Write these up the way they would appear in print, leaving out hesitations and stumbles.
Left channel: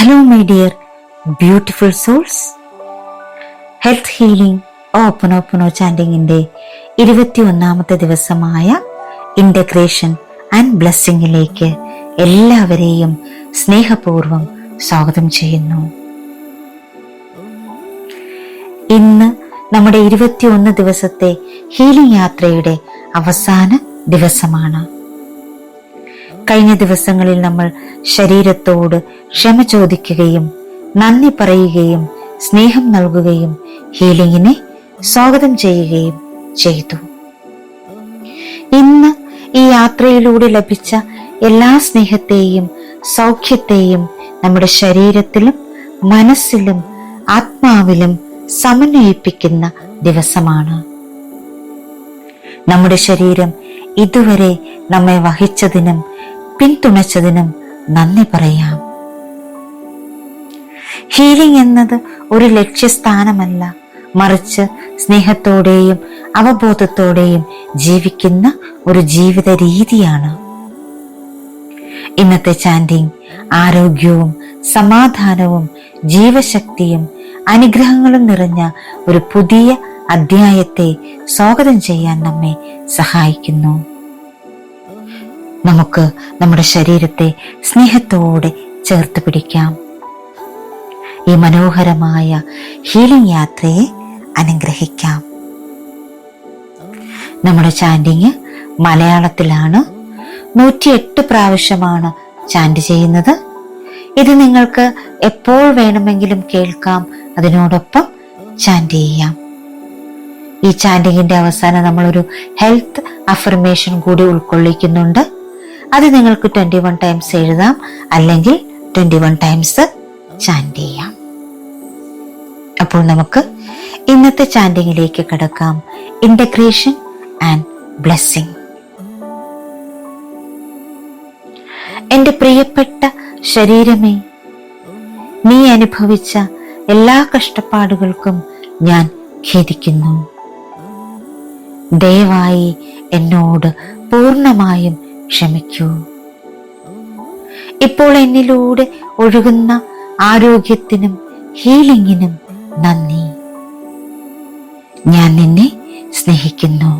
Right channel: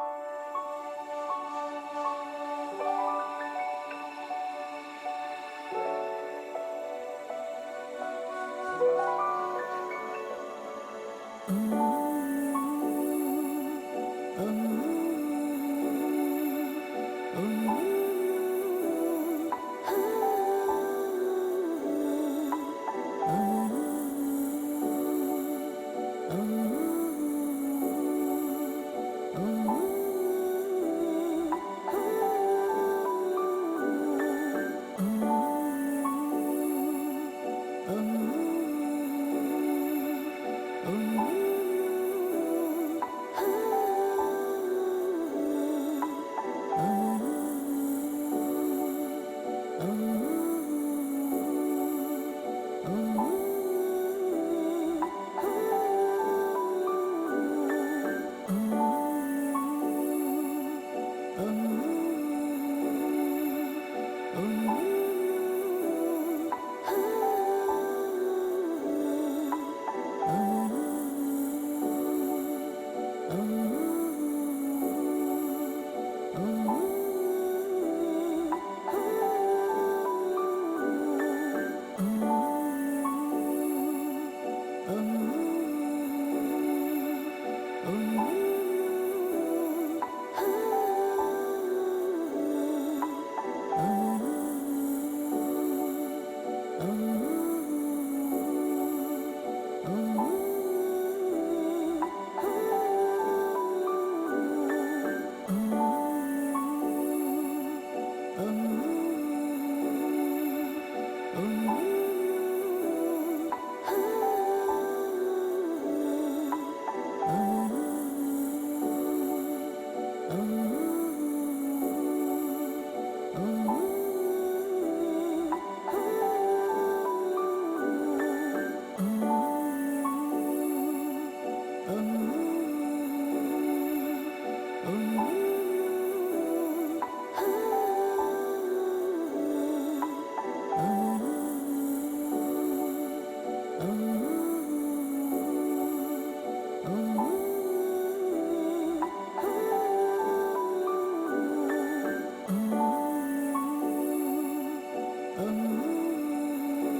Hello my dear beautiful souls. Health healing ഓപ്പണോ ചാൻഡിങ്ങിന്റെ 21ാമത്തെ ദിവസമായ ഇന്റഗ്രേഷൻ ആൻഡ് ബ്ലെസ്സിങ്ങിലേക്ക് എല്ലാവരെയും സ്നേഹപൂർവ്വം സ്വാഗതം ചെയ്യുന്നു. ഇന്ന് നമ്മുടെ 21 ദിവസത്തെ ഹീലിംഗ് യാത്രയുടെ അവസാന ദിവസമാണ്. കഴിഞ്ഞ ദിവസങ്ങളിൽ നമ്മൾ ശരീരത്തോട് ക്ഷമ ചോദിക്കുകയും നന്ദി പറയുകയും സ്നേഹം നൽകുകയും ഹീലിംഗിനെ സ്വാഗതം ചെയ്യുകയും ചെയ്തു. ഇന്ന് ഈ യാത്രയിലൂടെ ലഭിച്ച എല്ലാ സ്നേഹത്തെയും സൗഖ്യത്തെയും നമ്മുടെ ശരീരത്തിലും മനസ്സിലും ആത്മാവിലും സമന്വയിപ്പിക്കുന്ന ദിവസമാണ്. നമ്മുടെ ശരീരം ഇതുവരെ നമ്മെ വഹിച്ചതിനും പിന്തുണച്ചതിനും നന്ദി പറയാം. ഹീലിംഗ് എന്നത് ഒരു ലക്ഷ്യസ്ഥാനമല്ല, മറിച്ച് സ്നേഹത്തോടെയും അവബോധത്തോടെയും ജീവിക്കുന്ന ഒരു ജീവിത രീതിയാണ്. ഇന്നത്തെ ചാൻഡിങ് ആരോഗ്യവും സമാധാനവും ജീവശക്തിയും അനുഗ്രഹങ്ങളും നിറഞ്ഞ ഒരു പുതിയ അധ്യായത്തെ സ്വാഗതം ചെയ്യാൻ നമ്മെ സഹായിക്കുന്നു. നമുക്ക് നമ്മുടെ ശരീരത്തെ സ്നേഹത്തോടെ ചേർത്ത് പിടിക്കാം. ഈ മനോഹരമായ ഹീലിംഗ് യാത്രയെ അനുഗ്രഹിക്കാം. നമ്മുടെ ചാൻഡിങ് മലയാളത്തിലാണ്. 108 പ്രാവശ്യമാണ് ചാൻഡ് ചെയ്യുന്നത്. ഇത് നിങ്ങൾക്ക് എപ്പോൾ വേണമെങ്കിലും കേൾക്കാം, അതിനോടൊപ്പം ചാൻഡ് ചെയ്യാം. ഈ ചാൻഡിങ്ങിന്റെ അവസാനം നമ്മളൊരു ഹെൽത്ത് അഫർമേഷൻ കൂടി ഉൾക്കൊള്ളിക്കുന്നുണ്ട്. അത് നിങ്ങൾക്ക് 21 ടൈംസ് എഴുതാം, അല്ലെങ്കിൽ 21 ടൈംസ് ചാൻഡ് ചെയ്യാം. അപ്പോൾ നമുക്ക് ഇന്നത്തെ ചാൻഡിങ്ങിലേക്ക് കടക്കാം. Integration and blessing. എന്റെ പ്രിയപ്പെട്ട ശരീരമേ, നീ അനുഭവിച്ച എല്ലാ കഷ്ടപ്പാടുകൾക്കും ഞാൻ ഖേദിക്കുന്നു. ദയവായി എന്നോട് പൂർണ്ണമായും ക്ഷമിക്കൂ. ഇപ്പോൾ എന്നിലൂടെ ഒഴുകുന്ന ആരോഗ്യത്തിനും ഹീലിംഗിനും നന്ദി. ഞാൻ നിന്നെ സ്നേഹിക്കുന്നു.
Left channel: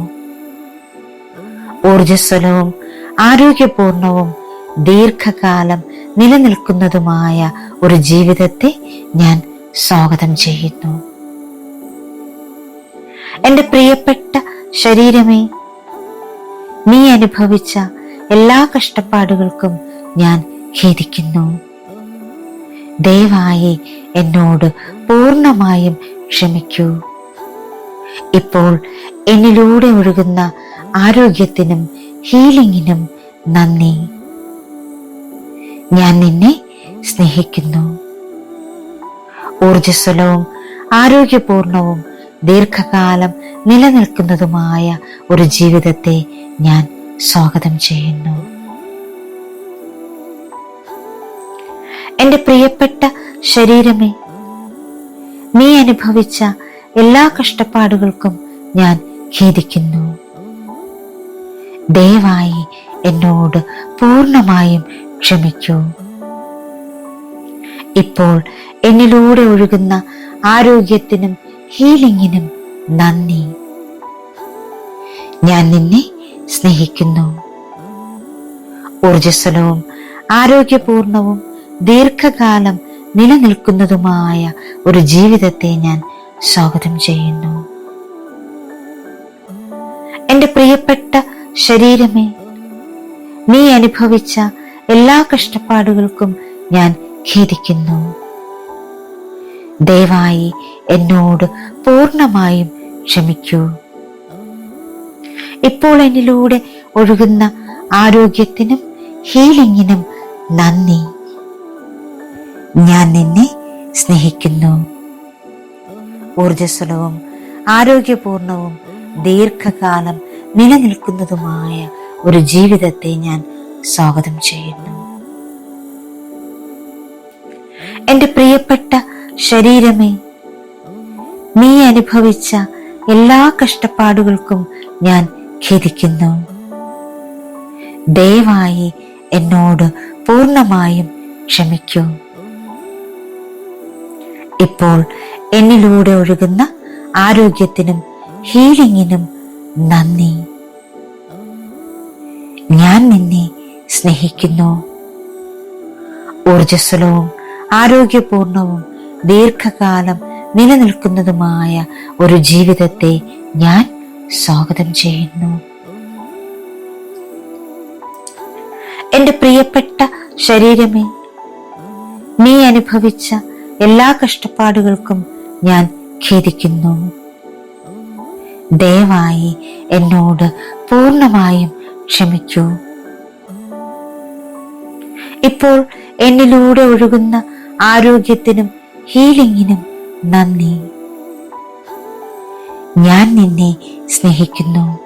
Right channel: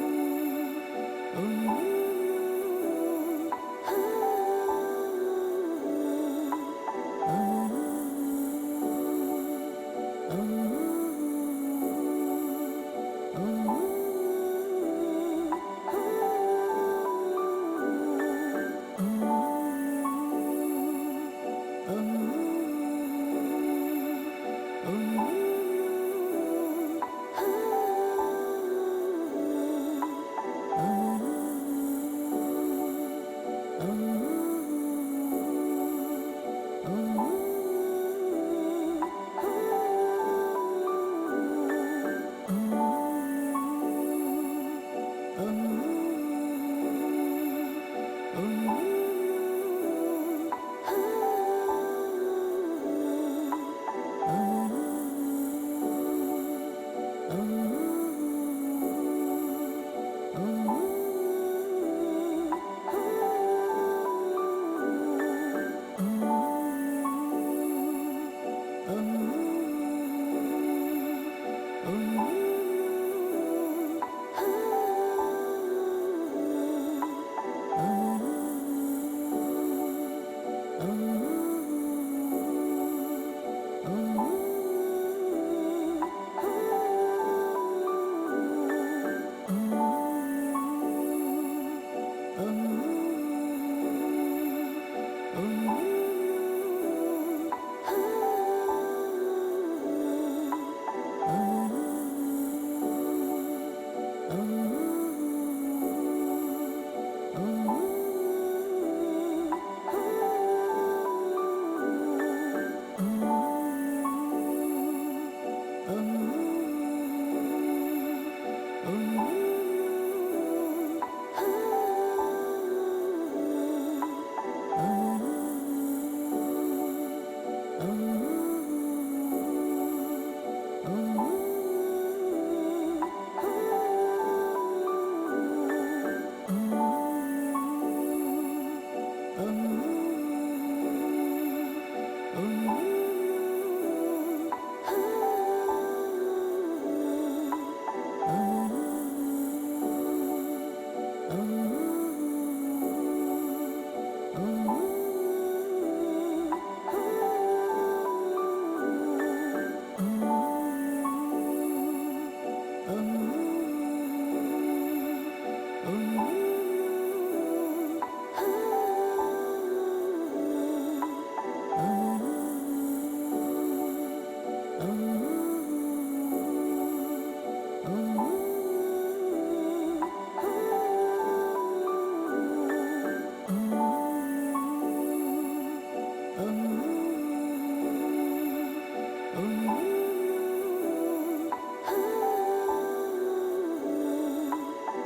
ഊർജ്ജസ്വലവും ആരോഗ്യപൂർണവും ദീർഘകാലം നിലനിൽക്കുന്നതുമായ ഒരു ജീവിതത്തെ ഞാൻ സ്വാഗതം ചെയ്യുന്നു. എന്റെ പ്രിയപ്പെട്ട ശരീരമേ, നീ അനുഭവിച്ച എല്ലാ കഷ്ടപ്പാടുകൾക്കും ഞാൻ ഖേദിക്കുന്നു. ദയവായി എന്നോട് പൂർണ്ണമായും ക്ഷമിക്കൂ. ഇപ്പോൾ എന്നിലൂടെ ഒഴുകുന്ന ആരോഗ്യത്തിനും ഹീലിംഗിനും നന്ദി. ഞാൻ നിന്നെ സ്നേഹിക്കുന്നു. ഊർജ്ജസ്വലവും ആരോഗ്യപൂർണവും ദീർഘകാലം നിലനിൽക്കുന്നതുമായ ഒരു ജീവിതത്തെ ഞാൻ സ്വാഗതം ചെയ്യുന്നു. എന്റെ പ്രിയപ്പെട്ട ശരീരമേ, നീ അനുഭവിച്ച എല്ലാ കഷ്ടപ്പാടുകൾക്കും ഞാൻ ഖേദിക്കുന്നു. ദയവായി എന്നോട് പൂർണ്ണമായും ക്ഷമിക്കൂ. ഇപ്പോൾ എന്നിലൂടെ ഒഴുകുന്ന ആരോഗ്യത്തിനും ഹീലിംഗിനും നന്ദി. ഞാൻ നിന്നെ സ്നേഹിക്കുന്നു. ഊർജ്ജസ്വലവും ആരോഗ്യപൂർണവും ദീർഘകാലം നിലനിൽക്കുന്നതുമായ ഒരു ജീവിതത്തെ ഞാൻ സ്വാഗതം ചെയ്യുന്നു. എന്റെ പ്രിയപ്പെട്ട ശരീരമേ, നീ അനുഭവിച്ച എല്ലാ കഷ്ടപ്പാടുകൾക്കും ഞാൻ ഖേദിക്കുന്നു. ദയവായി എന്നോട് പൂർണ്ണമായും ക്ഷമിക്കൂ. ഇപ്പോൾ എന്നിലൂടെ ഒഴുകുന്ന ആരോഗ്യത്തിനും ഹീലിംഗിനും നന്ദി. ഞാൻ നിന്നെ സ്നേഹിക്കുന്നു. ഊർജ്ജസ്വലവും ആരോഗ്യപൂർണവും ദീർഘകാലം നിലനിൽക്കുന്നതുമായ ഒരു ജീവിതത്തെ ഞാൻ സ്വാഗതം ചെയ്യുന്നു. എന്റെ പ്രിയപ്പെട്ട ശരീരമേ, നീ അനുഭവിച്ച എല്ലാ കഷ്ടപ്പാടുകൾക്കും ഞാൻ ഖേദിക്കുന്നു. ദയവായി എന്നോട് പൂർണ്ണമായും ക്ഷമിക്കൂ. ഇപ്പോൾ എന്നിലൂടെ ഒഴുകുന്ന ആരോഗ്യത്തിനും ഹീലിംഗിനും നന്ദി. ഞാൻ നിന്നെ സ്നേഹിക്കുന്നു. ഊർജ്ജസ്വലവും ആരോഗ്യപൂർണവും ദീർഘകാലം നിലനിൽക്കുന്നതുമായ ഒരു ജീവിതത്തെ ഞാൻ സ്വാഗതം ചെയ്യുന്നു. എന്റെ പ്രിയപ്പെട്ട ശരീരമേ, നീ അനുഭവിച്ച എല്ലാ കഷ്ടപ്പാടുകൾക്കും ഞാൻ ഖേദിക്കുന്നു. ദയവായി എന്നോട് പൂർണ്ണമായും ക്ഷമിക്കൂ. ഇപ്പോൾ എന്നിലൂടെ ഒഴുകുന്ന ആരോഗ്യത്തിനും ഹീലിംഗിനും നന്ദി. ഞാൻ നിന്നെ സ്നേഹിക്കുന്നു.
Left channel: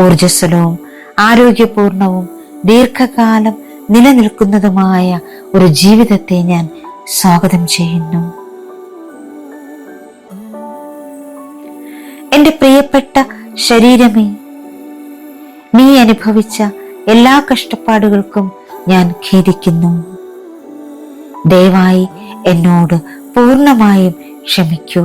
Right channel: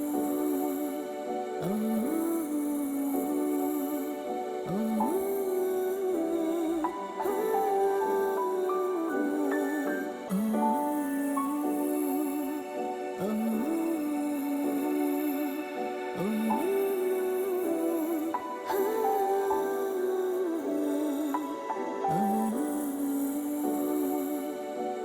ഊർജ്ജസ്വലവും ആരോഗ്യപൂർണവും ദീർഘകാലം നിലനിൽക്കുന്നതുമായ ഒരു ജീവിതത്തെ ഞാൻ സ്വാഗതം ചെയ്യുന്നു. എന്റെ പ്രിയപ്പെട്ട ശരീരമേ, നീ അനുഭവിച്ച എല്ലാ കഷ്ടപ്പാടുകൾക്കും ഞാൻ ഖേദിക്കുന്നു. ദയവായി എന്നോട് പൂർണ്ണമായും ക്ഷമിക്കൂ.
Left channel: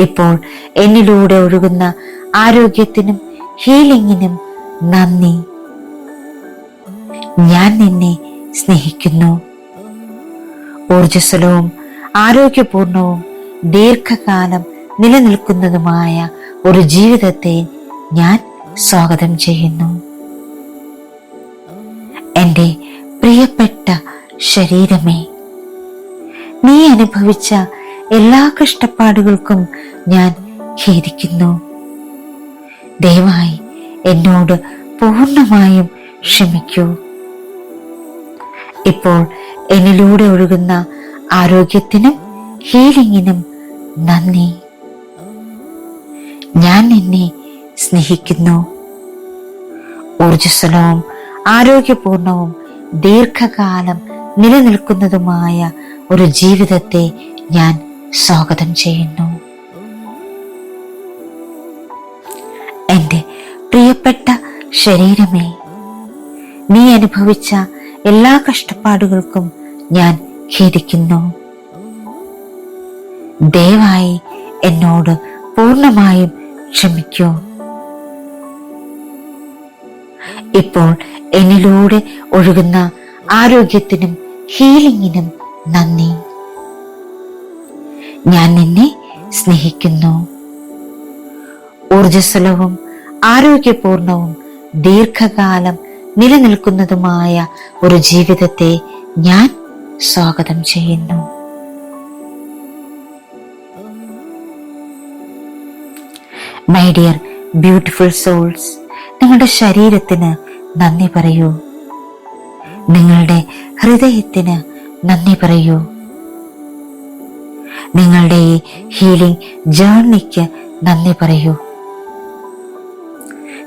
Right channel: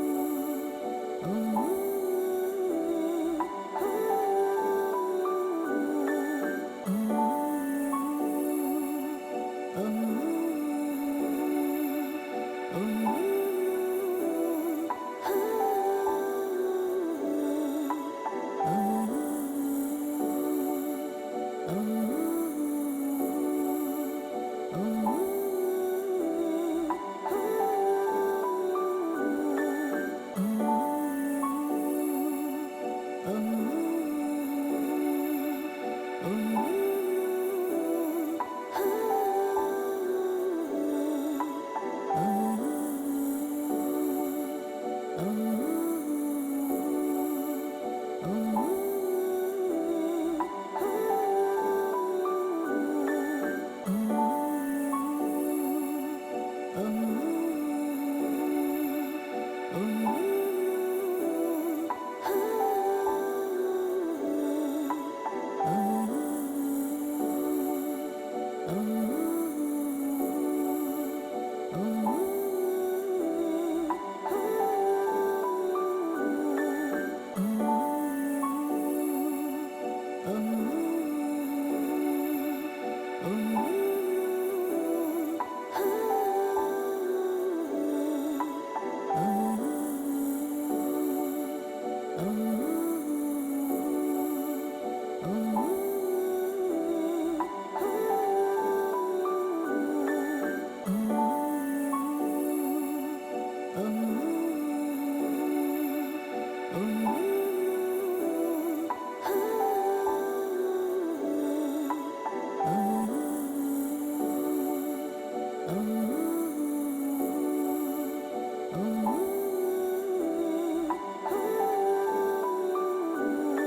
ഇപ്പോൾ എന്നിലൂടെ ഒഴുകുന്ന ആരോഗ്യത്തിനും ഹീലിംഗിനും നന്ദി. ഞാൻ നിന്നെ സ്നേഹിക്കുന്നു. ഊർജ്ജസ്വലവും ആരോഗ്യപൂർണവും ദീർഘകാലം നിലനിൽക്കുന്നതുമായ ഒരു ജീവിതത്തെ ഞാൻ സ്വാഗതം ചെയ്യുന്നു. എന്റെ പ്രിയപ്പെട്ട ശരീരമേ, നീ അനുഭവിച്ച എല്ലാ കഷ്ടപ്പാടുകൾക്കും ഞാൻ ഖേദിക്കുന്നു. ദയവായി എന്നോട് പൂർണ്ണമായും ക്ഷമിക്കൂ. ഇപ്പോൾ എന്നിലൂടെ ഒഴുകുന്ന ആരോഗ്യത്തിനും ഹീലിംഗിനും നന്ദി. ഞാൻ നിന്നെ സ്നേഹിക്കുന്നു. ഊർജ്ജസ്വലവും ആരോഗ്യപൂർണവും ദീർഘകാലം നിലനിൽക്കുന്നതുമായ ഒരു ജീവിതത്തെ ഞാൻ സ്വാഗതം ചെയ്യുന്നു. എന്റെ പ്രിയപ്പെട്ട ശരീരമേ, നീ അനുഭവിച്ച എല്ലാ കഷ്ടപ്പാടുകൾക്കും ഞാൻ ഖേദിക്കുന്നു. ദയവായി എന്നോട് പൂർണ്ണമായും ക്ഷമിക്കൂ. ഇപ്പോൾ എന്നിലൂടെ ഒഴുകുന്ന ആരോഗ്യത്തിനും ഹീലിംഗിനും നന്ദി. ഞാൻ നിന്നെ സ്നേഹിക്കുന്നു. ഊർജ്ജസ്വലവും ആരോഗ്യപൂർണവും ദീർഘകാലം നിലനിൽക്കുന്നതുമായ ഒരു ജീവിതത്തെ ഞാൻ സ്വാഗതം ചെയ്യുന്നു. മൈ ഡിയർ ബ്യൂട്ടിഫുൾ സോൾസ്, നിങ്ങളുടെ ശരീരത്തിന് നന്ദി പറയൂ. നിങ്ങളുടെ ഹൃദയത്തിന് നന്ദി പറയൂ. നിങ്ങളുടെ ഈ ഹീലിംഗ് ജേർണിക്ക് നന്ദി പറയൂ.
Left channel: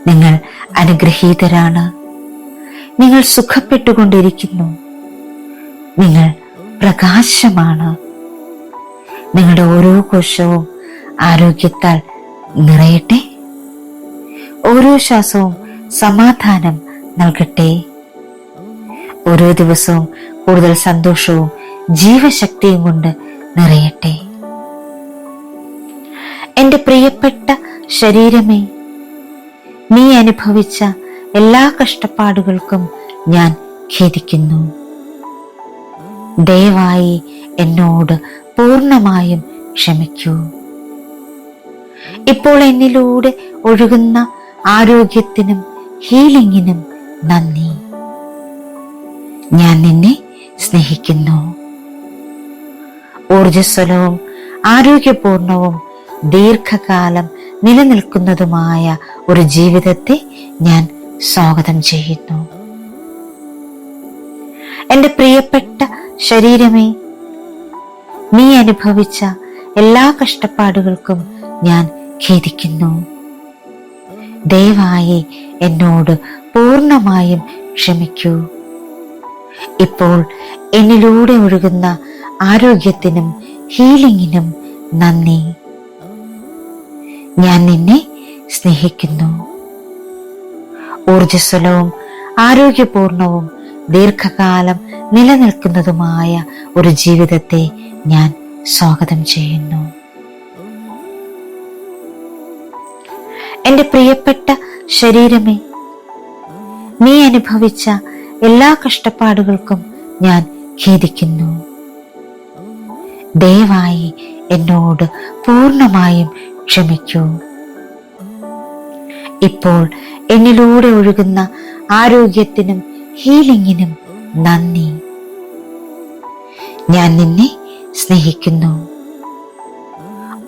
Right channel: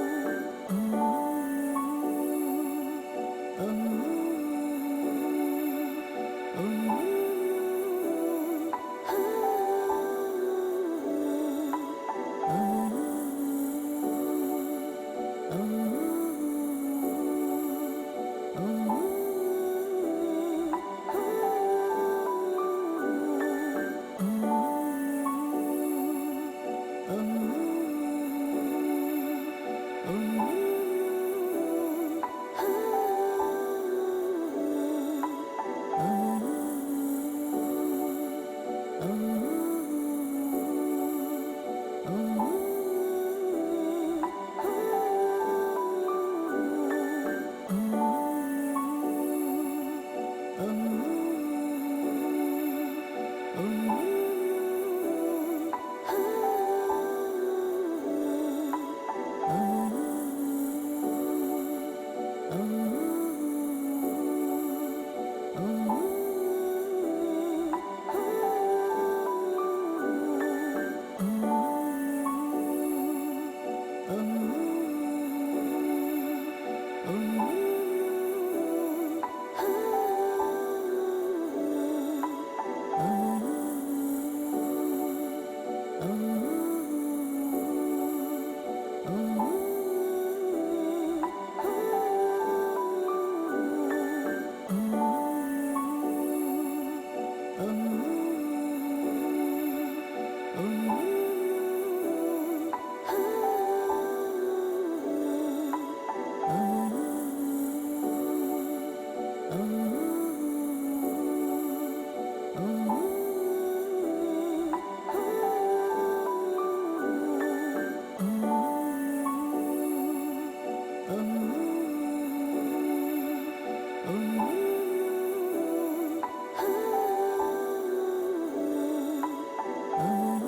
നിങ്ങൾ അനുഗ്രഹീതരാണ്. നിങ്ങൾ സുഖപ്പെട്ടുകൊണ്ടിരിക്കുന്നു. നിങ്ങൾ പ്രകാശമാണ്. നിങ്ങളുടെ ഓരോ കോശവും ആരോഗ്യത്താൽ നിറയട്ടെ. ഓരോ ശ്വാസവും സമാധാനം നൽകട്ടെ. ഓരോ ദിവസവും കൂടുതൽ സന്തോഷവും ജീവശക്തിയും കൊണ്ട് നിറയട്ടെ. എന്റെ പ്രിയപ്പെട്ട ശരീരമേ, നീ അനുഭവിച്ച എല്ലാ കഷ്ടപ്പാടുകൾക്കും ഞാൻ ഖേദിക്കുന്നു. ദയവായി എന്നോട് പൂർണ്ണമായും ക്ഷമിക്കൂ. ഇപ്പോൾ എന്നിലൂടെ ഒഴുകുന്ന ആരോഗ്യത്തിനും ഹീലിംഗിനും നന്ദി. ഞാൻ നിന്നെ സ്നേഹിക്കുന്നു. ഊർജ്ജസ്വലവും ആരോഗ്യപൂർണവും ദീർഘകാലം നിലനിൽക്കുന്നതുമായ ഒരു ജീവിതത്തെ ഞാൻ സ്വാഗതം ചെയ്യുന്നു. എന്റെ പ്രിയപ്പെട്ട ശരീരമേ, നീ അനുഭവിച്ച എല്ലാ കഷ്ടപ്പാടുകൾക്കും ഞാൻ ഖേദിക്കുന്നു. ദയവായി എന്നോട് പൂർണ്ണമായും ക്ഷമിക്കൂ. ഇപ്പോൾ എന്നിലൂടെ ഒഴുകുന്ന ആരോഗ്യത്തിനും ഹീലിംഗിനും നന്ദി. ഞാൻ നിന്നെ സ്നേഹിക്കുന്നു. ഊർജ്ജസ്വലവും ആരോഗ്യപൂർണവും ദീർഘകാലം നിലനിൽക്കുന്നതുമായ ഒരു ജീവിതത്തെ ഞാൻ സ്വാഗതം ചെയ്യുന്നു. എന്റെ പ്രിയപ്പെട്ട ശരീരമേ, നീ അനുഭവിച്ച എല്ലാ കഷ്ടപ്പാടുകൾക്കും ഞാൻ ഖേദിക്കുന്നു. ദയവായി എന്നോട് പൂർണ്ണമായും ക്ഷമിക്കൂ. ഇപ്പോൾ എന്നിലൂടെ ഒഴുകുന്ന ആരോഗ്യത്തിനും ഹീലിംഗിനും നന്ദി. ഞാൻ നിന്നെ സ്നേഹിക്കുന്നു.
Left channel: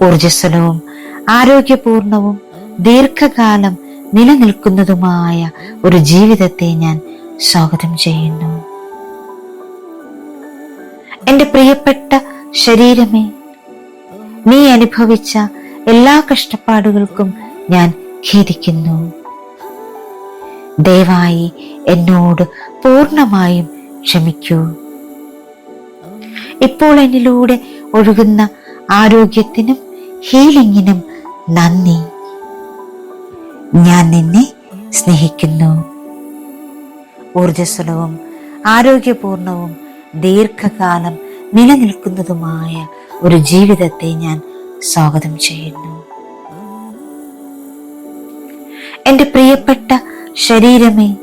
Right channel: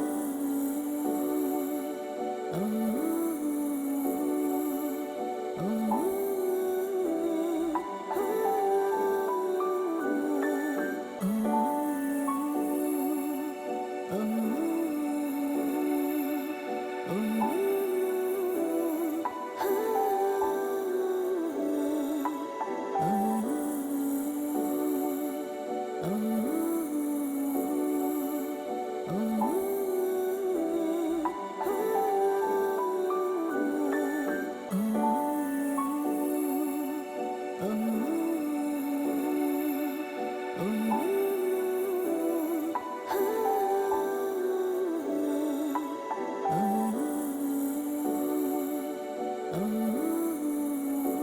ഊർജ്ജസ്വലവും ആരോഗ്യപൂർണവും ദീർഘകാലം നിലനിൽക്കുന്നതുമായ ഒരു ജീവിതത്തെ ഞാൻ സ്വാഗതം ചെയ്യുന്നു. എന്റെ പ്രിയപ്പെട്ട ശരീരമേ, നീ അനുഭവിച്ച എല്ലാ കഷ്ടപ്പാടുകൾക്കും ഞാൻ ഖേദിക്കുന്നു. ദയവായി എന്നോട് പൂർണ്ണമായും ക്ഷമിക്കൂ. ഇപ്പോൾ എന്നിലൂടെ ഒഴുകുന്ന ആരോഗ്യത്തിനും ഹീലിംഗിനും നന്ദി. ഞാൻ നിന്നെ സ്നേഹിക്കുന്നു. ഊർജ്ജസ്വലവും ആരോഗ്യപൂർണവും ദീർഘകാലം നിലനിൽക്കുന്നതുമായ ഒരു ജീവിതത്തെ ഞാൻ സ്വാഗതം ചെയ്യുന്നു. എന്റെ പ്രിയപ്പെട്ട ശരീരമേ,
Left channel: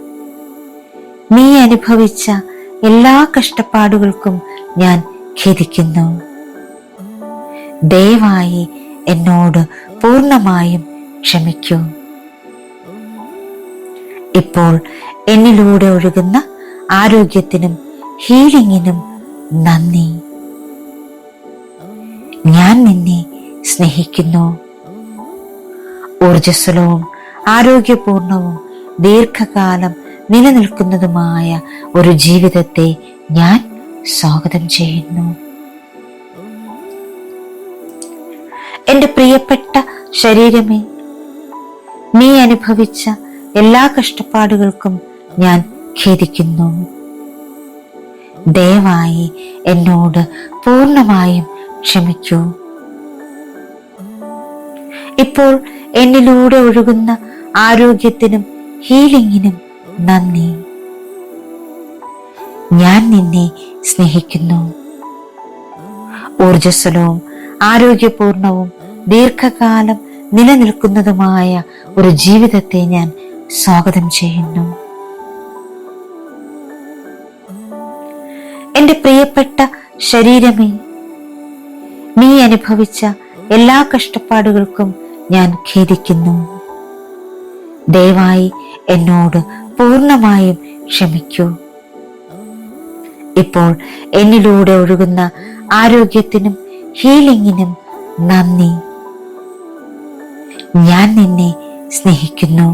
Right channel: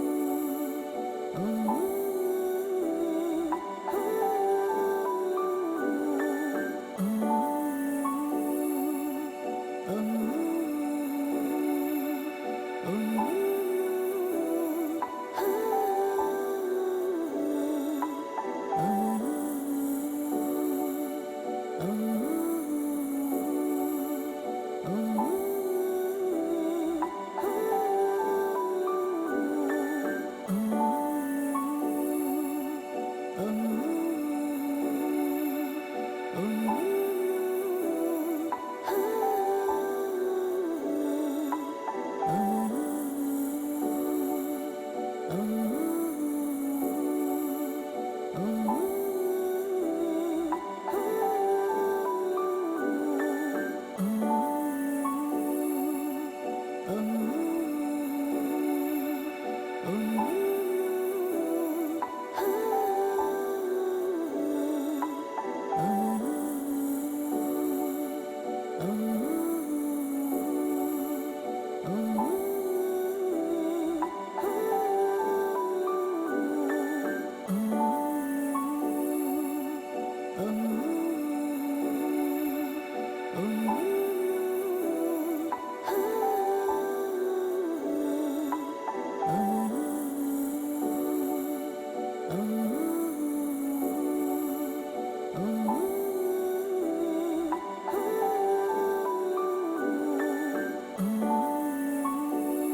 നീ അനുഭവിച്ച എല്ലാ കഷ്ടപ്പാടുകൾക്കും ഞാൻ ഖേദിക്കുന്നു. ദയവായി എന്നോട് പൂർണ്ണമായും ക്ഷമിക്കൂ. ഇപ്പോൾ എന്നിലൂടെ ഒഴുകുന്ന ആരോഗ്യത്തിനും ഹീലിംഗിനും നന്ദി. ഞാൻ നിന്നെ സ്നേഹിക്കുന്നു. ഊർജ്ജസ്വലവും ആരോഗ്യപൂർണവും ദീർഘകാലം നിലനിൽക്കുന്നതുമായ ഒരു ജീവിതത്തെ ഞാൻ സ്വാഗതം ചെയ്യുന്നു. എന്റെ പ്രിയപ്പെട്ട ശരീരമേ, നീ അനുഭവിച്ച എല്ലാ കഷ്ടപ്പാടുകൾക്കും ഞാൻ ഖേദിക്കുന്നു. ദയവായി എന്നോട് പൂർണ്ണമായും ക്ഷമിക്കൂ. ഇപ്പോൾ എന്നിലൂടെ ഒഴുകുന്ന ആരോഗ്യത്തിനും ഹീലിംഗിനും നന്ദി. ഞാൻ നിന്നെ സ്നേഹിക്കുന്നു. ഊർജ്ജസ്വലവും ആരോഗ്യപൂർണവും ദീർഘകാലം നിലനിൽക്കുന്നതുമായ ഒരു ജീവിതത്തെ ഞാൻ സ്വാഗതം ചെയ്യുന്നു. എന്റെ പ്രിയപ്പെട്ട ശരീരമേ, നീ അനുഭവിച്ച എല്ലാ കഷ്ടപ്പാടുകൾക്കും ഞാൻ ഖേദിക്കുന്നു. ദയവായി എന്നോട് പൂർണ്ണമായും ക്ഷമിക്കൂ. ഇപ്പോൾ എന്നിലൂടെ ഒഴുകുന്ന ആരോഗ്യത്തിനും ഹീലിംഗിനും നന്ദി. ഞാൻ നിന്നെ സ്നേഹിക്കുന്നു.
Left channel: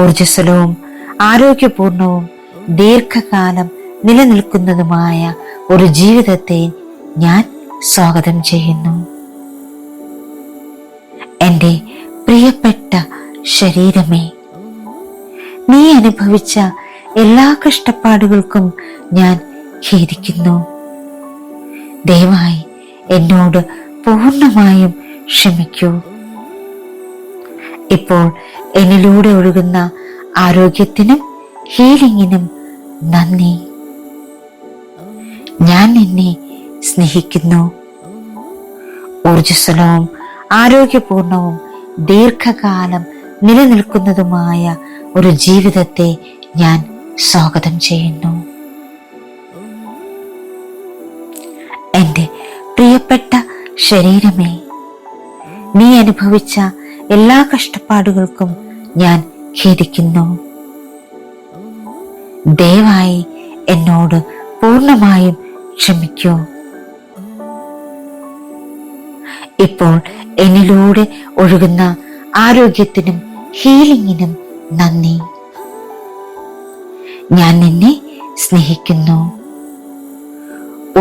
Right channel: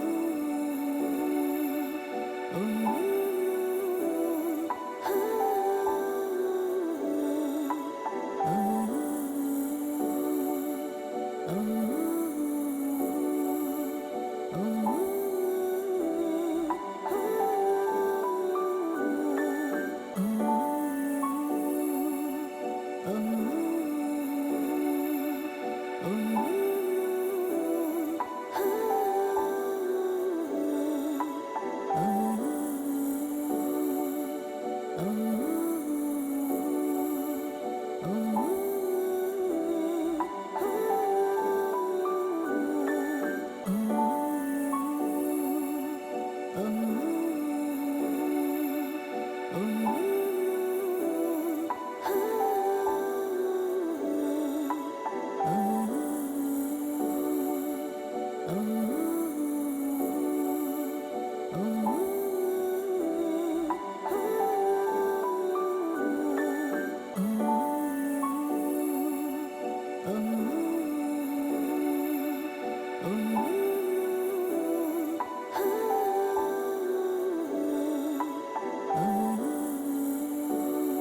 ഊർജ്ജസ്വലവും ആരോഗ്യപൂർണവും ദീർഘകാലം നിലനിൽക്കുന്നതുമായ ഒരു ജീവിതത്തെ ഞാൻ സ്വാഗതം ചെയ്യുന്നു. എന്റെ പ്രിയപ്പെട്ട ശരീരമേ, നീ അനുഭവിച്ച എല്ലാ കഷ്ടപ്പാടുകൾക്കും ഞാൻ ഖേദിക്കുന്നു. ദയവായി എന്നോട് പൂർണ്ണമായും ക്ഷമിക്കൂ. ഇപ്പോൾ എന്നിലൂടെ ഒഴുകുന്ന ആരോഗ്യത്തിനും ഹീലിംഗിനും നന്ദി. ഞാൻ നിന്നെ സ്നേഹിക്കുന്നു. ഊർജ്ജസ്വലവും ആരോഗ്യപൂർണവും ദീർഘകാലം നിലനിൽക്കുന്നതുമായ ഒരു ജീവിതത്തെ ഞാൻ സ്വാഗതം ചെയ്യുന്നു. എന്റെ പ്രിയപ്പെട്ട ശരീരമേ, നീ അനുഭവിച്ച എല്ലാ കഷ്ടപ്പാടുകൾക്കും ഞാൻ ഖേദിക്കുന്നു. ദയവായി എന്നോട് പൂർണ്ണമായും ക്ഷമിക്കൂ. ഇപ്പോൾ എന്നിലൂടെ ഒഴുകുന്ന ആരോഗ്യത്തിനും ഹീലിംഗിനും നന്ദി. ഞാൻ നിന്നെ സ്നേഹിക്കുന്നു.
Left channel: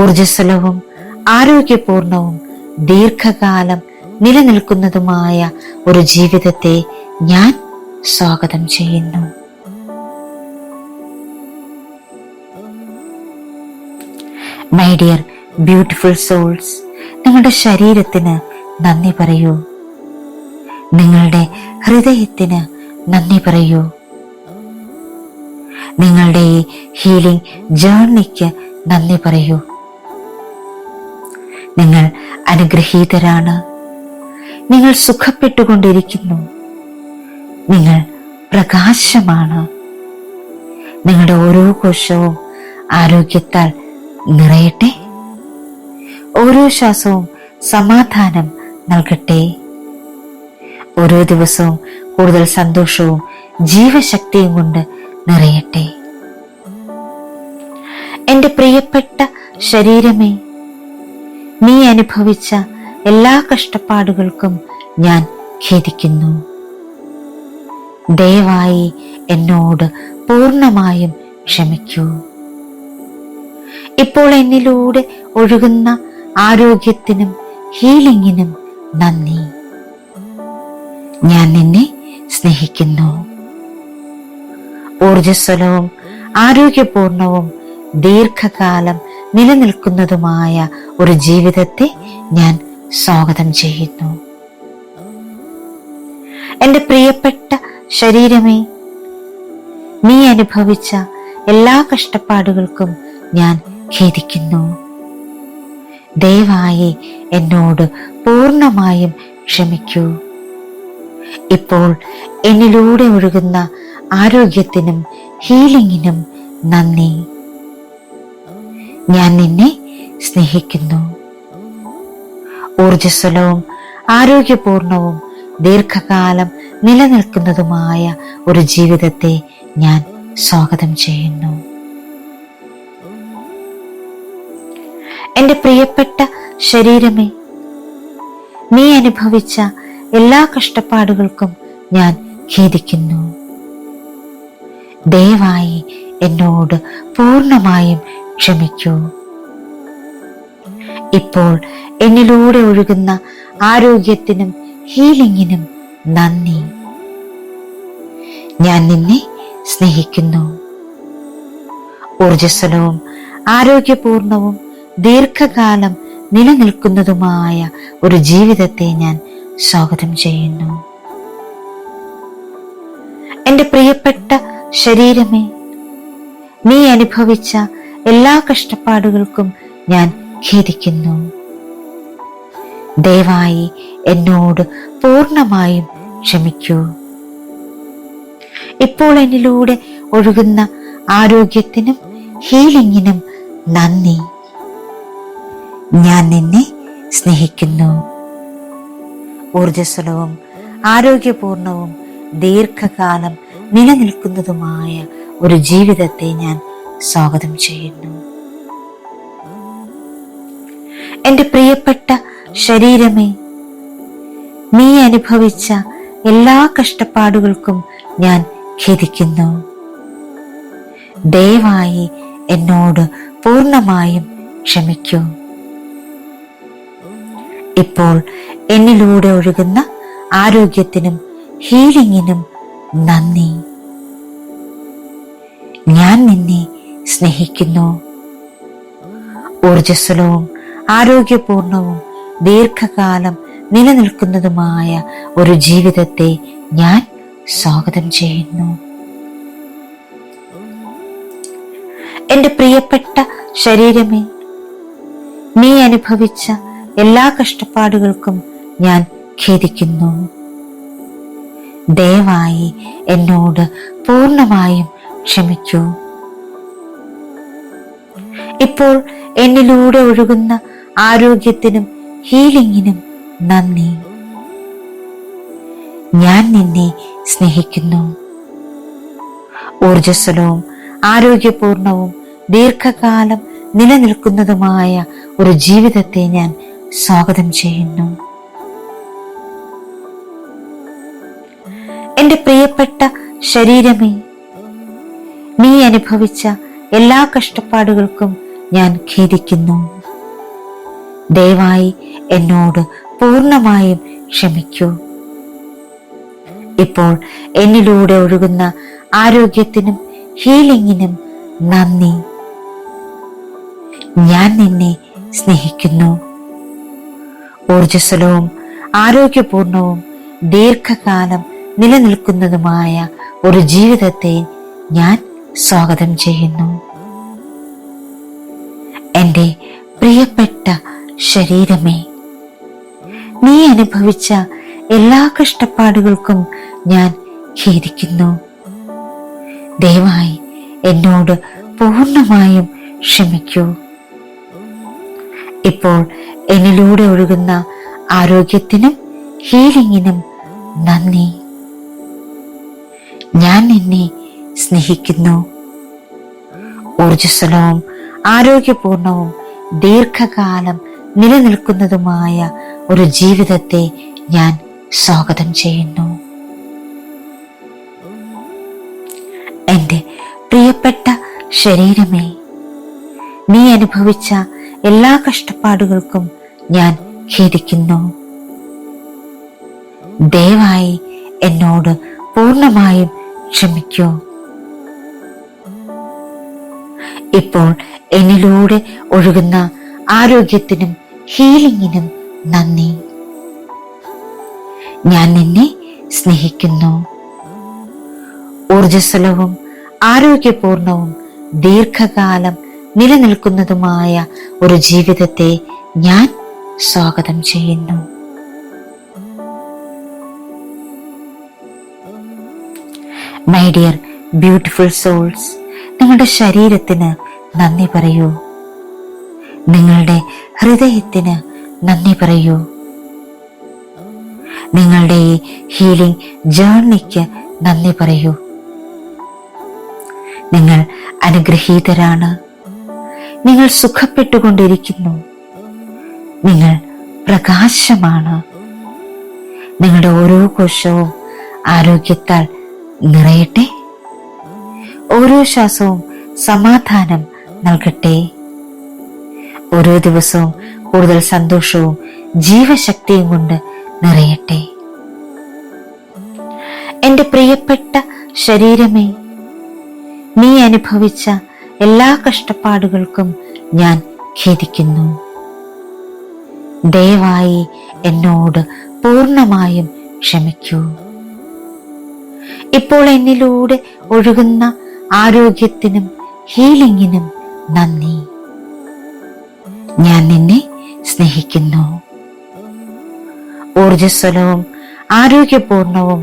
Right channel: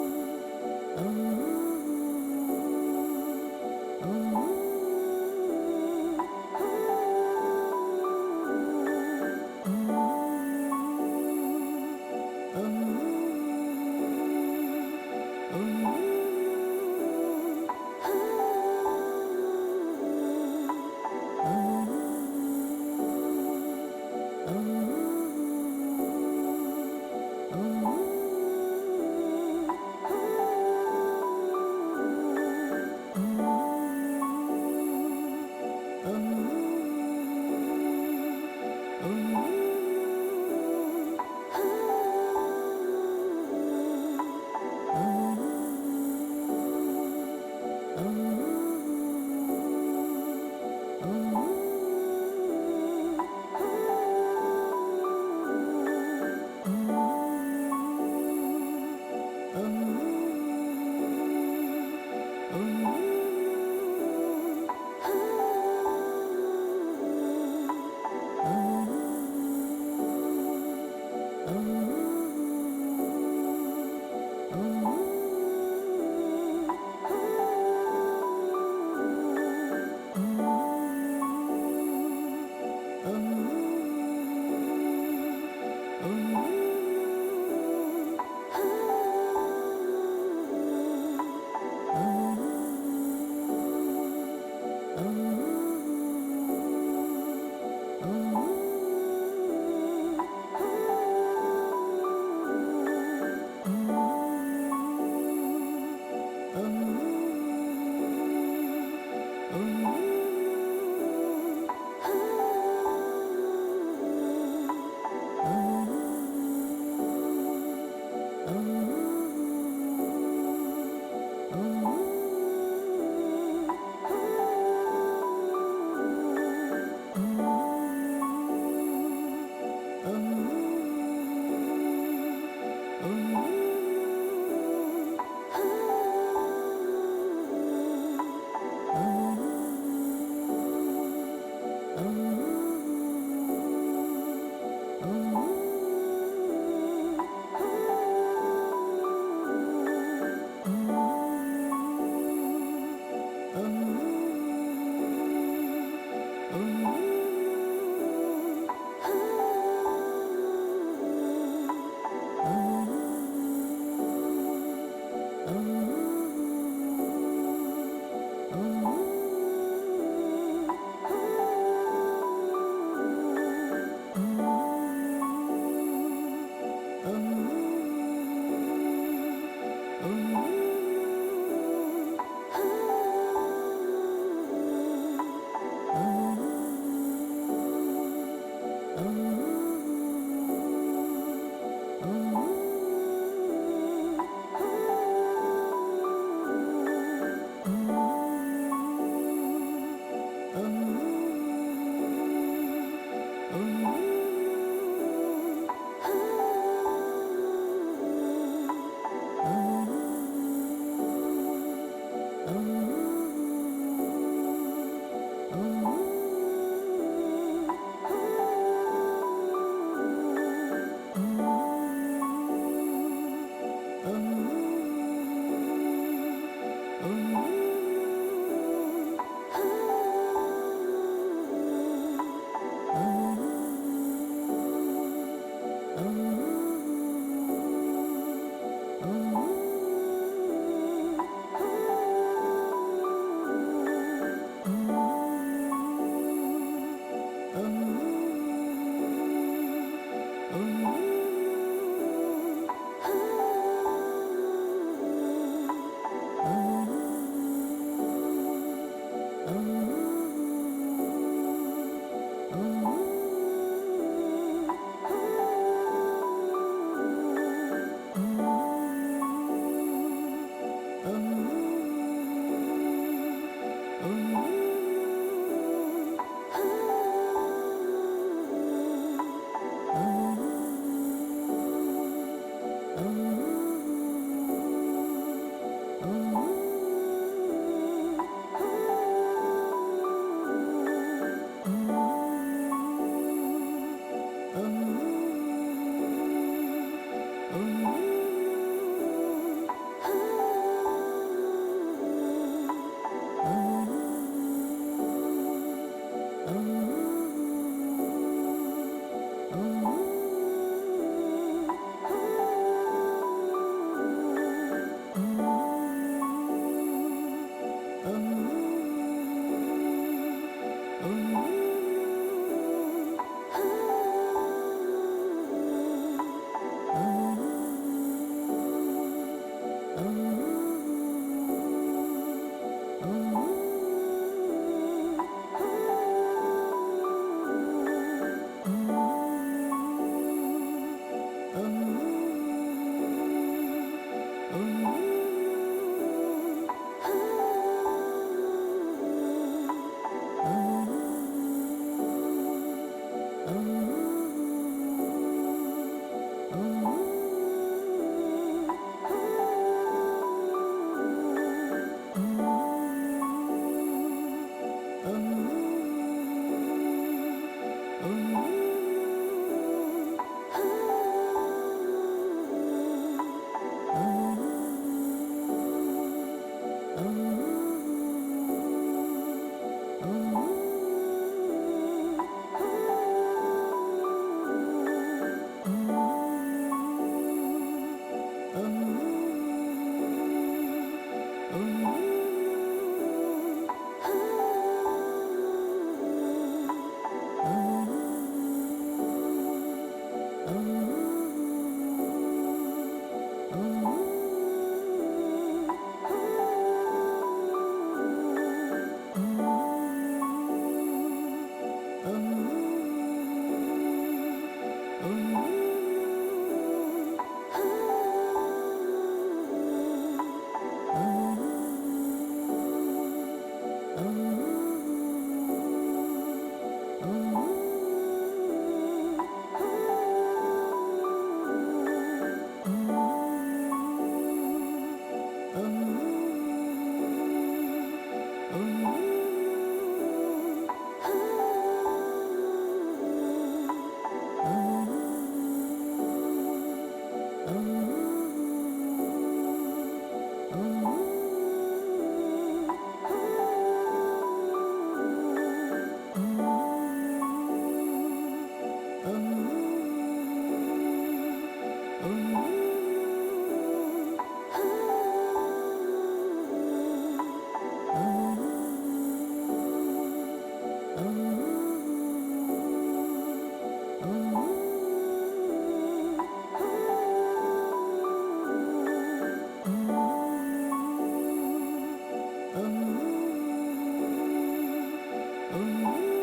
ഊർജ്ജസ്വലവും ആരോഗ്യപൂർണവും ദീർഘകാലം നിലനിൽക്കുന്നതുമായ ഒരു ജീവിതത്തെ ഞാൻ സ്വാഗതം ചെയ്യുന്നു. മൈ ഡിയർ ബ്യൂട്ടിഫുൾ സോൾസ്, നിങ്ങളുടെ ശരീരത്തിന് നന്ദി പറയൂ. നിങ്ങളുടെ ഹൃദയത്തിന് നന്ദി പറയൂ. നിങ്ങളുടെ ഈ ഹീലിംഗ് ജേർണിക്ക് നന്ദി പറയൂ. നിങ്ങൾ അനുഗ്രഹീതരാണ്. നിങ്ങൾ സുഖപ്പെട്ടുകൊണ്ടിരിക്കുന്നു. നിങ്ങൾ പ്രകാശമാണ്. നിങ്ങളുടെ ഓരോ കോശവും ആരോഗ്യത്താൽ നിറയട്ടെ. ഓരോ ശ്വാസവും സമാധാനം നൽകട്ടെ. ഓരോ ദിവസവും കൂടുതൽ സന്തോഷവും ജീവശക്തിയും കൊണ്ട് നിറയട്ടെ. എന്റെ പ്രിയപ്പെട്ട ശരീരമേ, നീ അനുഭവിച്ച എല്ലാ കഷ്ടപ്പാടുകൾക്കും ഞാൻ ഖേദിക്കുന്നു. ദയവായി എന്നോട് പൂർണ്ണമായും ക്ഷമിക്കൂ. ഇപ്പോൾ എന്നിലൂടെ ഒഴുകുന്ന ആരോഗ്യത്തിനും ഹീലിംഗിനും നന്ദി. ഞാൻ നിന്നെ സ്നേഹിക്കുന്നു. ഊർജ്ജസ്വലവും ആരോഗ്യപൂർണവും ദീർഘകാലം നിലനിൽക്കുന്നതുമായ ഒരു ജീവിതത്തെ ഞാൻ സ്വാഗതം ചെയ്യുന്നു. എന്റെ പ്രിയപ്പെട്ട ശരീരമേ, നീ അനുഭവിച്ച എല്ലാ കഷ്ടപ്പാടുകൾക്കും ഞാൻ ഖേദിക്കുന്നു. ദയവായി എന്നോട് പൂർണ്ണമായും ക്ഷമിക്കൂ. ഇപ്പോൾ എന്നിലൂടെ ഒഴുകുന്ന ആരോഗ്യത്തിനും ഹീലിംഗിനും നന്ദി. ഞാൻ നിന്നെ സ്നേഹിക്കുന്നു. ഊർജ്ജസ്വലവും ആരോഗ്യപൂർണവും ദീർഘകാലം നിലനിൽക്കുന്നതുമായ ഒരു ജീവിതത്തെ ഞാൻ സ്വാഗതം ചെയ്യുന്നു. എന്റെ പ്രിയപ്പെട്ട ശരീരമേ, നീ അനുഭവിച്ച എല്ലാ കഷ്ടപ്പാടുകൾക്കും ഞാൻ ഖേദിക്കുന്നു. ദയവായി എന്നോട് പൂർണ്ണമായും ക്ഷമിക്കൂ. ഇപ്പോൾ എന്നിലൂടെ ഒഴുകുന്ന ആരോഗ്യത്തിനും ഹീലിംഗിനും നന്ദി. ഞാൻ നിന്നെ സ്നേഹിക്കുന്നു. ഊർജ്ജസ്വലവും ആരോഗ്യപൂർണവും ദീർഘകാലം നിലനിൽക്കുന്നതുമായ ഒരു ജീവിതത്തെ ഞാൻ സ്വാഗതം ചെയ്യുന്നു. എന്റെ പ്രിയപ്പെട്ട ശരീരമേ, നീ അനുഭവിച്ച എല്ലാ കഷ്ടപ്പാടുകൾക്കും ഞാൻ ഖേദിക്കുന്നു. ദയവായി എന്നോട് പൂർണ്ണമായും ക്ഷമിക്കൂ. ഇപ്പോൾ എന്നിലൂടെ ഒഴുകുന്ന ആരോഗ്യത്തിനും ഹീലിംഗിനും നന്ദി. ഞാൻ നിന്നെ സ്നേഹിക്കുന്നു. ഊർജ്ജസ്വലവും ആരോഗ്യപൂർണവും ദീർഘകാലം നിലനിൽക്കുന്നതുമായ ഒരു ജീവിതത്തെ ഞാൻ സ്വാഗതം ചെയ്യുന്നു. എന്റെ പ്രിയപ്പെട്ട ശരീരമേ, നീ അനുഭവിച്ച എല്ലാ കഷ്ടപ്പാടുകൾക്കും ഞാൻ ഖേദിക്കുന്നു. ദയവായി എന്നോട് പൂർണ്ണമായും ക്ഷമിക്കൂ. ഇപ്പോൾ എന്നിലൂടെ ഒഴുകുന്ന ആരോഗ്യത്തിനും ഹീലിംഗിനും നന്ദി. ഞാൻ നിന്നെ സ്നേഹിക്കുന്നു. ഊർജ്ജസ്വലവും ആരോഗ്യപൂർണവും ദീർഘകാലം നിലനിൽക്കുന്നതുമായ ഒരു ജീവിതത്തെ ഞാൻ സ്വാഗതം ചെയ്യുന്നു. എന്റെ പ്രിയപ്പെട്ട ശരീരമേ, നീ അനുഭവിച്ച എല്ലാ കഷ്ടപ്പാടുകൾക്കും ഞാൻ ഖേദിക്കുന്നു. ദയവായി എന്നോട് പൂർണ്ണമായും ക്ഷമിക്കൂ. ഇപ്പോൾ എന്നിലൂടെ ഒഴുകുന്ന ആരോഗ്യത്തിനും ഹീലിംഗിനും നന്ദി. ഞാൻ നിന്നെ സ്നേഹിക്കുന്നു. ഊർജ്ജസ്വലവും ആരോഗ്യപൂർണവും ദീർഘകാലം നിലനിൽക്കുന്നതുമായ ഒരു ജീവിതത്തെ ഞാൻ സ്വാഗതം ചെയ്യുന്നു. എന്റെ പ്രിയപ്പെട്ട ശരീരമേ, നീ അനുഭവിച്ച എല്ലാ കഷ്ടപ്പാടുകൾക്കും ഞാൻ ഖേദിക്കുന്നു. ദയവായി എന്നോട് പൂർണ്ണമായും ക്ഷമിക്കൂ. ഇപ്പോൾ എന്നിലൂടെ ഒഴുകുന്ന ആരോഗ്യത്തിനും ഹീലിംഗിനും നന്ദി. ഞാൻ നിന്നെ സ്നേഹിക്കുന്നു. ഊർജ്ജസ്വലവും ആരോഗ്യപൂർണവും ദീർഘകാലം നിലനിൽക്കുന്നതുമായ ഒരു ജീവിതത്തെ ഞാൻ സ്വാഗതം ചെയ്യുന്നു. എൻ്റെ പ്രിയപ്പെട്ട ശരീരമേ, നീ അനുഭവിച്ച എല്ലാ കഷ്ടപ്പാടുകൾക്കും ഞാൻ ഖേദിക്കുന്നു. ദയവായി എന്നോട് പൂർണ്ണമായും ക്ഷമിക്കൂ. ഇപ്പോൾ എന്നിലൂടെ ഒഴുകുന്ന ആരോഗ്യത്തിനും ഹീലിംഗിനും നന്ദി. ഞാൻ നിന്നെ സ്നേഹിക്കുന്നു. ഊർജ്ജസ്വലവും ആരോഗ്യപൂർണവും ദീർഘകാലം നിലനിൽക്കുന്നതുമായ ഒരു ജീവിതത്തെ ഞാൻ സ്വാഗതം ചെയ്യുന്നു. എൻ്റെ പ്രിയപ്പെട്ട ശരീരമേ, നീ അനുഭവിച്ച എല്ലാ കഷ്ടപ്പാടുകൾക്കും ഞാൻ ഖേദിക്കുന്നു. ദയവായി എന്നോട് പൂർണ്ണമായും ക്ഷമിക്കൂ. ഇപ്പോൾ എന്നിലൂടെ ഒഴുകുന്ന ആരോഗ്യത്തിനും ഹീലിംഗിനും നന്ദി. ഞാൻ നിന്നെ സ്നേഹിക്കുന്നു. ഊർജ്ജസ്വലവും ആരോഗ്യപൂർണവും ദീർഘകാലം നിലനിൽക്കുന്നതുമായ ഒരു ജീവിതത്തെ ഞാൻ സ്വാഗതം ചെയ്യുന്നു. മൈ ഡിയർ ബ്യൂട്ടിഫുൾ സോൾസ്, നിങ്ങളുടെ ശരീരത്തിന് നന്ദി പറയൂ. നിങ്ങളുടെ ഹൃദയത്തിന് നന്ദി പറയൂ. നിങ്ങളുടെ ഈ ഹീലിംഗ് ജേർണിക്ക് നന്ദി പറയൂ. നിങ്ങൾ അനുഗ്രഹീതരാണ്. നിങ്ങൾ സുഖപ്പെട്ടുകൊണ്ടിരിക്കുന്നു. നിങ്ങൾ പ്രകാശമാണ്. നിങ്ങളുടെ ഓരോ കോശവും ആരോഗ്യത്താൽ നിറയട്ടെ. ഓരോ ശ്വാസവും സമാധാനം നൽകട്ടെ. ഓരോ ദിവസവും കൂടുതൽ സന്തോഷവും ജീവശക്തിയും കൊണ്ട് നിറയട്ടെ. എൻ്റെ പ്രിയപ്പെട്ട ശരീരമേ, നീ അനുഭവിച്ച എല്ലാ കഷ്ടപ്പാടുകൾക്കും ഞാൻ ഖേദിക്കുന്നു. ദയവായി എന്നോട് പൂർണ്ണമായും ക്ഷമിക്കൂ. ഇപ്പോൾ എന്നിലൂടെ ഒഴുകുന്ന ആരോഗ്യത്തിനും ഹീലിംഗിനും നന്ദി. ഞാൻ നിന്നെ സ്നേഹിക്കുന്നു. ഊർജ്ജസ്വലവും ആരോഗ്യപൂർണവും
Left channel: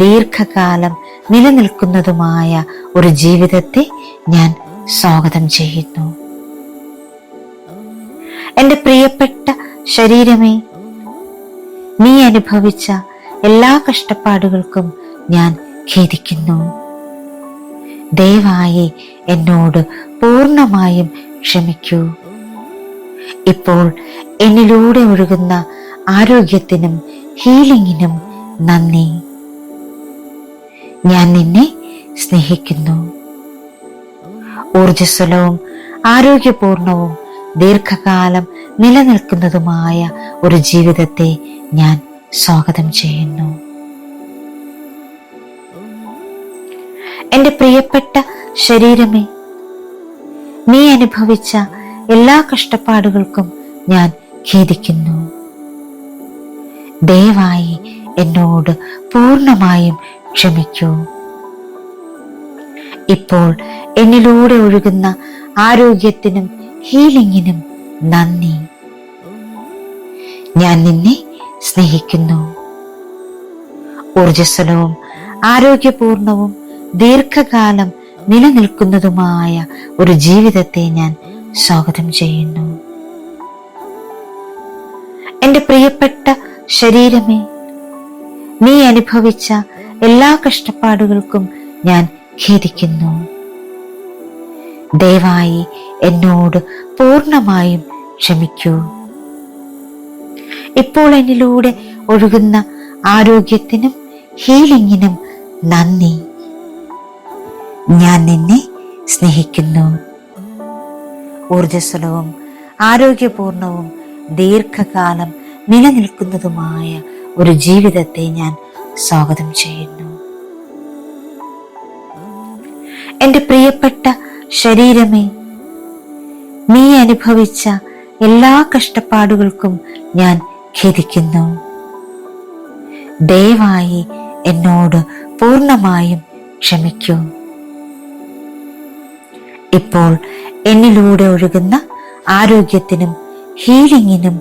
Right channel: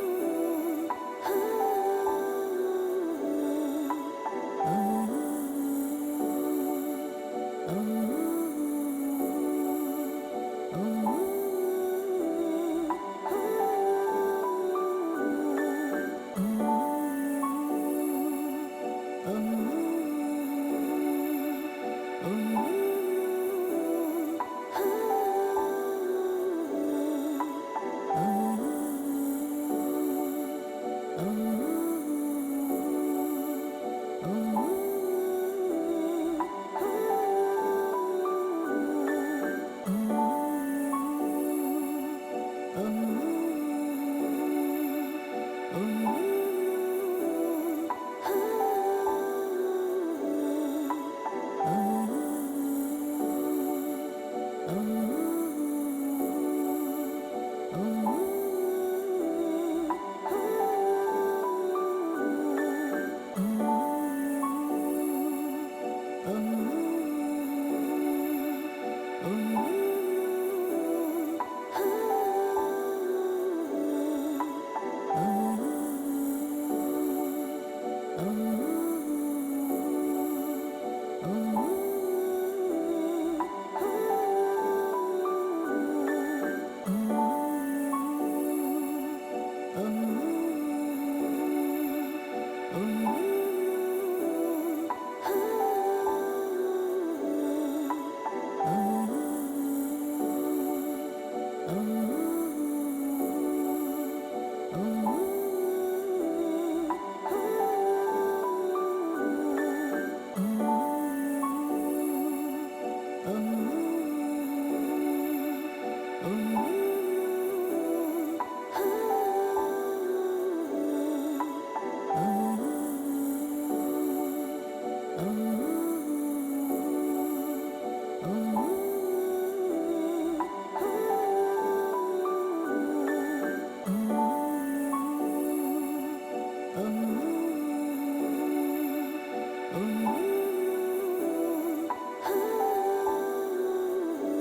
ദീർഘകാലം നിലനിൽക്കുന്നതുമായ ഒരു ജീവിതത്തെ ഞാൻ സ്വാഗതം ചെയ്യുന്നു. എൻ്റെ പ്രിയപ്പെട്ട ശരീരമേ, നീ അനുഭവിച്ച എല്ലാ കഷ്ടപ്പാടുകൾക്കും ഞാൻ ഖേദിക്കുന്നു. ദയവായി എന്നോട് പൂർണ്ണമായും ക്ഷമിക്കൂ. ഇപ്പോൾ എന്നിലൂടെ ഒഴുകുന്ന ആരോഗ്യത്തിനും ഹീലിംഗിനും നന്ദി. ഞാൻ നിന്നെ സ്നേഹിക്കുന്നു. ഊർജ്ജസ്വലവും ആരോഗ്യപൂർണവും ദീർഘകാലം നിലനിൽക്കുന്നതുമായ ഒരു ജീവിതത്തെ ഞാൻ സ്വാഗതം ചെയ്യുന്നു. എൻ്റെ പ്രിയപ്പെട്ട ശരീരമേ, നീ അനുഭവിച്ച എല്ലാ കഷ്ടപ്പാടുകൾക്കും ഞാൻ ഖേദിക്കുന്നു. ദയവായി എന്നോട് പൂർണ്ണമായും ക്ഷമിക്കൂ. ഇപ്പോൾ എന്നിലൂടെ ഒഴുകുന്ന ആരോഗ്യത്തിനും ഹീലിംഗിനും നന്ദി. ഞാൻ നിന്നെ സ്നേഹിക്കുന്നു. ഊർജ്ജസ്വലവും ആരോഗ്യപൂർണവും ദീർഘകാലം നിലനിൽക്കുന്നതുമായ ഒരു ജീവിതത്തെ ഞാൻ സ്വാഗതം ചെയ്യുന്നു. എൻ്റെ പ്രിയപ്പെട്ട ശരീരമേ, നീ അനുഭവിച്ച എല്ലാ കഷ്ടപ്പാടുകൾക്കും ഞാൻ ഖേദിക്കുന്നു. ദയവായി എന്നോട് പൂർണ്ണമായും ക്ഷമിക്കൂ. ഇപ്പോൾ എന്നിലൂടെ ഒഴുകുന്ന ആരോഗ്യത്തിനും ഹീലിംഗിനും നന്ദി. ഞാൻ നിന്നെ സ്നേഹിക്കുന്നു. ഊർജ്ജസ്വലവും ആരോഗ്യപൂർണവും ദീർഘകാലം നിലനിൽക്കുന്നതുമായ ഒരു ജീവിതത്തെ ഞാൻ സ്വാഗതം ചെയ്യുന്നു. എൻ്റെ പ്രിയപ്പെട്ട ശരീരമേ, നീ അനുഭവിച്ച എല്ലാ കഷ്ടപ്പാടുകൾക്കും ഞാൻ ഖേദിക്കുന്നു. ദയവായി എന്നോട് പൂർണ്ണമായും ക്ഷമിക്കൂ. ഇപ്പോൾ എന്നിലൂടെ ഒഴുകുന്ന ആരോഗ്യത്തിനും ഹീലിംഗിനും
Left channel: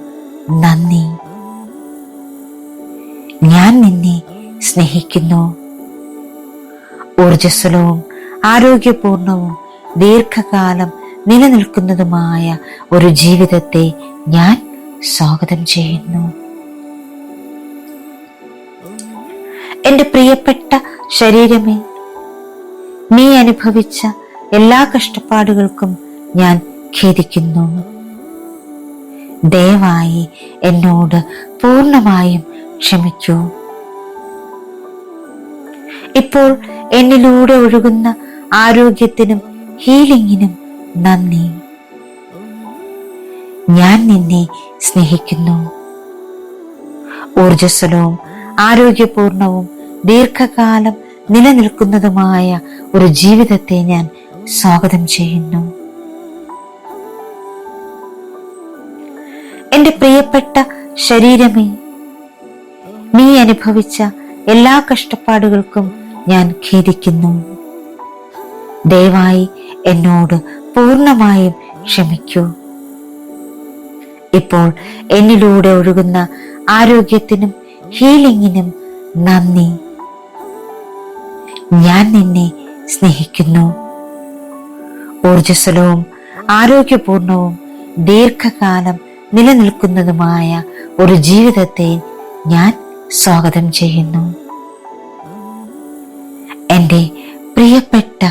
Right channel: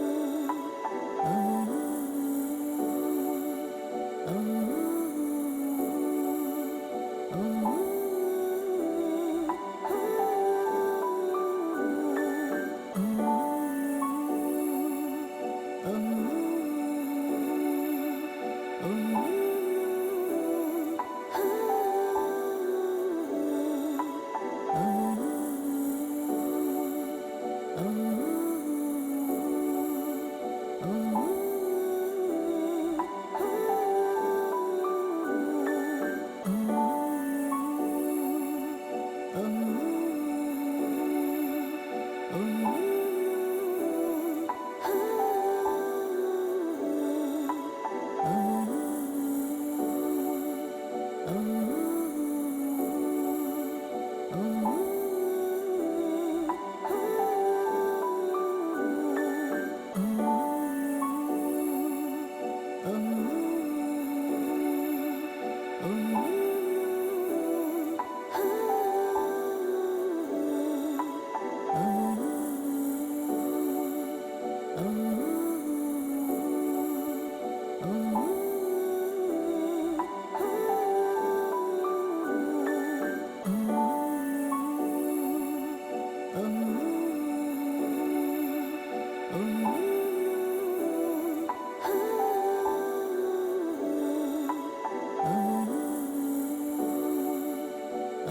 നന്ദി. ഞാൻ നിന്നെ സ്നേഹിക്കുന്നു. ഊർജ്ജസ്വലവും ആരോഗ്യപൂർണവും ദീർഘകാലം നിലനിൽക്കുന്നതുമായ ഒരു ജീവിതത്തെ ഞാൻ സ്വാഗതം ചെയ്യുന്നു. എന്റെ പ്രിയപ്പെട്ട ശരീരമേ, നീ അനുഭവിച്ച എല്ലാ കഷ്ടപ്പാടുകൾക്കും ഞാൻ ഖേദിക്കുന്നു. ദയവായി എന്നോട് പൂർണ്ണമായും ക്ഷമിക്കൂ. ഇപ്പോൾ എന്നിലൂടെ ഒഴുകുന്ന ആരോഗ്യത്തിനും ഹീലിംഗിനും നന്ദി. ഞാൻ നിന്നെ സ്നേഹിക്കുന്നു. ഊർജ്ജസ്വലവും ആരോഗ്യപൂർണവും ദീർഘകാലം നിലനിൽക്കുന്നതുമായ ഒരു ജീവിതത്തെ ഞാൻ സ്വാഗതം ചെയ്യുന്നു. എന്റെ പ്രിയപ്പെട്ട ശരീരമേ, നീ അനുഭവിച്ച എല്ലാ കഷ്ടപ്പാടുകൾക്കും ഞാൻ ഖേദിക്കുന്നു. ദയവായി എന്നോട് പൂർണ്ണമായും ക്ഷമിക്കൂ. ഇപ്പോൾ എന്നിലൂടെ ഒഴുകുന്ന ആരോഗ്യത്തിനും ഹീലിംഗിനും നന്ദി. ഞാൻ നിന്നെ സ്നേഹിക്കുന്നു. ഊർജ്ജസ്വലവും ആരോഗ്യപൂർണവും ദീർഘകാലം നിലനിൽക്കുന്നതുമായ ഒരു ജീവിതത്തെ ഞാൻ സ്വാഗതം ചെയ്യുന്നു. എന്റെ പ്രിയപ്പെട്ട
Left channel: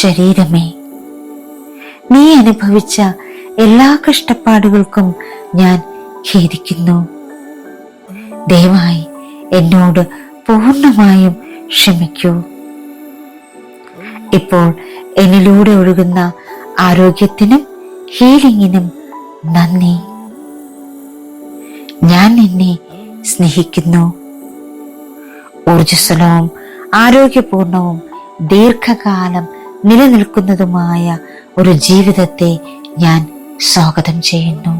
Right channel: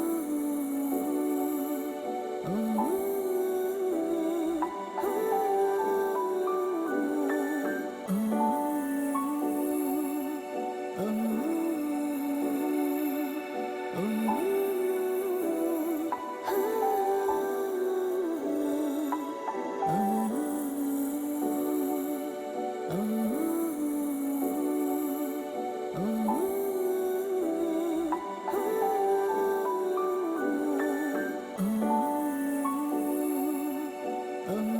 ശരീരമേ, നീ അനുഭവിച്ച എല്ലാ കഷ്ടപ്പാടുകൾക്കും ഞാൻ ഖേദിക്കുന്നു. ദയവായി എന്നോട് പൂർണ്ണമായും ക്ഷമിക്കൂ. ഇപ്പോൾ എന്നിലൂടെ ഒഴുകുന്ന ആരോഗ്യത്തിനും ഹീലിംഗിനും നന്ദി. ഞാൻ നിന്നെ സ്നേഹിക്കുന്നു. ഊർജ്ജസ്വലവും ആരോഗ്യപൂർണവും ദീർഘകാലം നിലനിൽക്കുന്നതുമായ ഒരു ജീവിതത്തെ ഞാൻ സ്വാഗതം ചെയ്യുന്നു.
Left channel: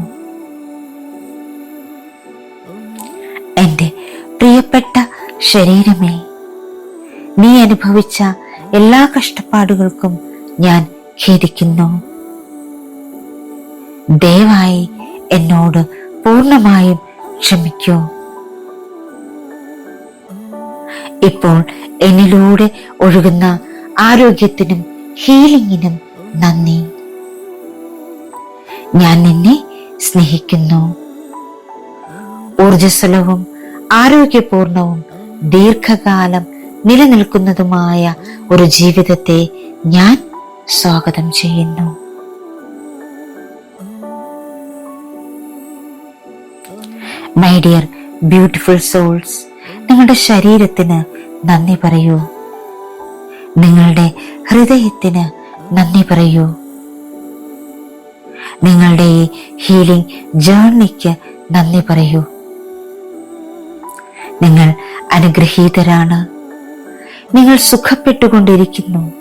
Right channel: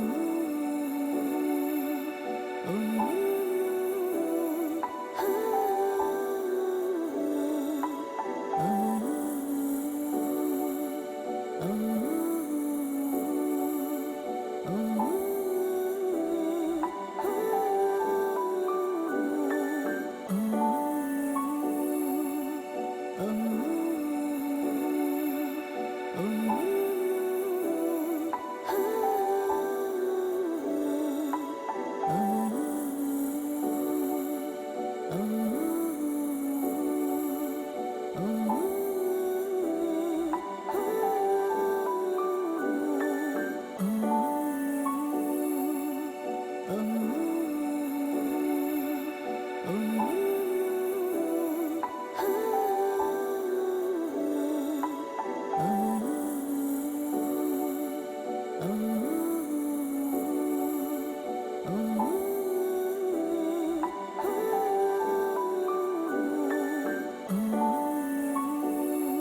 എന്റെ പ്രിയപ്പെട്ട ശരീരമേ, നീ അനുഭവിച്ച എല്ലാ കഷ്ടപ്പാടുകൾക്കും ഞാൻ ഖേദിക്കുന്നു. ദയവായി എന്നോട് പൂർണ്ണമായും ക്ഷമിക്കൂ. ഇപ്പോൾ എന്നിലൂടെ ഒഴുകുന്ന ആരോഗ്യത്തിനും ഹീലിംഗിനും നന്ദി. ഞാൻ നിന്നെ സ്നേഹിക്കുന്നു. ഊർജ്ജസ്വലവും ആരോഗ്യപൂർണവും ദീർഘകാലം നിലനിൽക്കുന്നതുമായ ഒരു ജീവിതത്തെ ഞാൻ സ്വാഗതം ചെയ്യുന്നു. മൈ ഡിയർ ബ്യൂട്ടിഫുൾ സോൾസ്, നിങ്ങളുടെ ശരീരത്തിന് നന്ദി പറയൂ. നിങ്ങളുടെ ഹൃദയത്തിന് നന്ദി പറയൂ. നിങ്ങളുടെ ഈ ഹീലിംഗ് ജേർണിക്ക് നന്ദി പറയൂ. നിങ്ങൾ അനുഗ്രഹീതരാണ്. നിങ്ങൾ സുഖപ്പെട്ടുകൊണ്ടിരിക്കുന്നു.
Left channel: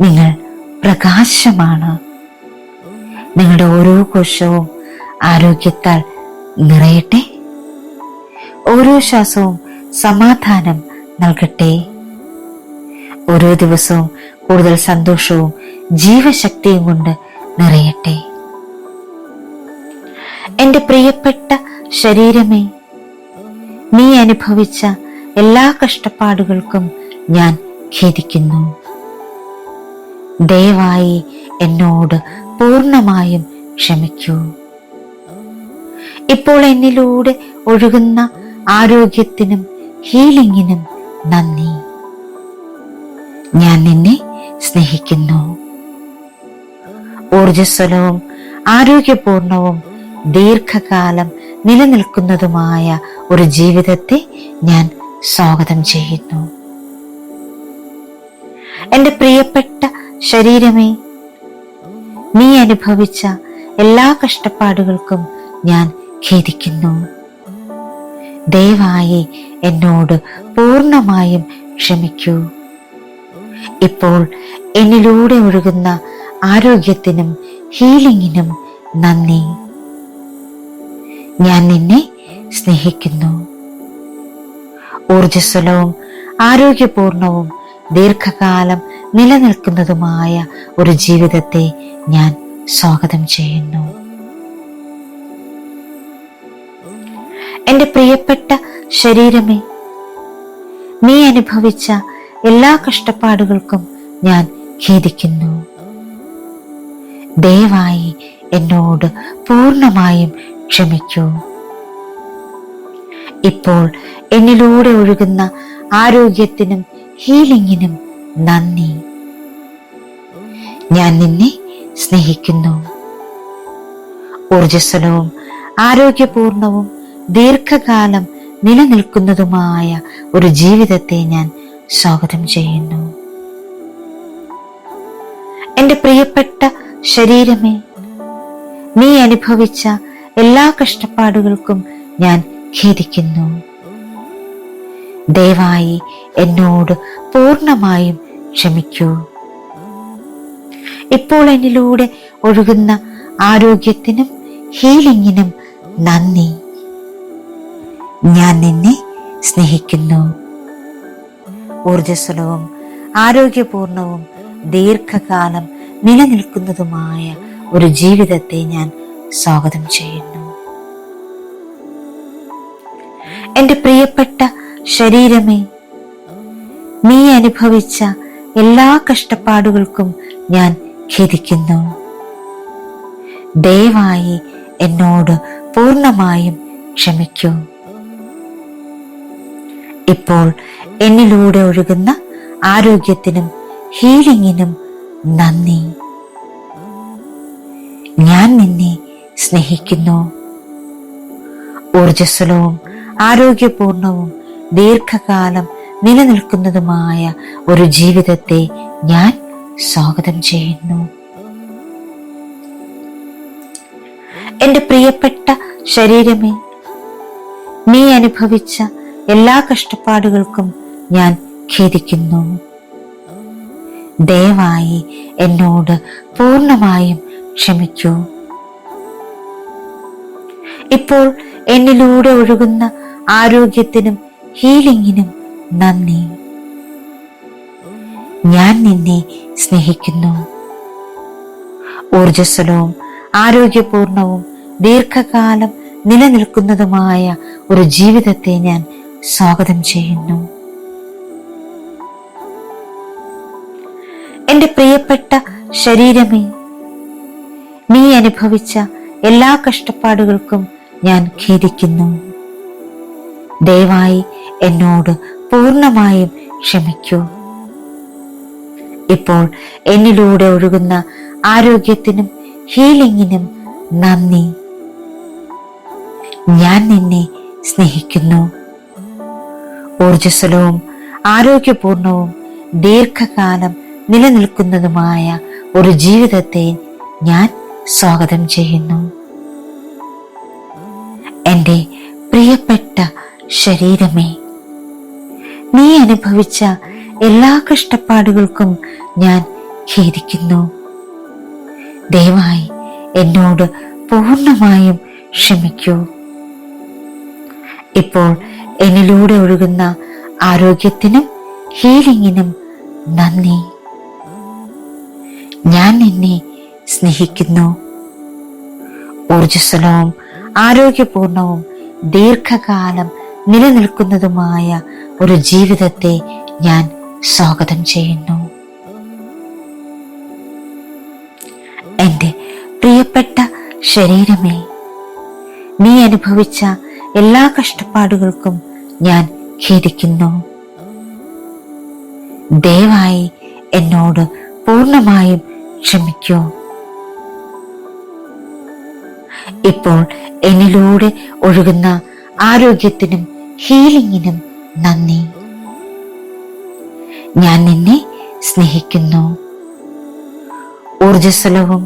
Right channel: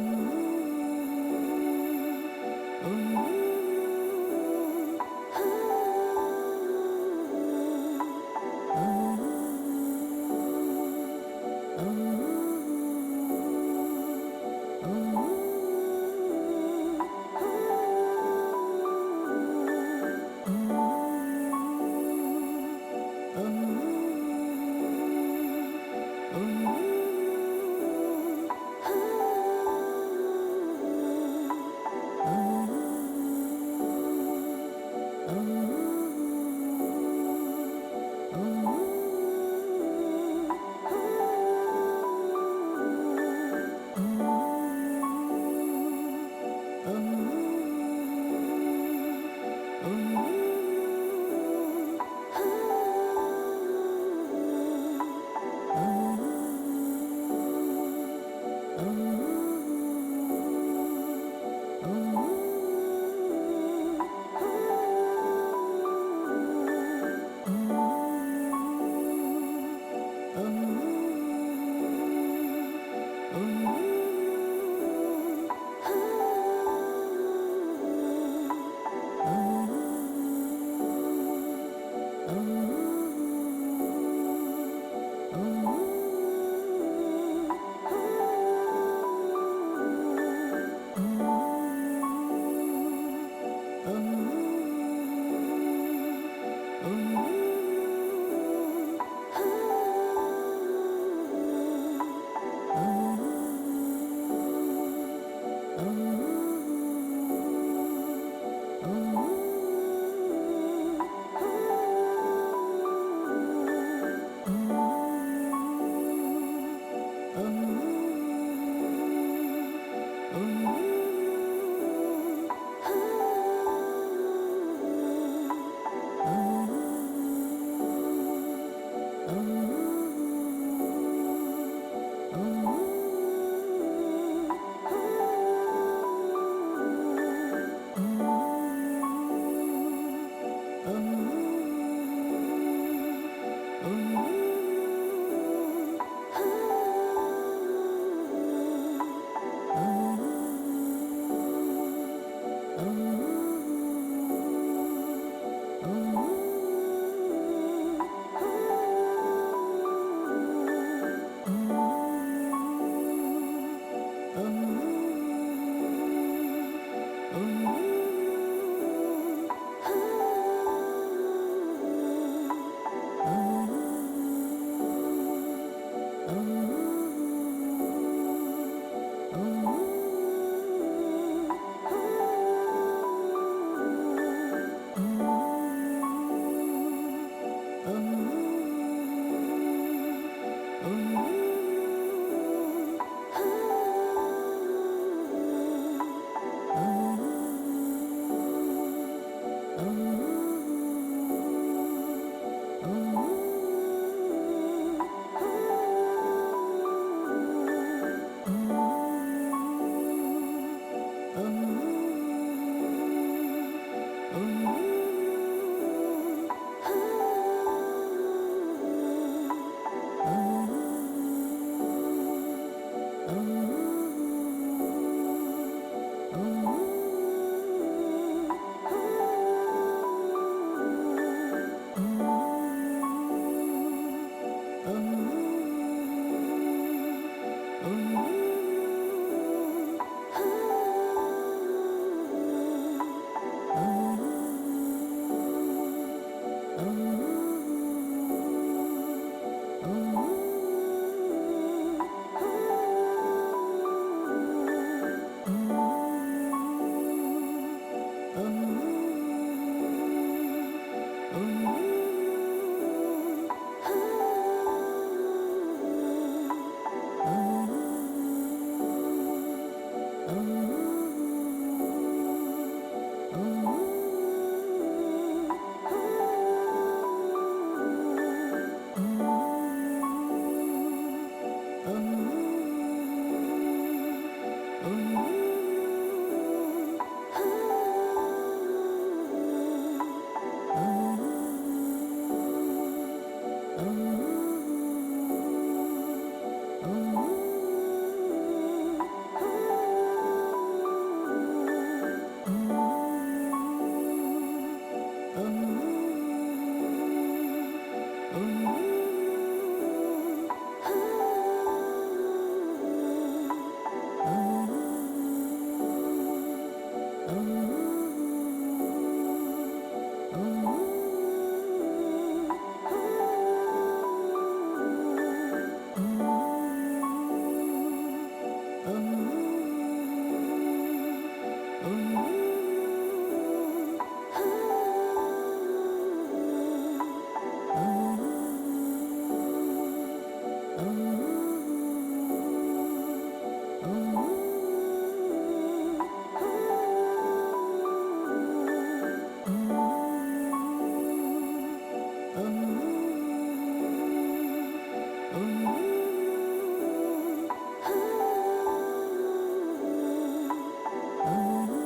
നിങ്ങൾ പ്രകാശമാണ്. നിങ്ങളുടെ ഓരോ കോശവും ആരോഗ്യത്താൽ നിറയട്ടെ. ഓരോ ശ്വാസവും സമാധാനം നൽകട്ടെ. ഓരോ ദിവസവും കൂടുതൽ സന്തോഷവും ജീവശക്തിയും കൊണ്ട് നിറയട്ടെ. എന്റെ പ്രിയപ്പെട്ട ശരീരമേ, നീ അനുഭവിച്ച എല്ലാ കഷ്ടപ്പാടുകൾക്കും ഞാൻ ഖേദിക്കുന്നു. ദയവായി എന്നോട് പൂർണ്ണമായും ക്ഷമിക്കൂ. ഇപ്പോൾ എന്നിലൂടെ ഒഴുകുന്ന ആരോഗ്യത്തിനും ഹീലിംഗിനും നന്ദി. ഞാൻ നിന്നെ സ്നേഹിക്കുന്നു. ഊർജ്ജസ്വലവും ആരോഗ്യപൂർണവും ദീർഘകാലം നിലനിൽക്കുന്നതുമായ ഒരു ജീവിതത്തെ ഞാൻ സ്വാഗതം ചെയ്യുന്നു. എന്റെ പ്രിയപ്പെട്ട ശരീരമേ, നീ അനുഭവിച്ച എല്ലാ കഷ്ടപ്പാടുകൾക്കും ഞാൻ ഖേദിക്കുന്നു. ദയവായി എന്നോട് പൂർണ്ണമായും ക്ഷമിക്കൂ. ഇപ്പോൾ എന്നിലൂടെ ഒഴുകുന്ന ആരോഗ്യത്തിനും ഹീലിംഗിനും നന്ദി. ഞാൻ നിന്നെ സ്നേഹിക്കുന്നു. ഊർജ്ജസ്വലവും ആരോഗ്യപൂർണവും ദീർഘകാലം നിലനിൽക്കുന്നതുമായ ഒരു ജീവിതത്തെ ഞാൻ സ്വാഗതം ചെയ്യുന്നു. എൻ്റെ പ്രിയപ്പെട്ട ശരീരമേ, നീ അനുഭവിച്ച എല്ലാ കഷ്ടപ്പാടുകൾക്കും ഞാൻ ഖേദിക്കുന്നു. ദയവായി എന്നോട് പൂർണ്ണമായും ക്ഷമിക്കൂ. ഇപ്പോൾ എന്നിലൂടെ ഒഴുകുന്ന ആരോഗ്യത്തിനും ഹീലിംഗിനും നന്ദി. ഞാൻ നിന്നെ സ്നേഹിക്കുന്നു. ഊർജ്ജസ്വലവും ആരോഗ്യപൂർണവും ദീർഘകാലം നിലനിൽക്കുന്നതുമായ ഒരു ജീവിതത്തെ ഞാൻ സ്വാഗതം ചെയ്യുന്നു. എൻ്റെ പ്രിയപ്പെട്ട ശരീരമേ, നീ അനുഭവിച്ച എല്ലാ കഷ്ടപ്പാടുകൾക്കും ഞാൻ ഖേദിക്കുന്നു. ദയവായി എന്നോട് പൂർണ്ണമായും ക്ഷമിക്കൂ. ഇപ്പോൾ എന്നിലൂടെ ഒഴുകുന്ന ആരോഗ്യത്തിനും ഹീലിംഗിനും നന്ദി. ഞാൻ നിന്നെ സ്നേഹിക്കുന്നു. ഊർജ്ജസ്വലവും ആരോഗ്യപൂർണവും ദീർഘകാലം നിലനിൽക്കുന്നതുമായ ഒരു ജീവിതത്തെ ഞാൻ സ്വാഗതം ചെയ്യുന്നു. എൻ്റെ പ്രിയപ്പെട്ട ശരീരമേ, നീ അനുഭവിച്ച എല്ലാ കഷ്ടപ്പാടുകൾക്കും ഞാൻ ഖേദിക്കുന്നു. ദയവായി എന്നോട് പൂർണ്ണമായും ക്ഷമിക്കൂ. ഇപ്പോൾ എന്നിലൂടെ ഒഴുകുന്ന ആരോഗ്യത്തിനും ഹീലിംഗിനും നന്ദി. ഞാൻ നിന്നെ സ്നേഹിക്കുന്നു. ഊർജ്ജസ്വലവും ആരോഗ്യപൂർണവും ദീർഘകാലം നിലനിൽക്കുന്നതുമായ ഒരു ജീവിതത്തെ ഞാൻ സ്വാഗതം ചെയ്യുന്നു. എൻ്റെ പ്രിയപ്പെട്ട ശരീരമേ, നീ അനുഭവിച്ച എല്ലാ കഷ്ടപ്പാടുകൾക്കും ഞാൻ ഖേദിക്കുന്നു. ദയവായി എന്നോട് പൂർണ്ണമായും ക്ഷമിക്കൂ. ഇപ്പോൾ എന്നിലൂടെ ഒഴുകുന്ന ആരോഗ്യത്തിനും ഹീലിംഗിനും നന്ദി. ഞാൻ നിന്നെ സ്നേഹിക്കുന്നു. ഊർജ്ജസ്വലവും ആരോഗ്യപൂർണവും ദീർഘകാലം നിലനിൽക്കുന്നതുമായ ഒരു ജീവിതത്തെ ഞാൻ സ്വാഗതം ചെയ്യുന്നു. എൻ്റെ പ്രിയപ്പെട്ട ശരീരമേ, നീ അനുഭവിച്ച എല്ലാ കഷ്ടപ്പാടുകൾക്കും ഞാൻ ഖേദിക്കുന്നു. ദയവായി എന്നോട് പൂർണ്ണമായും ക്ഷമിക്കൂ. ഇപ്പോൾ എന്നിലൂടെ ഒഴുകുന്ന ആരോഗ്യത്തിനും ഹീലിംഗിനും നന്ദി. ഞാൻ നിന്നെ സ്നേഹിക്കുന്നു. ഊർജ്ജസ്വലവും ആരോഗ്യപൂർണവും ദീർഘകാലം നിലനിൽക്കുന്നതുമായ ഒരു ജീവിതത്തെ ഞാൻ സ്വാഗതം ചെയ്യുന്നു. എൻ്റെ പ്രിയപ്പെട്ട ശരീരമേ, നീ അനുഭവിച്ച എല്ലാ കഷ്ടപ്പാടുകൾക്കും ഞാൻ ഖേദിക്കുന്നു. ദയവായി എന്നോട് പൂർണ്ണമായും ക്ഷമിക്കൂ. ഇപ്പോൾ എന്നിലൂടെ ഒഴുകുന്ന ആരോഗ്യത്തിനും ഹീലിംഗിനും നന്ദി. ഞാൻ നിന്നെ സ്നേഹിക്കുന്നു. ഊർജ്ജസ്വലവും ആരോഗ്യപൂർണവും ദീർഘകാലം നിലനിൽക്കുന്നതുമായ ഒരു ജീവിതത്തെ ഞാൻ സ്വാഗതം ചെയ്യുന്നു. എൻ്റെ പ്രിയപ്പെട്ട ശരീരമേ, നീ അനുഭവിച്ച എല്ലാ കഷ്ടപ്പാടുകൾക്കും ഞാൻ ഖേദിക്കുന്നു. ദയവായി എന്നോട് പൂർണ്ണമായും ക്ഷമിക്കൂ. ഇപ്പോൾ എന്നിലൂടെ ഒഴുകുന്ന ആരോഗ്യത്തിനും ഹീലിംഗിനും നന്ദി. ഞാൻ നിന്നെ സ്നേഹിക്കുന്നു. ഊർജ്ജസ്വലവും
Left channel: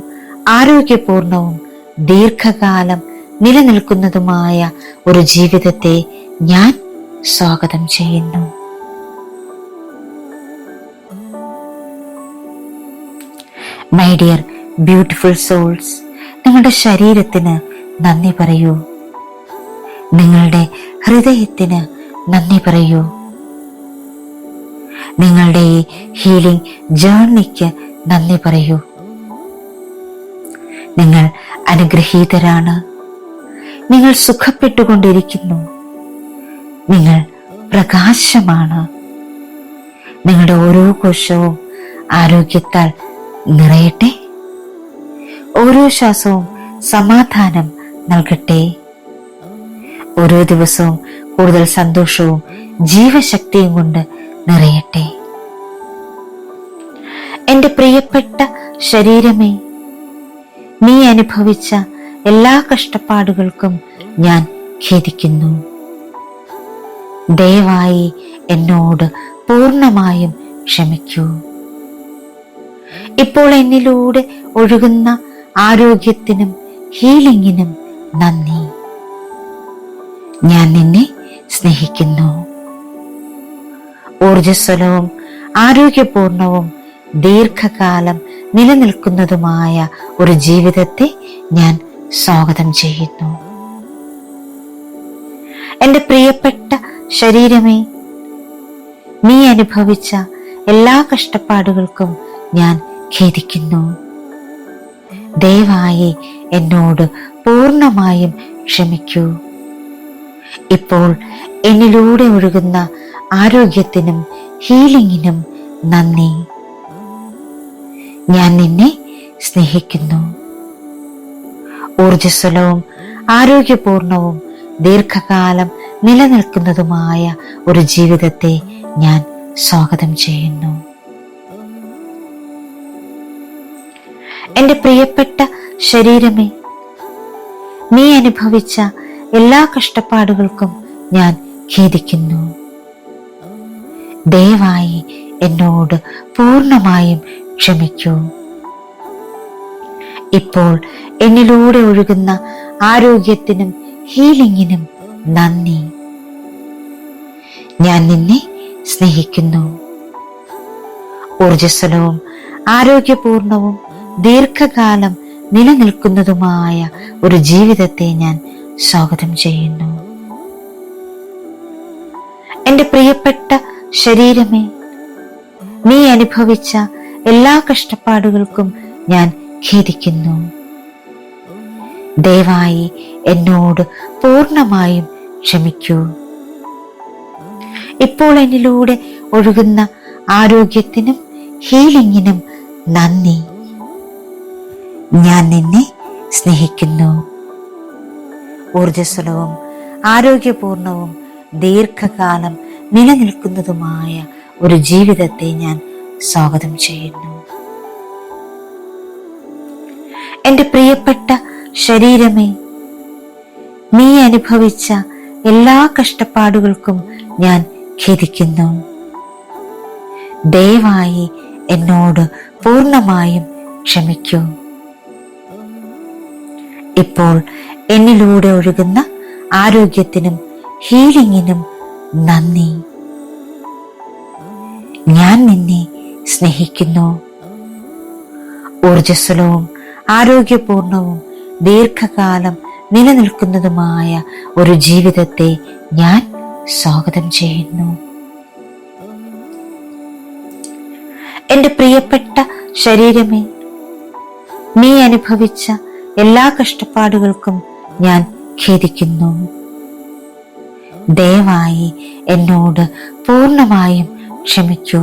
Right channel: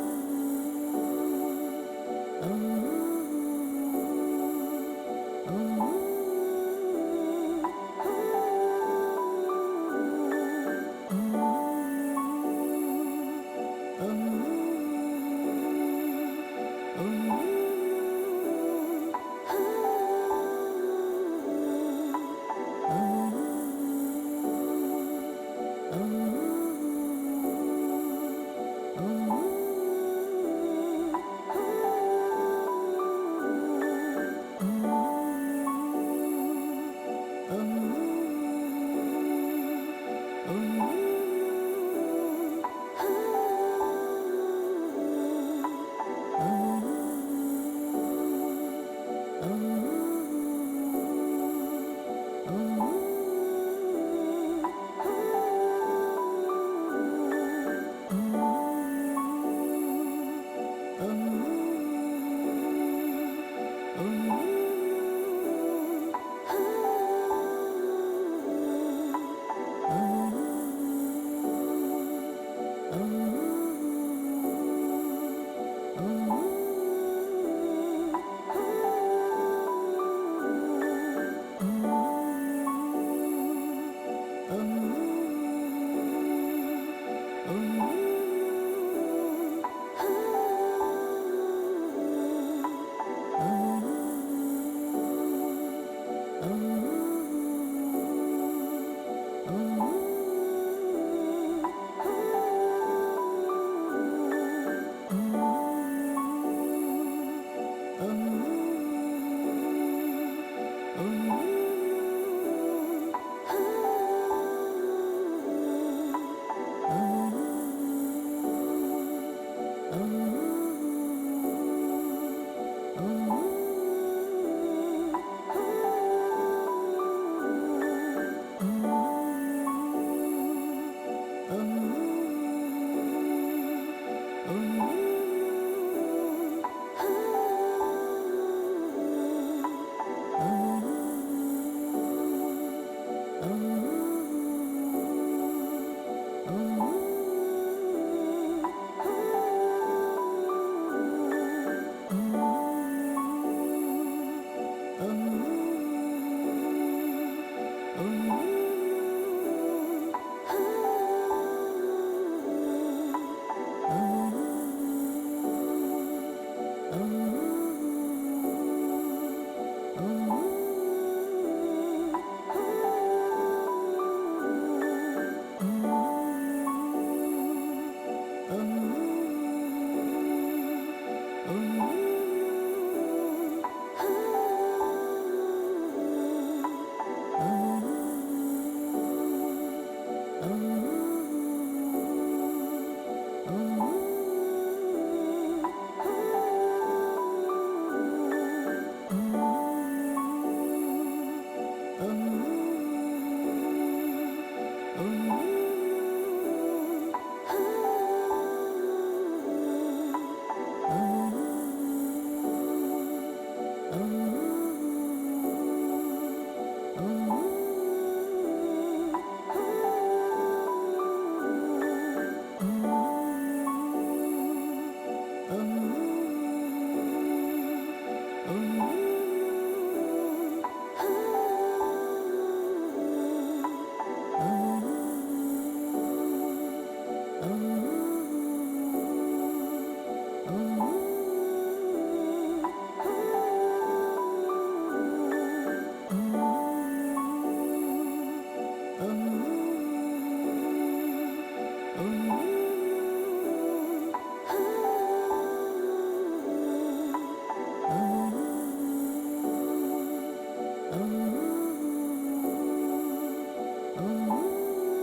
ആരോഗ്യപൂർണവും ദീർഘകാലം നിലനിൽക്കുന്നതുമായ ഒരു ജീവിതത്തെ ഞാൻ സ്വാഗതം ചെയ്യുന്നു. മൈ ഡിയർ ബ്യൂട്ടിഫുൾ സോൾസ്, നിങ്ങളുടെ ശരീരത്തിന് നന്ദി പറയൂ. നിങ്ങളുടെ ഹൃദയത്തിന് നന്ദി പറയൂ. നിങ്ങളുടെ ഈ ഹീലിംഗ് ജേർണിക്ക് നന്ദി പറയൂ. നിങ്ങൾ അനുഗ്രഹീതരാണ്. നിങ്ങൾ സുഖപ്പെട്ടുകൊണ്ടിരിക്കുന്നു. നിങ്ങൾ പ്രകാശമാണ്. നിങ്ങളുടെ ഓരോ കോശവും ആരോഗ്യത്താൽ നിറയട്ടെ. ഓരോ ശ്വാസവും സമാധാനം നൽകട്ടെ. ഓരോ ദിവസവും കൂടുതൽ സന്തോഷവും ജീവശക്തിയും കൊണ്ട് നിറയട്ടെ. എന്റെ പ്രിയപ്പെട്ട ശരീരമേ, നീ അനുഭവിച്ച എല്ലാ കഷ്ടപ്പാടുകൾക്കും ഞാൻ ഖേദിക്കുന്നു. ദയവായി എന്നോട് പൂർണ്ണമായും ക്ഷമിക്കൂ. ഇപ്പോൾ എന്നിലൂടെ ഒഴുകുന്ന ആരോഗ്യത്തിനും ഹീലിംഗിനും നന്ദി. ഞാൻ നിന്നെ സ്നേഹിക്കുന്നു. ഊർജ്ജസ്വലവും ആരോഗ്യപൂർണവും ദീർഘകാലം നിലനിൽക്കുന്നതുമായ ഒരു ജീവിതത്തെ ഞാൻ സ്വാഗതം ചെയ്യുന്നു. എന്റെ പ്രിയപ്പെട്ട ശരീരമേ, നീ അനുഭവിച്ച എല്ലാ കഷ്ടപ്പാടുകൾക്കും ഞാൻ ഖേദിക്കുന്നു. ദയവായി എന്നോട് പൂർണ്ണമായും ക്ഷമിക്കൂ. ഇപ്പോൾ എന്നിലൂടെ ഒഴുകുന്ന ആരോഗ്യത്തിനും ഹീലിംഗിനും നന്ദി. ഞാൻ നിന്നെ സ്നേഹിക്കുന്നു. ഊർജ്ജസ്വലവും ആരോഗ്യപൂർണവും ദീർഘകാലം നിലനിൽക്കുന്നതുമായ ഒരു ജീവിതത്തെ ഞാൻ സ്വാഗതം ചെയ്യുന്നു. എന്റെ പ്രിയപ്പെട്ട ശരീരമേ, നീ അനുഭവിച്ച എല്ലാ കഷ്ടപ്പാടുകൾക്കും ഞാൻ ഖേദിക്കുന്നു. ദയവായി എന്നോട് പൂർണ്ണമായും ക്ഷമിക്കൂ. ഇപ്പോൾ എന്നിലൂടെ ഒഴുകുന്ന ആരോഗ്യത്തിനും ഹീലിംഗിനും നന്ദി. ഞാൻ നിന്നെ സ്നേഹിക്കുന്നു. ഊർജ്ജസ്വലവും ആരോഗ്യപൂർണവും ദീർഘകാലം നിലനിൽക്കുന്നതുമായ ഒരു ജീവിതത്തെ ഞാൻ സ്വാഗതം ചെയ്യുന്നു. എന്റെ പ്രിയപ്പെട്ട ശരീരമേ, നീ അനുഭവിച്ച എല്ലാ കഷ്ടപ്പാടുകൾക്കും ഞാൻ ഖേദിക്കുന്നു. ദയവായി എന്നോട് പൂർണ്ണമായും ക്ഷമിക്കൂ. ഇപ്പോൾ എന്നിലൂടെ ഒഴുകുന്ന ആരോഗ്യത്തിനും ഹീലിംഗിനും നന്ദി. ഞാൻ നിന്നെ സ്നേഹിക്കുന്നു. ഊർജ്ജസ്വലവും ആരോഗ്യപൂർണവും ദീർഘകാലം നിലനിൽക്കുന്നതുമായ ഒരു ജീവിതത്തെ ഞാൻ സ്വാഗതം ചെയ്യുന്നു. എന്റെ പ്രിയപ്പെട്ട ശരീരമേ, നീ അനുഭവിച്ച എല്ലാ കഷ്ടപ്പാടുകൾക്കും ഞാൻ ഖേദിക്കുന്നു. ദയവായി എന്നോട് പൂർണ്ണമായും ക്ഷമിക്കൂ. ഇപ്പോൾ എന്നിലൂടെ ഒഴുകുന്ന ആരോഗ്യത്തിനും ഹീലിംഗിനും നന്ദി. ഞാൻ നിന്നെ സ്നേഹിക്കുന്നു. ഊർജ്ജസ്വലവും ആരോഗ്യപൂർണവും ദീർഘകാലം നിലനിൽക്കുന്നതുമായ ഒരു ജീവിതത്തെ ഞാൻ സ്വാഗതം ചെയ്യുന്നു. എന്റെ പ്രിയപ്പെട്ട ശരീരമേ, നീ അനുഭവിച്ച എല്ലാ കഷ്ടപ്പാടുകൾക്കും ഞാൻ ഖേദിക്കുന്നു. ദയവായി എന്നോട് പൂർണ്ണമായും ക്ഷമിക്കൂ.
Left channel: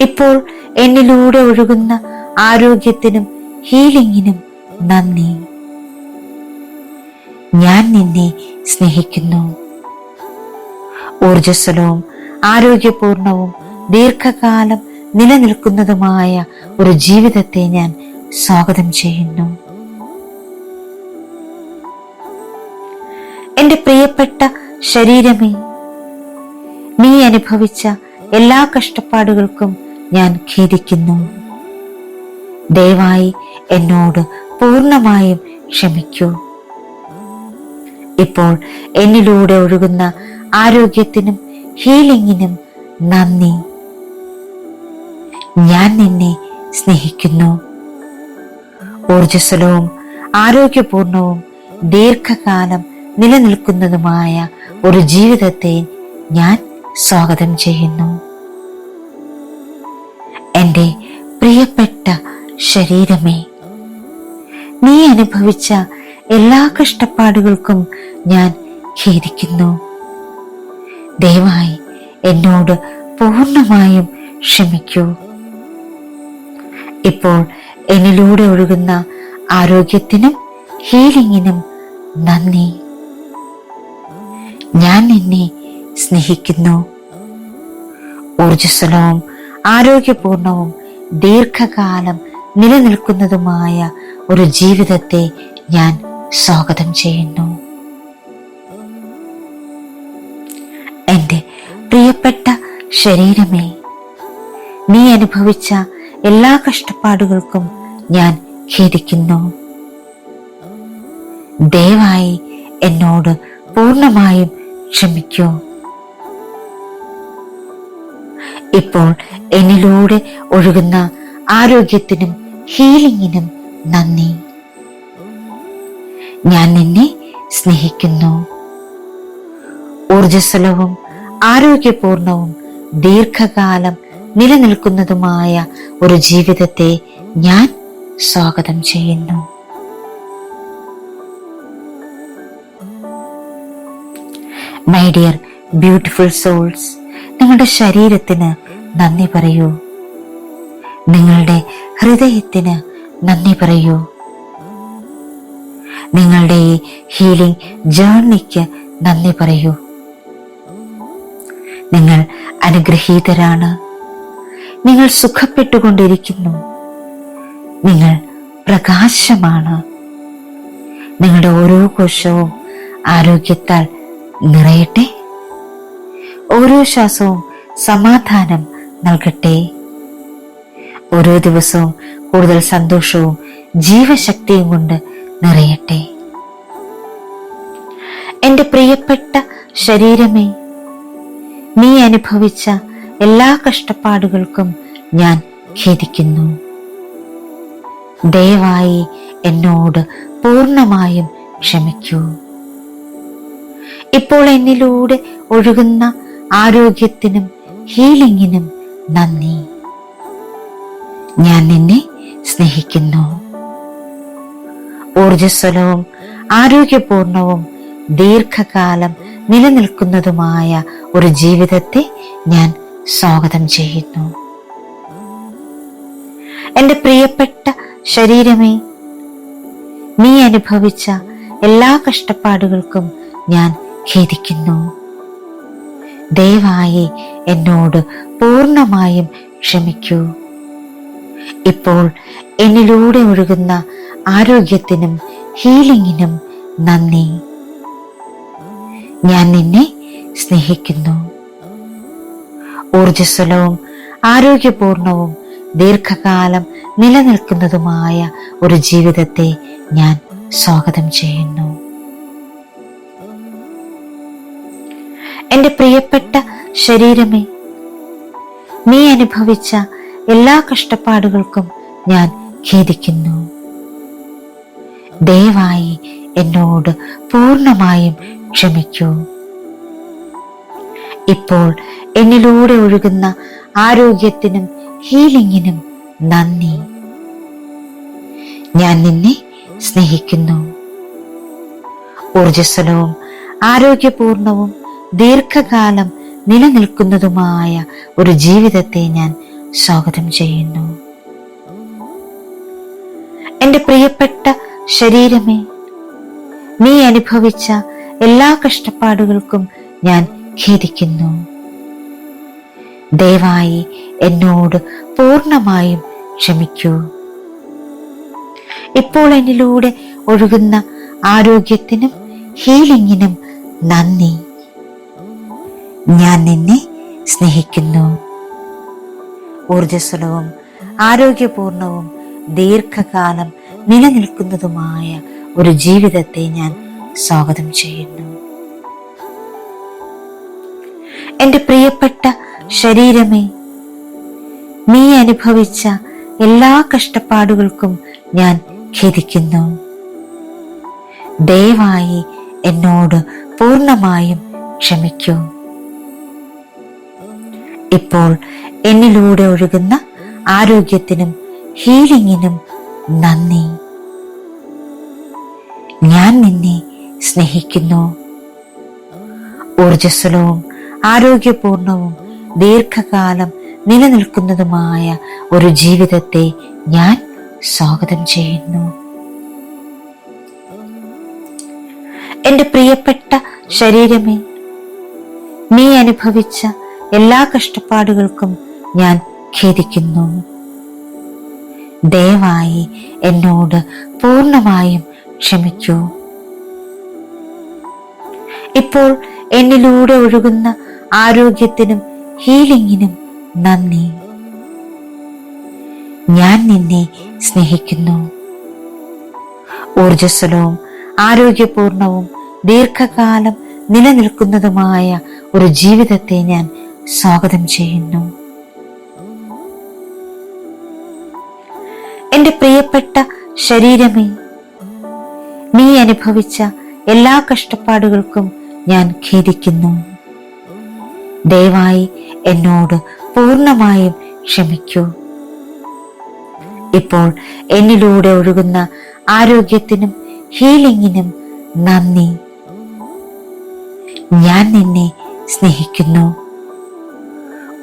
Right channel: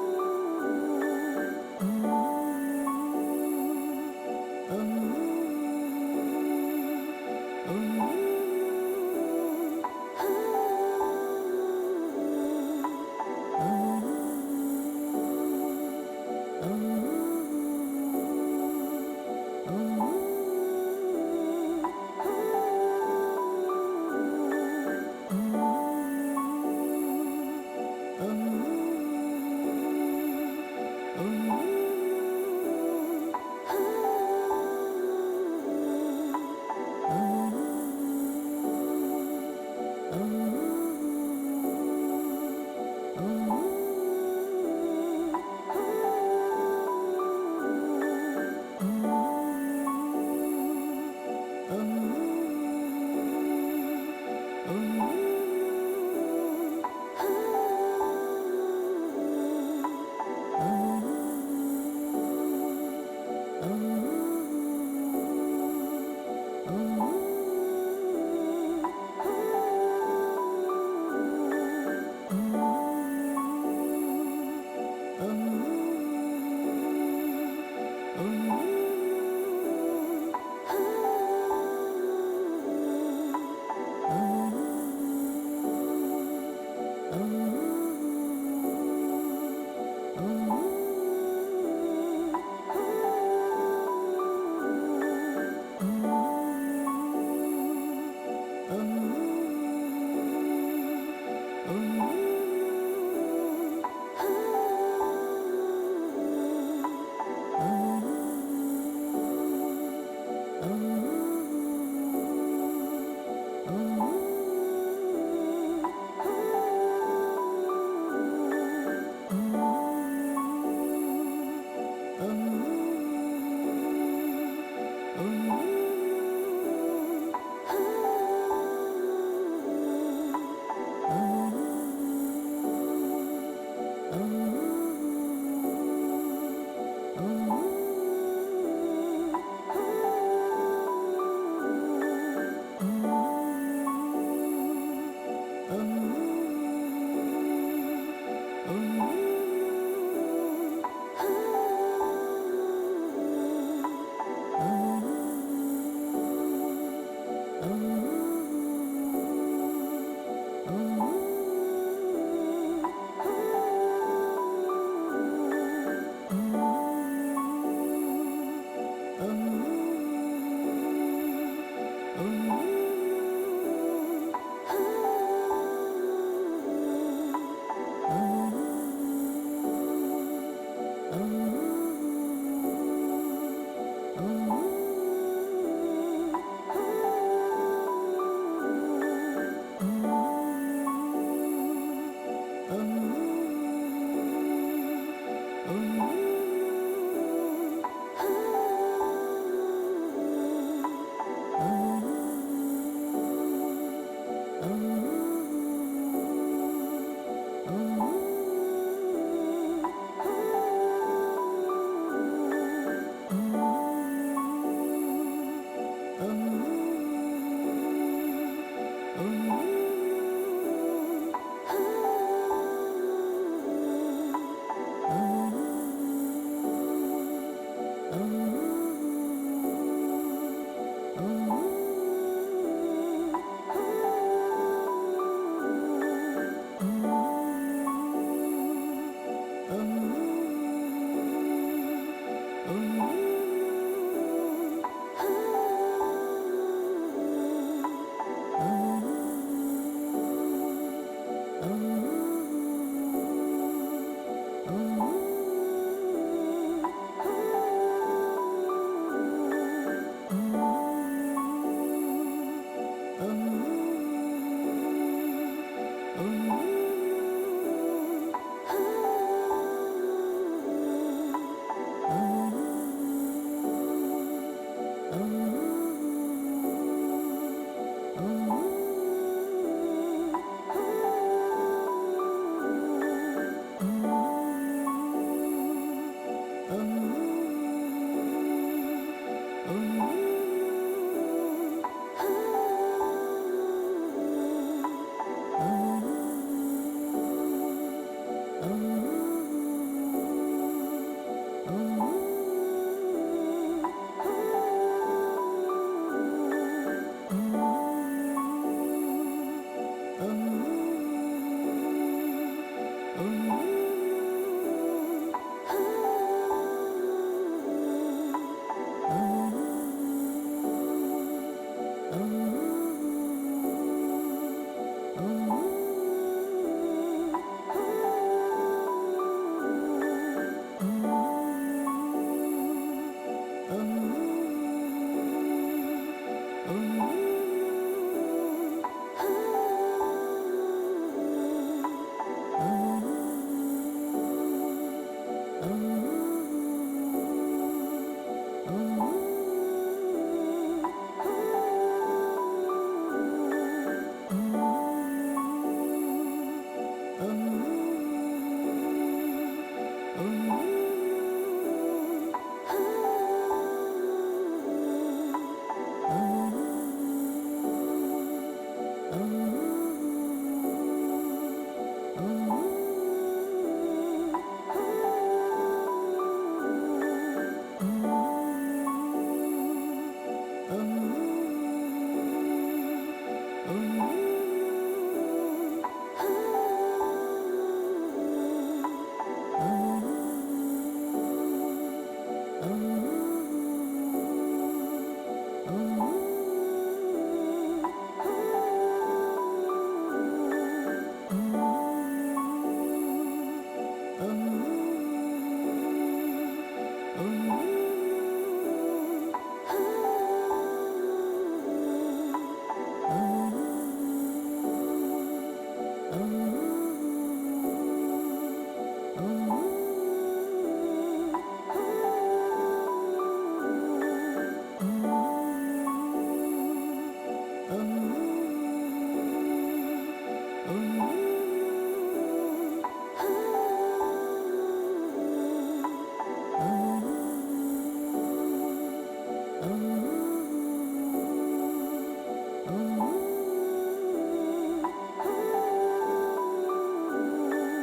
ഇപ്പോൾ എന്നിലൂടെ ഒഴുകുന്ന ആരോഗ്യത്തിനും ഹീലിംഗിനും നന്ദി. ഞാൻ നിന്നെ സ്നേഹിക്കുന്നു. ഊർജ്ജസ്വലവും ആരോഗ്യപൂർണവും ദീർഘകാലം നിലനിൽക്കുന്നതുമായ ഒരു ജീവിതത്തെ ഞാൻ സ്വാഗതം ചെയ്യുന്നു. എന്റെ പ്രിയപ്പെട്ട ശരീരമേ, നീ അനുഭവിച്ച എല്ലാ കഷ്ടപ്പാടുകൾക്കും ഞാൻ ഖേദിക്കുന്നു. ദയവായി എന്നോട് പൂർണ്ണമായും ക്ഷമിക്കൂ. ഇപ്പോൾ എന്നിലൂടെ ഒഴുകുന്ന ആരോഗ്യത്തിനും ഹീലിംഗിനും നന്ദി. ഞാൻ നിന്നെ സ്നേഹിക്കുന്നു. ഊർജ്ജസ്വലവും ആരോഗ്യപൂർണവും ദീർഘകാലം നിലനിൽക്കുന്നതുമായ ഒരു ജീവിതത്തെ ഞാൻ സ്വാഗതം ചെയ്യുന്നു. എൻ്റെ പ്രിയപ്പെട്ട ശരീരമേ, നീ അനുഭവിച്ച എല്ലാ കഷ്ടപ്പാടുകൾക്കും ഞാൻ ഖേദിക്കുന്നു. ദയവായി എന്നോട് പൂർണ്ണമായും ക്ഷമിക്കൂ. ഇപ്പോൾ എന്നിലൂടെ ഒഴുകുന്ന ആരോഗ്യത്തിനും ഹീലിംഗിനും നന്ദി. ഞാൻ നിന്നെ സ്നേഹിക്കുന്നു. ഊർജ്ജസ്വലവും ആരോഗ്യപൂർണവും ദീർഘകാലം നിലനിൽക്കുന്നതുമായ ഒരു ജീവിതത്തെ ഞാൻ സ്വാഗതം ചെയ്യുന്നു. എൻ്റെ പ്രിയപ്പെട്ട ശരീരമേ, നീ അനുഭവിച്ച എല്ലാ കഷ്ടപ്പാടുകൾക്കും ഞാൻ ഖേദിക്കുന്നു. ദയവായി എന്നോട് പൂർണ്ണമായും ക്ഷമിക്കൂ. ഇപ്പോൾ എന്നിലൂടെ ഒഴുകുന്ന ആരോഗ്യത്തിനും ഹീലിംഗിനും നന്ദി. ഞാൻ നിന്നെ സ്നേഹിക്കുന്നു. ഊർജ്ജസ്വലവും ആരോഗ്യപൂർണവും ദീർഘകാലം നിലനിൽക്കുന്നതുമായ ഒരു ജീവിതത്തെ ഞാൻ സ്വാഗതം ചെയ്യുന്നു. മൈ ഡിയർ ബ്യൂട്ടിഫുൾ സോൾസ്, നിങ്ങളുടെ ശരീരത്തിന് നന്ദി പറയൂ. നിങ്ങളുടെ ഹൃദയത്തിന് നന്ദി പറയൂ. നിങ്ങളുടെ ഈ ഹീലിംഗ് ജേർണിക്ക് നന്ദി പറയൂ. നിങ്ങൾ അനുഗ്രഹീതരാണ്. നിങ്ങൾ സുഖപ്പെട്ടുകൊണ്ടിരിക്കുന്നു. നിങ്ങൾ പ്രകാശമാണ്. നിങ്ങളുടെ ഓരോ കോശവും ആരോഗ്യത്താൽ നിറയട്ടെ. ഓരോ ശ്വാസവും സമാധാനം നൽകട്ടെ. ഓരോ ദിവസവും കൂടുതൽ സന്തോഷവും ജീവശക്തിയും കൊണ്ട് നിറയട്ടെ. എൻ്റെ പ്രിയപ്പെട്ട ശരീരമേ, നീ അനുഭവിച്ച എല്ലാ കഷ്ടപ്പാടുകൾക്കും ഞാൻ ഖേദിക്കുന്നു. ദയവായി എന്നോട് പൂർണ്ണമായും ക്ഷമിക്കൂ. ഇപ്പോൾ എന്നിലൂടെ ഒഴുകുന്ന ആരോഗ്യത്തിനും ഹീലിംഗിനും നന്ദി. ഞാൻ നിന്നെ സ്നേഹിക്കുന്നു. ഊർജ്ജസ്വലവും ആരോഗ്യപൂർണവും ദീർഘകാലം നിലനിൽക്കുന്നതുമായ ഒരു ജീവിതത്തെ ഞാൻ സ്വാഗതം ചെയ്യുന്നു. എൻ്റെ പ്രിയപ്പെട്ട ശരീരമേ, നീ അനുഭവിച്ച എല്ലാ കഷ്ടപ്പാടുകൾക്കും ഞാൻ ഖേദിക്കുന്നു. ദയവായി എന്നോട് പൂർണ്ണമായും ക്ഷമിക്കൂ. ഇപ്പോൾ എന്നിലൂടെ ഒഴുകുന്ന ആരോഗ്യത്തിനും ഹീലിംഗിനും നന്ദി. ഞാൻ നിന്നെ സ്നേഹിക്കുന്നു. ഊർജ്ജസ്വലവും ആരോഗ്യപൂർണവും ദീർഘകാലം നിലനിൽക്കുന്നതുമായ ഒരു ജീവിതത്തെ ഞാൻ സ്വാഗതം ചെയ്യുന്നു. എൻ്റെ പ്രിയപ്പെട്ട ശരീരമേ, നീ അനുഭവിച്ച എല്ലാ കഷ്ടപ്പാടുകൾക്കും ഞാൻ ഖേദിക്കുന്നു. ദയവായി എന്നോട് പൂർണ്ണമായും ക്ഷമിക്കൂ. ഇപ്പോൾ എന്നിലൂടെ ഒഴുകുന്ന ആരോഗ്യത്തിനും ഹീലിംഗിനും നന്ദി. ഞാൻ നിന്നെ സ്നേഹിക്കുന്നു. ഊർജ്ജസ്വലവും ആരോഗ്യപൂർണവും ദീർഘകാലം നിലനിൽക്കുന്നതുമായ ഒരു ജീവിതത്തെ ഞാൻ സ്വാഗതം ചെയ്യുന്നു. എൻ്റെ പ്രിയപ്പെട്ട ശരീരമേ, നീ അനുഭവിച്ച എല്ലാ കഷ്ടപ്പാടുകൾക്കും ഞാൻ ഖേദിക്കുന്നു. ദയവായി എന്നോട് പൂർണ്ണമായും ക്ഷമിക്കൂ. ഇപ്പോൾ എന്നിലൂടെ ഒഴുകുന്ന ആരോഗ്യത്തിനും ഹീലിംഗിനും നന്ദി. ഞാൻ നിന്നെ സ്നേഹിക്കുന്നു. ഊർജ്ജസ്വലവും ആരോഗ്യപൂർണവും ദീർഘകാലം നിലനിൽക്കുന്നതുമായ ഒരു ജീവിതത്തെ ഞാൻ സ്വാഗതം ചെയ്യുന്നു. എൻ്റെ പ്രിയപ്പെട്ട ശരീരമേ, നീ അനുഭവിച്ച എല്ലാ കഷ്ടപ്പാടുകൾക്കും ഞാൻ ഖേദിക്കുന്നു. ദയവായി എന്നോട് പൂർണ്ണമായും ക്ഷമിക്കൂ. ഇപ്പോൾ എന്നിലൂടെ ഒഴുകുന്ന ആരോഗ്യത്തിനും ഹീലിംഗിനും നന്ദി. ഞാൻ നിന്നെ സ്നേഹിക്കുന്നു. ഊർജ്ജസ്വലവും ആരോഗ്യപൂർണവും ദീർഘകാലം നിലനിൽക്കുന്നതുമായ ഒരു ജീവിതത്തെ ഞാൻ സ്വാഗതം ചെയ്യുന്നു. എന്റെ പ്രിയപ്പെട്ട ശരീരമേ, നീ അനുഭവിച്ച എല്ലാ കഷ്ടപ്പാടുകൾക്കും ഞാൻ ഖേദിക്കുന്നു. ദയവായി എന്നോട് പൂർണ്ണമായും ക്ഷമിക്കൂ. ഇപ്പോൾ എന്നിലൂടെ ഒഴുകുന്ന ആരോഗ്യത്തിനും ഹീലിംഗിനും നന്ദി. ഞാൻ നിന്നെ സ്നേഹിക്കുന്നു. ഊർജ്ജസ്വലവും ആരോഗ്യപൂർണവും ദീർഘകാലം നിലനിൽക്കുന്നതുമായ ഒരു ജീവിതത്തെ ഞാൻ സ്വാഗതം ചെയ്യുന്നു. എന്റെ പ്രിയപ്പെട്ട ശരീരമേ, നീ അനുഭവിച്ച എല്ലാ കഷ്ടപ്പാടുകൾക്കും ഞാൻ ഖേദിക്കുന്നു. ദയവായി എന്നോട് പൂർണ്ണമായും ക്ഷമിക്കൂ. ഇപ്പോൾ എന്നിലൂടെ ഒഴുകുന്ന ആരോഗ്യത്തിനും ഹീലിംഗിനും നന്ദി. ഞാൻ നിന്നെ സ്നേഹിക്കുന്നു.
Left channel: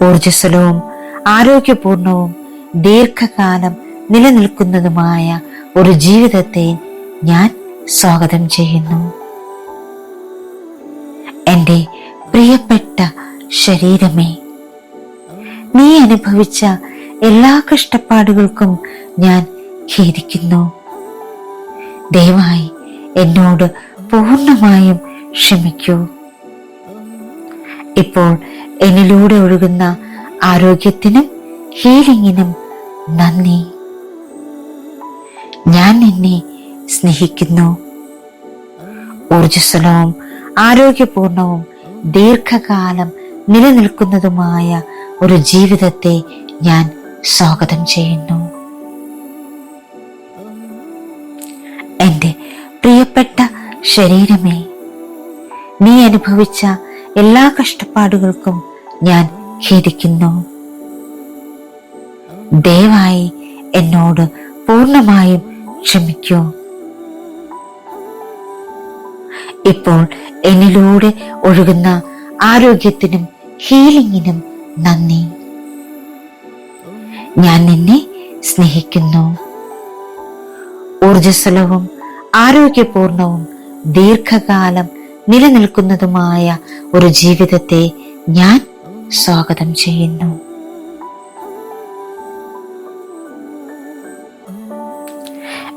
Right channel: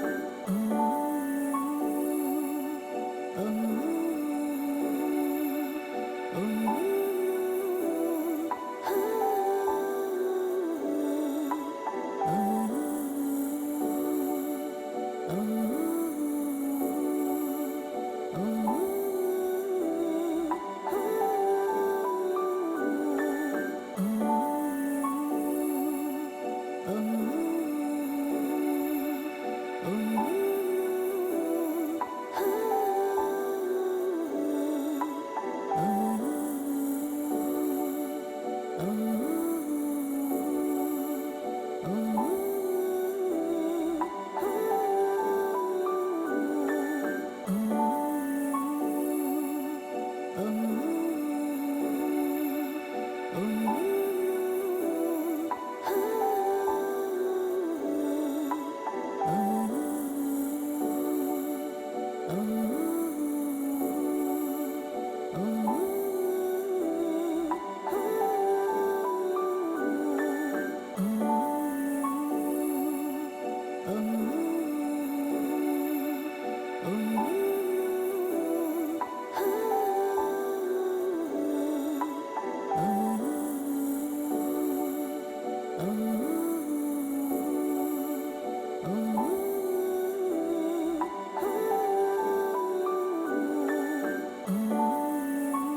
ഊർജ്ജസ്വലവും ആരോഗ്യപൂർണവും ദീർഘകാലം നിലനിൽക്കുന്നതുമായ ഒരു ജീവിതത്തെ ഞാൻ സ്വാഗതം ചെയ്യുന്നു. എന്റെ പ്രിയപ്പെട്ട ശരീരമേ, നീ അനുഭവിച്ച എല്ലാ കഷ്ടപ്പാടുകൾക്കും ഞാൻ ഖേദിക്കുന്നു. ദയവായി എന്നോട് പൂർണ്ണമായും ക്ഷമിക്കൂ. ഇപ്പോൾ എന്നിലൂടെ ഒഴുകുന്ന ആരോഗ്യത്തിനും ഹീലിംഗിനും നന്ദി. ഞാൻ നിന്നെ സ്നേഹിക്കുന്നു. ഊർജ്ജസ്വലവും ആരോഗ്യപൂർണവും ദീർഘകാലം നിലനിൽക്കുന്നതുമായ ഒരു ജീവിതത്തെ ഞാൻ സ്വാഗതം ചെയ്യുന്നു. എന്റെ പ്രിയപ്പെട്ട ശരീരമേ, നീ അനുഭവിച്ച എല്ലാ കഷ്ടപ്പാടുകൾക്കും ഞാൻ ഖേദിക്കുന്നു. ദയവായി എന്നോട് പൂർണ്ണമായും ക്ഷമിക്കൂ. ഇപ്പോൾ എന്നിലൂടെ ഒഴുകുന്ന ആരോഗ്യത്തിനും ഹീലിംഗിനും നന്ദി. ഞാൻ നിന്നെ സ്നേഹിക്കുന്നു. ഊർജ്ജസ്വലവും ആരോഗ്യപൂർണവും ദീർഘകാലം നിലനിൽക്കുന്നതുമായ ഒരു ജീവിതത്തെ ഞാൻ സ്വാഗതം ചെയ്യുന്നു.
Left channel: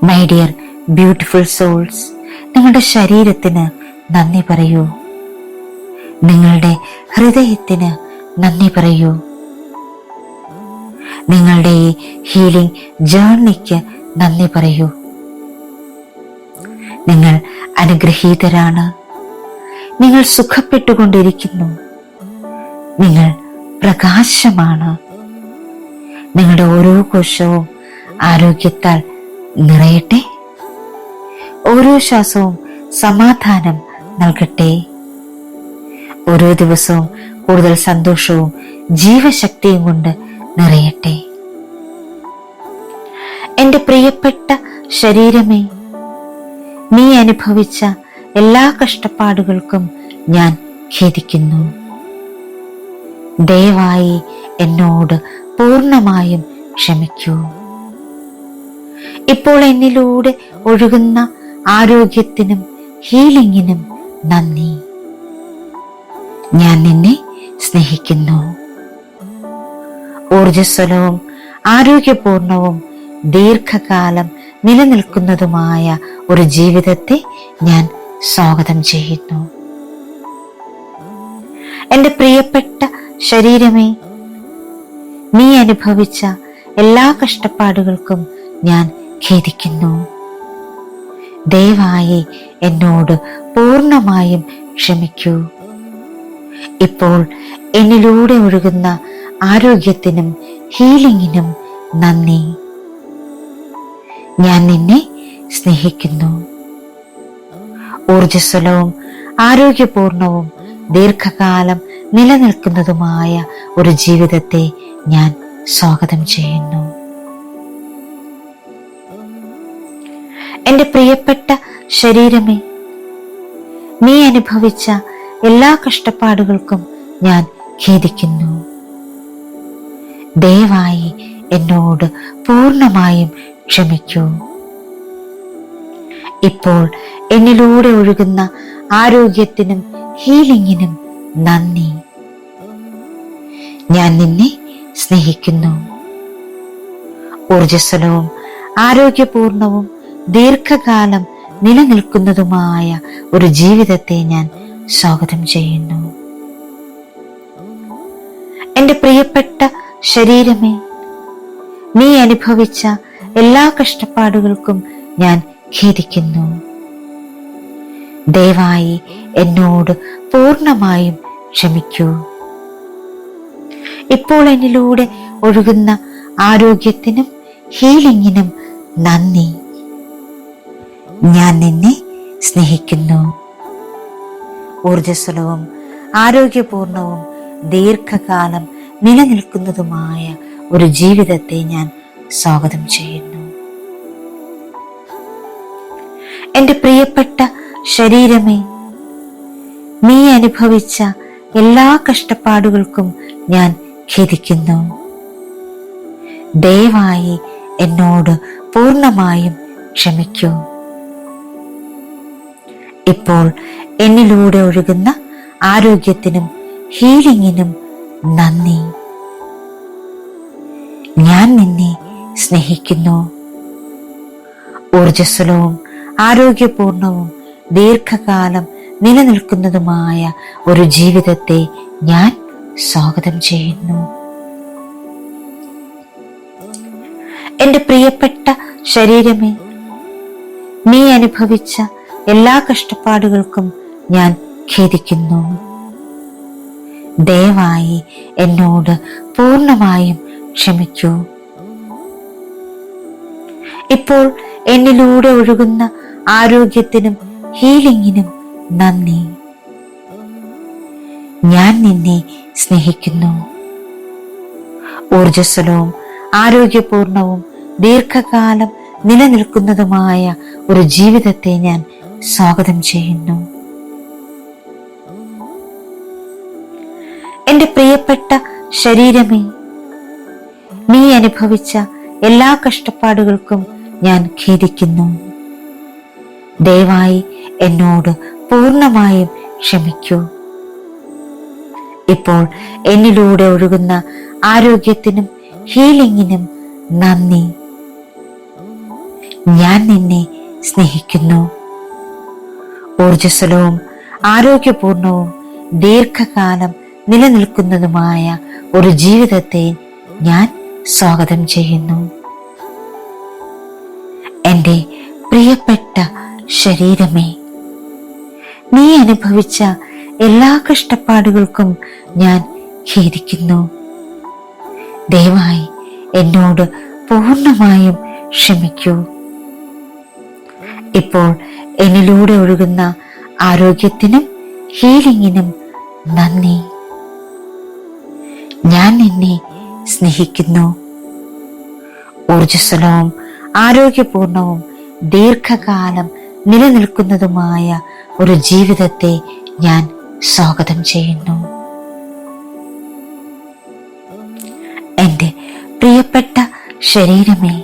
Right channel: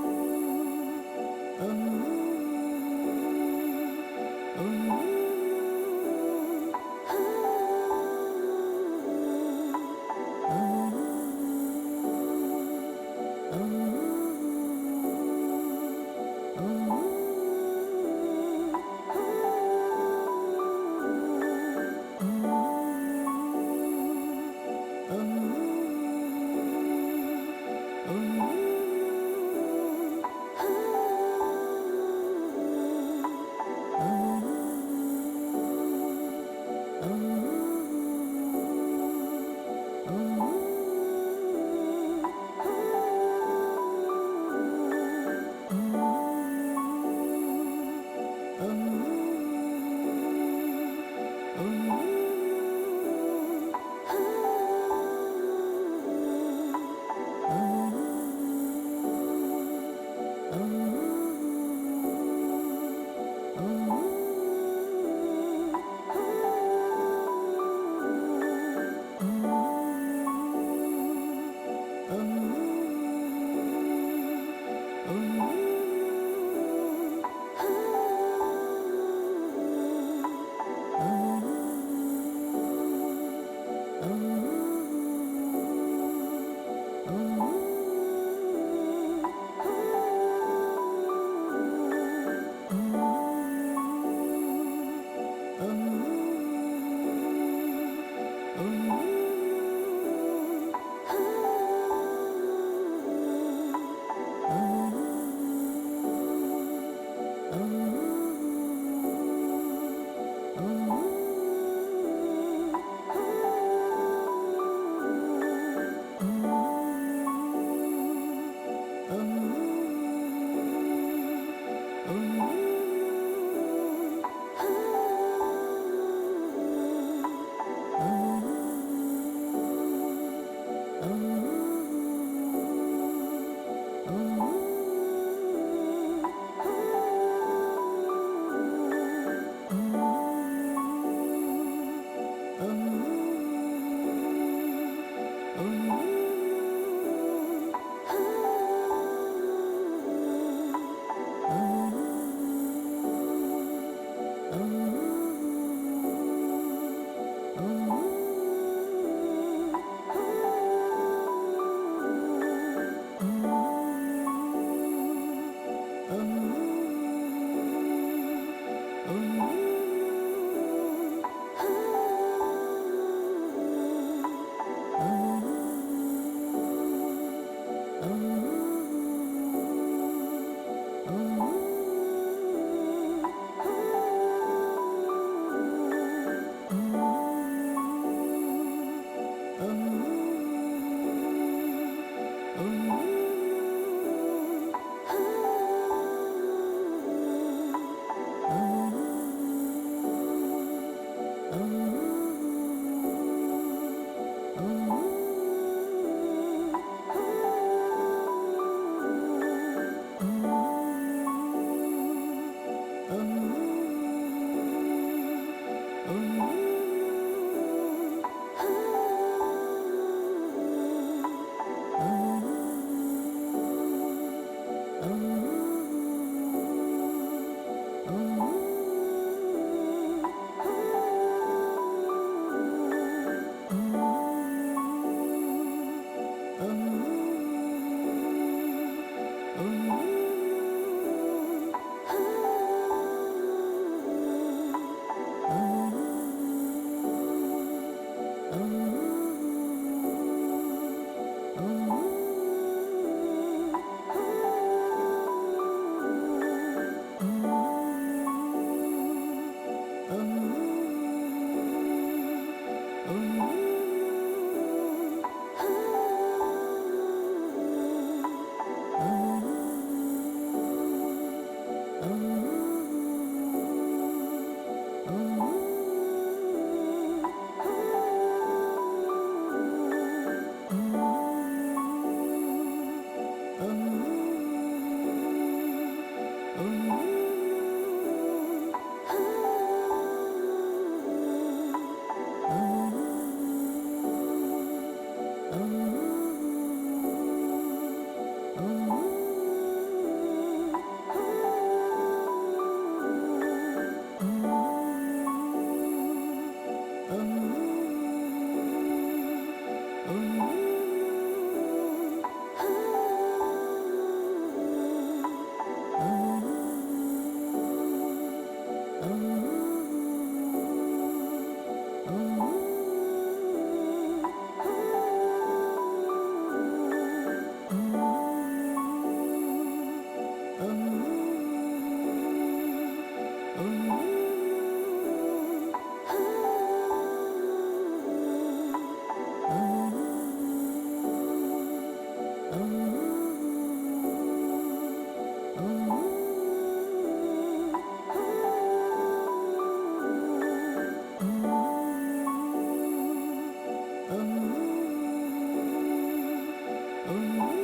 മൈ ഡിയർ ബ്യൂട്ടിഫുൾ സോൾസ്, നിങ്ങളുടെ ശരീരത്തിന് നന്ദി പറയൂ. നിങ്ങളുടെ ഹൃദയത്തിന് നന്ദി പറയൂ. നിങ്ങളുടെ ഈ ഹീലിംഗ് ജേർണിക്ക് നന്ദി പറയൂ. നിങ്ങൾ അനുഗ്രഹീതരാണ്. നിങ്ങൾ സുഖപ്പെട്ടുകൊണ്ടിരിക്കുന്നു. നിങ്ങൾ പ്രകാശമാണ്. നിങ്ങളുടെ ഓരോ കോശവും ആരോഗ്യത്താൽ നിറയട്ടെ. ഓരോ ശ്വാസവും സമാധാനം നൽകട്ടെ. ഓരോ ദിവസവും കൂടുതൽ സന്തോഷവും ജീവശക്തിയും കൊണ്ട് നിറയട്ടെ. എന്റെ പ്രിയപ്പെട്ട ശരീരമേ, നീ അനുഭവിച്ച എല്ലാ കഷ്ടപ്പാടുകൾക്കും ഞാൻ ഖേദിക്കുന്നു. ദയവായി എന്നോട് പൂർണ്ണമായും ക്ഷമിക്കൂ. ഇപ്പോൾ എന്നിലൂടെ ഒഴുകുന്ന ആരോഗ്യത്തിനും ഹീലിംഗിനും നന്ദി. ഞാൻ നിന്നെ സ്നേഹിക്കുന്നു. ഊർജ്ജസ്വലവും ആരോഗ്യപൂർണവും ദീർഘകാലം നിലനിൽക്കുന്നതുമായ ഒരു ജീവിതത്തെ ഞാൻ സ്വാഗതം ചെയ്യുന്നു. എന്റെ പ്രിയപ്പെട്ട ശരീരമേ, നീ അനുഭവിച്ച എല്ലാ കഷ്ടപ്പാടുകൾക്കും ഞാൻ ഖേദിക്കുന്നു. ദയവായി എന്നോട് പൂർണ്ണമായും ക്ഷമിക്കൂ. ഇപ്പോൾ എന്നിലൂടെ ഒഴുകുന്ന ആരോഗ്യത്തിനും ഹീലിംഗിനും നന്ദി. ഞാൻ നിന്നെ സ്നേഹിക്കുന്നു. ഊർജ്ജസ്വലവും ആരോഗ്യപൂർണവും ദീർഘകാലം നിലനിൽക്കുന്നതുമായ ഒരു ജീവിതത്തെ ഞാൻ സ്വാഗതം ചെയ്യുന്നു. എൻ്റെ പ്രിയപ്പെട്ട ശരീരമേ, നീ അനുഭവിച്ച എല്ലാ കഷ്ടപ്പാടുകൾക്കും ഞാൻ ഖേദിക്കുന്നു. ദയവായി എന്നോട് പൂർണ്ണമായും ക്ഷമിക്കൂ. ഇപ്പോൾ എന്നിലൂടെ ഒഴുകുന്ന ആരോഗ്യത്തിനും ഹീലിംഗിനും നന്ദി. ഞാൻ നിന്നെ സ്നേഹിക്കുന്നു. ഊർജ്ജസ്വലവും ആരോഗ്യപൂർണവും ദീർഘകാലം നിലനിൽക്കുന്നതുമായ ഒരു ജീവിതത്തെ ഞാൻ സ്വാഗതം ചെയ്യുന്നു. എൻ്റെ പ്രിയപ്പെട്ട ശരീരമേ, നീ അനുഭവിച്ച എല്ലാ കഷ്ടപ്പാടുകൾക്കും ഞാൻ ഖേദിക്കുന്നു. ദയവായി എന്നോട് പൂർണ്ണമായും ക്ഷമിക്കൂ. ഇപ്പോൾ എന്നിലൂടെ ഒഴുകുന്ന ആരോഗ്യത്തിനും ഹീലിംഗിനും നന്ദി. ഞാൻ നിന്നെ സ്നേഹിക്കുന്നു. ഊർജ്ജസ്വലവും ആരോഗ്യപൂർണവും ദീർഘകാലം നിലനിൽക്കുന്നതുമായ ഒരു ജീവിതത്തെ ഞാൻ സ്വാഗതം ചെയ്യുന്നു. എൻ്റെ പ്രിയപ്പെട്ട ശരീരമേ, നീ അനുഭവിച്ച എല്ലാ കഷ്ടപ്പാടുകൾക്കും ഞാൻ ഖേദിക്കുന്നു. ദയവായി എന്നോട് പൂർണ്ണമായും ക്ഷമിക്കൂ. ഇപ്പോൾ എന്നിലൂടെ ഒഴുകുന്ന ആരോഗ്യത്തിനും ഹീലിംഗിനും നന്ദി. ഞാൻ നിന്നെ സ്നേഹിക്കുന്നു. ഊർജ്ജസ്വലവും ആരോഗ്യപൂർണവും ദീർഘകാലം നിലനിൽക്കുന്നതുമായ ഒരു ജീവിതത്തെ ഞാൻ സ്വാഗതം ചെയ്യുന്നു. എൻ്റെ പ്രിയപ്പെട്ട ശരീരമേ, നീ അനുഭവിച്ച എല്ലാ കഷ്ടപ്പാടുകൾക്കും ഞാൻ ഖേദിക്കുന്നു. ദയവായി എന്നോട് പൂർണ്ണമായും ക്ഷമിക്കൂ. ഇപ്പോൾ എന്നിലൂടെ ഒഴുകുന്ന ആരോഗ്യത്തിനും ഹീലിംഗിനും നന്ദി. ഞാൻ നിന്നെ സ്നേഹിക്കുന്നു. ഊർജ്ജസ്വലവും ആരോഗ്യപൂർണവും ദീർഘകാലം നിലനിൽക്കുന്നതുമായ ഒരു ജീവിതത്തെ ഞാൻ സ്വാഗതം ചെയ്യുന്നു. എൻ്റെ പ്രിയപ്പെട്ട ശരീരമേ, നീ അനുഭവിച്ച എല്ലാ കഷ്ടപ്പാടുകൾക്കും ഞാൻ ഖേദിക്കുന്നു. ദയവായി എന്നോട് പൂർണ്ണമായും ക്ഷമിക്കൂ. ഇപ്പോൾ എന്നിലൂടെ ഒഴുകുന്ന ആരോഗ്യത്തിനും ഹീലിംഗിനും നന്ദി. ഞാൻ നിന്നെ സ്നേഹിക്കുന്നു. ഊർജ്ജസ്വലവും ആരോഗ്യപൂർണവും ദീർഘകാലം നിലനിൽക്കുന്നതുമായ ഒരു ജീവിതത്തെ ഞാൻ സ്വാഗതം ചെയ്യുന്നു. എൻ്റെ പ്രിയപ്പെട്ട ശരീരമേ, നീ അനുഭവിച്ച എല്ലാ കഷ്ടപ്പാടുകൾക്കും ഞാൻ ഖേദിക്കുന്നു. ദയവായി എന്നോട് പൂർണ്ണമായും ക്ഷമിക്കൂ. ഇപ്പോൾ എന്നിലൂടെ ഒഴുകുന്ന ആരോഗ്യത്തിനും ഹീലിംഗിനും നന്ദി. ഞാൻ നിന്നെ സ്നേഹിക്കുന്നു. ഊർജ്ജസ്വലവും ആരോഗ്യപൂർണവും ദീർഘകാലം നിലനിൽക്കുന്നതുമായ ഒരു ജീവിതത്തെ ഞാൻ സ്വാഗതം ചെയ്യുന്നു. എൻ്റെ പ്രിയപ്പെട്ട ശരീരമേ,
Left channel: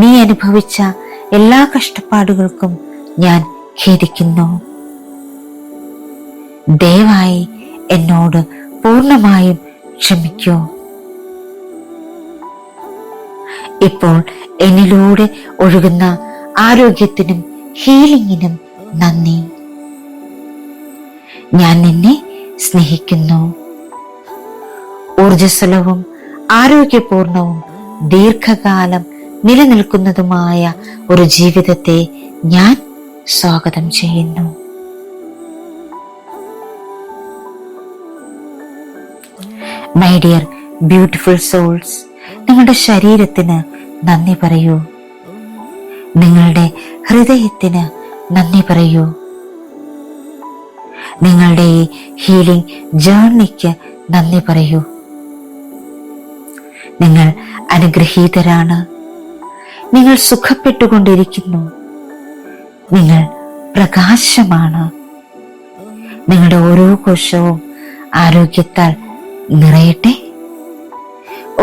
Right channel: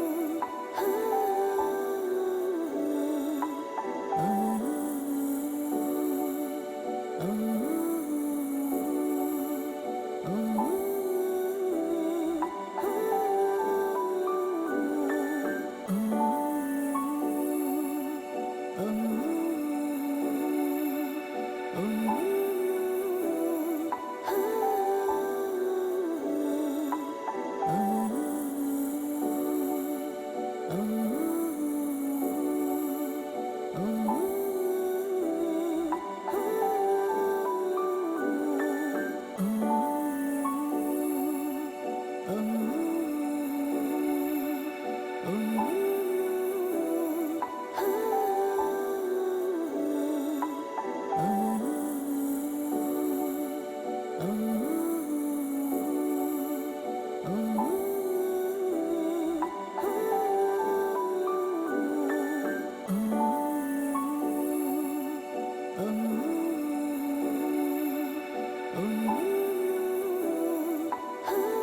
നീ അനുഭവിച്ച എല്ലാ കഷ്ടപ്പാടുകൾക്കും ഞാൻ ഖേദിക്കുന്നു. ദയവായി എന്നോട് പൂർണ്ണമായും ക്ഷമിക്കൂ. ഇപ്പോൾ എന്നിലൂടെ ഒഴുകുന്ന ആരോഗ്യത്തിനും ഹീലിംഗിനും നന്ദി. ഞാൻ നിന്നെ സ്നേഹിക്കുന്നു. ഊർജ്ജസ്വലവും ആരോഗ്യപൂർണവും ദീർഘകാലം നിലനിൽക്കുന്നതുമായ ഒരു ജീവിതത്തെ ഞാൻ സ്വാഗതം ചെയ്യുന്നു. മൈ ഡിയർ ബ്യൂട്ടിഫുൾ സോൾസ്, നിങ്ങളുടെ ശരീരത്തിന് നന്ദി പറയൂ. നിങ്ങളുടെ ഹൃദയത്തിന് നന്ദി പറയൂ. നിങ്ങളുടെ ഈ ഹീലിംഗ് ജേർണിക്ക് നന്ദി പറയൂ. നിങ്ങൾ അനുഗ്രഹീതരാണ്. നിങ്ങൾ സുഖപ്പെട്ടുകൊണ്ടിരിക്കുന്നു. നിങ്ങൾ പ്രകാശമാണ്. നിങ്ങളുടെ ഓരോ കോശവും ആരോഗ്യത്താൽ നിറയട്ടെ.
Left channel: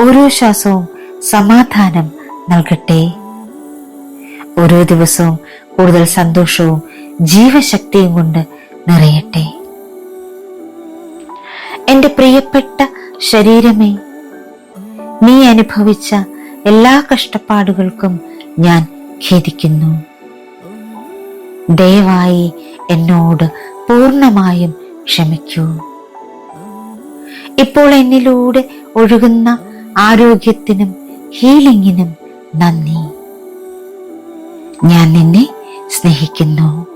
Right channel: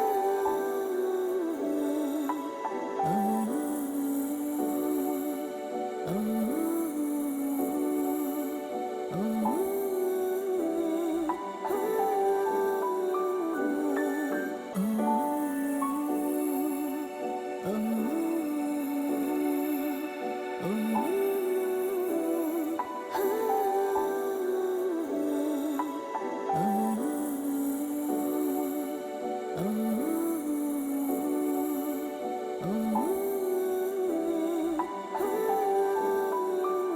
ഓരോ ശ്വാസവും സമാധാനം നൽകട്ടെ. ഓരോ ദിവസവും കൂടുതൽ സന്തോഷവും ജീവശക്തിയും കൊണ്ട് നിറയട്ടെ. എന്റെ പ്രിയപ്പെട്ട ശരീരമേ, നീ അനുഭവിച്ച എല്ലാ കഷ്ടപ്പാടുകൾക്കും ഞാൻ ഖേദിക്കുന്നു. ദയവായി എന്നോട് പൂർണ്ണമായും ക്ഷമിക്കൂ. ഇപ്പോൾ എന്നിലൂടെ ഒഴുകുന്ന ആരോഗ്യത്തിനും ഹീലിംഗിനും നന്ദി. ഞാൻ നിന്നെ സ്നേഹിക്കുന്നു.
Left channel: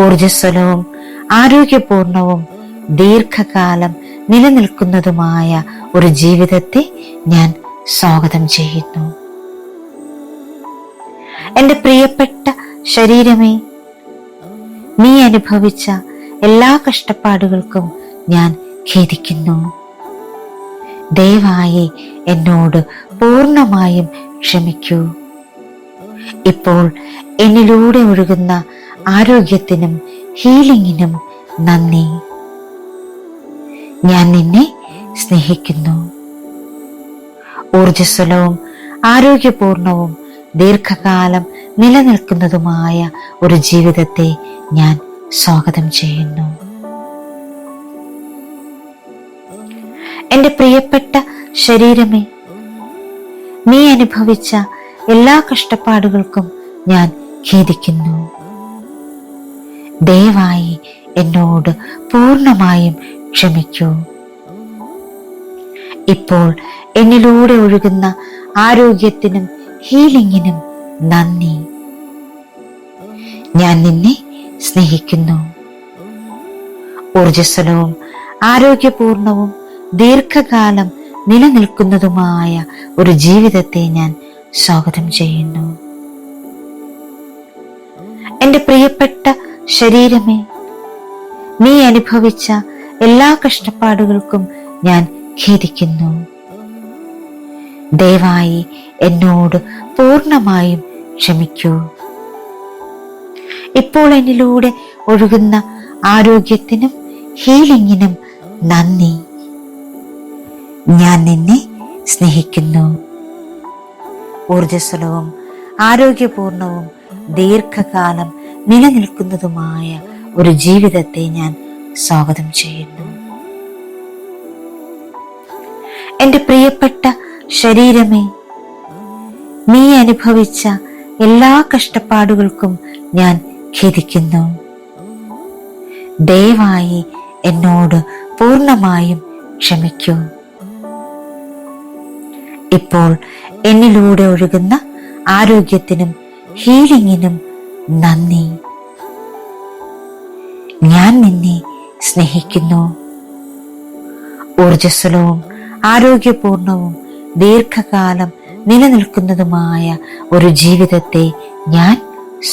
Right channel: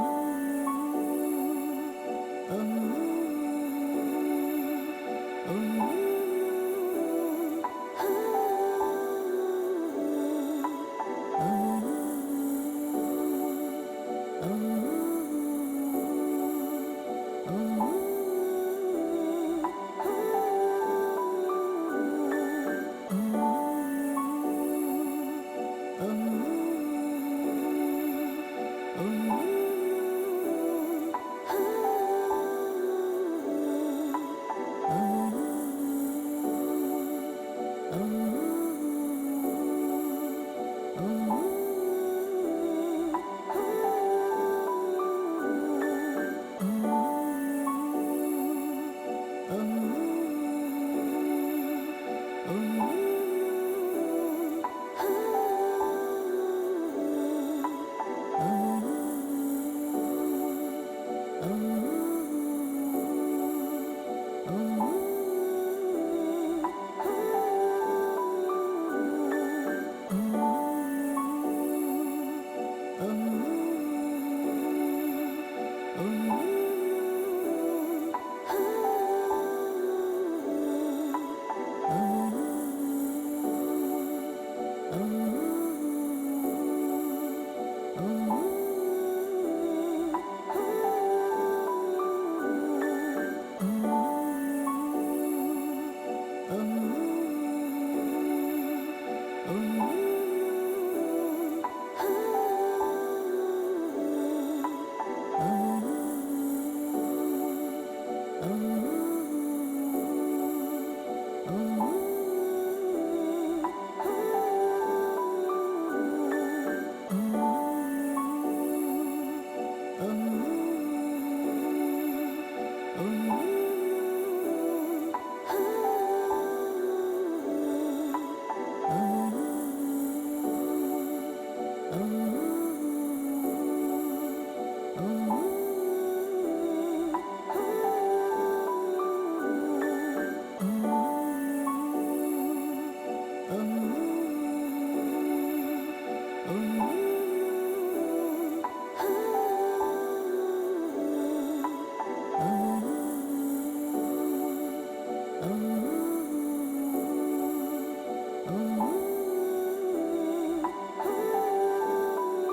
ഊർജ്ജസ്വലവും ആരോഗ്യപൂർണവും ദീർഘകാലം നിലനിൽക്കുന്നതുമായ ഒരു ജീവിതത്തെ ഞാൻ സ്വാഗതം ചെയ്യുന്നു. എന്റെ പ്രിയപ്പെട്ട ശരീരമേ, നീ അനുഭവിച്ച എല്ലാ കഷ്ടപ്പാടുകൾക്കും ഞാൻ ഖേദിക്കുന്നു. ദയവായി എന്നോട് പൂർണ്ണമായും ക്ഷമിക്കൂ. ഇപ്പോൾ എന്നിലൂടെ ഒഴുകുന്ന ആരോഗ്യത്തിനും ഹീലിംഗിനും നന്ദി. ഞാൻ നിന്നെ സ്നേഹിക്കുന്നു. ഊർജ്ജസ്വലവും ആരോഗ്യപൂർണവും ദീർഘകാലം നിലനിൽക്കുന്നതുമായ ഒരു ജീവിതത്തെ ഞാൻ സ്വാഗതം ചെയ്യുന്നു. എന്റെ പ്രിയപ്പെട്ട ശരീരമേ, നീ അനുഭവിച്ച എല്ലാ കഷ്ടപ്പാടുകൾക്കും ഞാൻ ഖേദിക്കുന്നു. ദയവായി എന്നോട് പൂർണ്ണമായും ക്ഷമിക്കൂ. ഇപ്പോൾ എന്നിലൂടെ ഒഴുകുന്ന ആരോഗ്യത്തിനും ഹീലിംഗിനും നന്ദി. ഞാൻ നിന്നെ സ്നേഹിക്കുന്നു. ഊർജ്ജസ്വലവും ആരോഗ്യപൂർണവും ദീർഘകാലം നിലനിൽക്കുന്നതുമായ ഒരു ജീവിതത്തെ ഞാൻ സ്വാഗതം ചെയ്യുന്നു. എന്റെ പ്രിയപ്പെട്ട ശരീരമേ, നീ അനുഭവിച്ച എല്ലാ കഷ്ടപ്പാടുകൾക്കും ഞാൻ ഖേദിക്കുന്നു. ദയവായി എന്നോട് പൂർണ്ണമായും ക്ഷമിക്കൂ. ഇപ്പോൾ എന്നിലൂടെ ഒഴുകുന്ന ആരോഗ്യത്തിനും ഹീലിംഗിനും നന്ദി. ഞാൻ നിന്നെ സ്നേഹിക്കുന്നു. ഊർജ്ജസ്വലവും ആരോഗ്യപൂർണവും ദീർഘകാലം നിലനിൽക്കുന്നതുമായ ഒരു ജീവിതത്തെ ഞാൻ സ്വാഗതം ചെയ്യുന്നു. എന്റെ പ്രിയപ്പെട്ട ശരീരമേ, നീ അനുഭവിച്ച എല്ലാ കഷ്ടപ്പാടുകൾക്കും ഞാൻ ഖേദിക്കുന്നു. ദയവായി എന്നോട് പൂർണ്ണമായും ക്ഷമിക്കൂ. ഇപ്പോൾ എന്നിലൂടെ ഒഴുകുന്ന ആരോഗ്യത്തിനും ഹീലിംഗിനും നന്ദി. ഞാൻ നിന്നെ സ്നേഹിക്കുന്നു. ഊർജ്ജസ്വലവും ആരോഗ്യപൂർണവും ദീർഘകാലം നിലനിൽക്കുന്നതുമായ ഒരു ജീവിതത്തെ ഞാൻ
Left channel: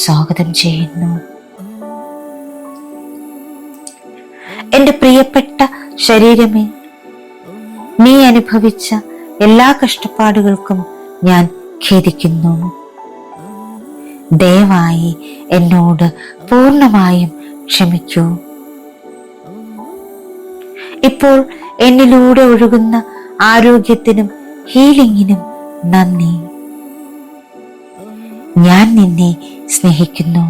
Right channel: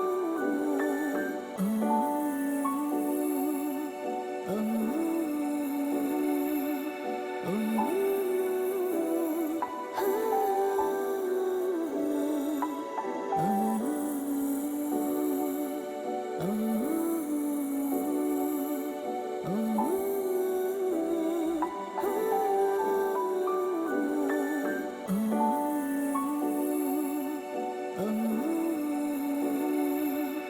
സ്വാഗതം ചെയ്യുന്നു. എന്റെ പ്രിയപ്പെട്ട ശരീരമേ, നീ അനുഭവിച്ച എല്ലാ കഷ്ടപ്പാടുകൾക്കും ഞാൻ ഖേദിക്കുന്നു. ദയവായി എന്നോട് പൂർണ്ണമായും ക്ഷമിക്കൂ. ഇപ്പോൾ എന്നിലൂടെ ഒഴുകുന്ന ആരോഗ്യത്തിനും ഹീലിംഗിനും നന്ദി. ഞാൻ നിന്നെ സ്നേഹിക്കുന്നു.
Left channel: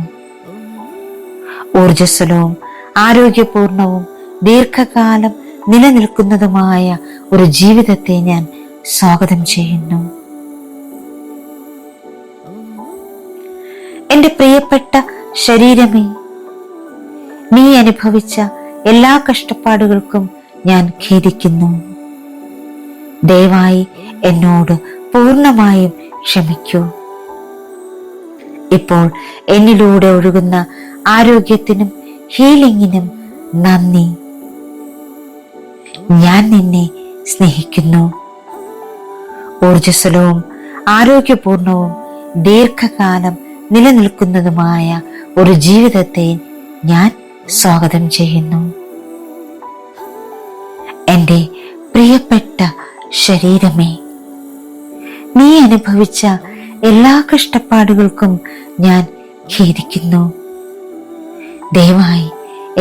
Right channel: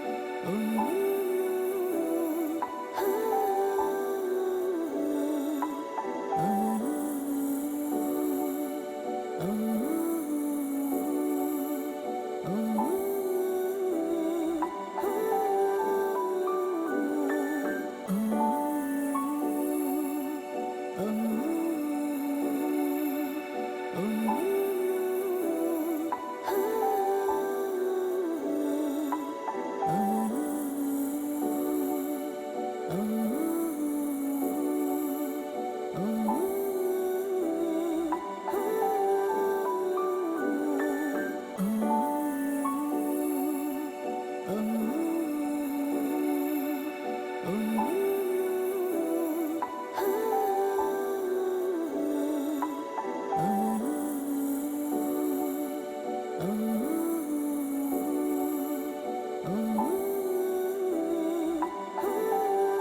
ഊർജ്ജസ്വലവും ആരോഗ്യപൂർണവും ദീർഘകാലം നിലനിൽക്കുന്നതുമായ ഒരു ജീവിതത്തെ ഞാൻ സ്വാഗതം ചെയ്യുന്നു. എന്റെ പ്രിയപ്പെട്ട ശരീരമേ, നീ അനുഭവിച്ച എല്ലാ കഷ്ടപ്പാടുകൾക്കും ഞാൻ ഖേദിക്കുന്നു. ദയവായി എന്നോട് പൂർണ്ണമായും ക്ഷമിക്കൂ. ഇപ്പോൾ എന്നിലൂടെ ഒഴുകുന്ന ആരോഗ്യത്തിനും ഹീലിംഗിനും നന്ദി. ഞാൻ നിന്നെ സ്നേഹിക്കുന്നു. ഊർജ്ജസ്വലവും ആരോഗ്യപൂർണവും ദീർഘകാലം നിലനിൽക്കുന്നതുമായ ഒരു ജീവിതത്തെ ഞാൻ സ്വാഗതം ചെയ്യുന്നു. പ്രിയപ്പെട്ട ശരീരമേ, നീ അനുഭവിച്ച എല്ലാ കഷ്ടപ്പാടുകൾക്കും ഞാൻ ഖേദിക്കുന്നു. ദയവായി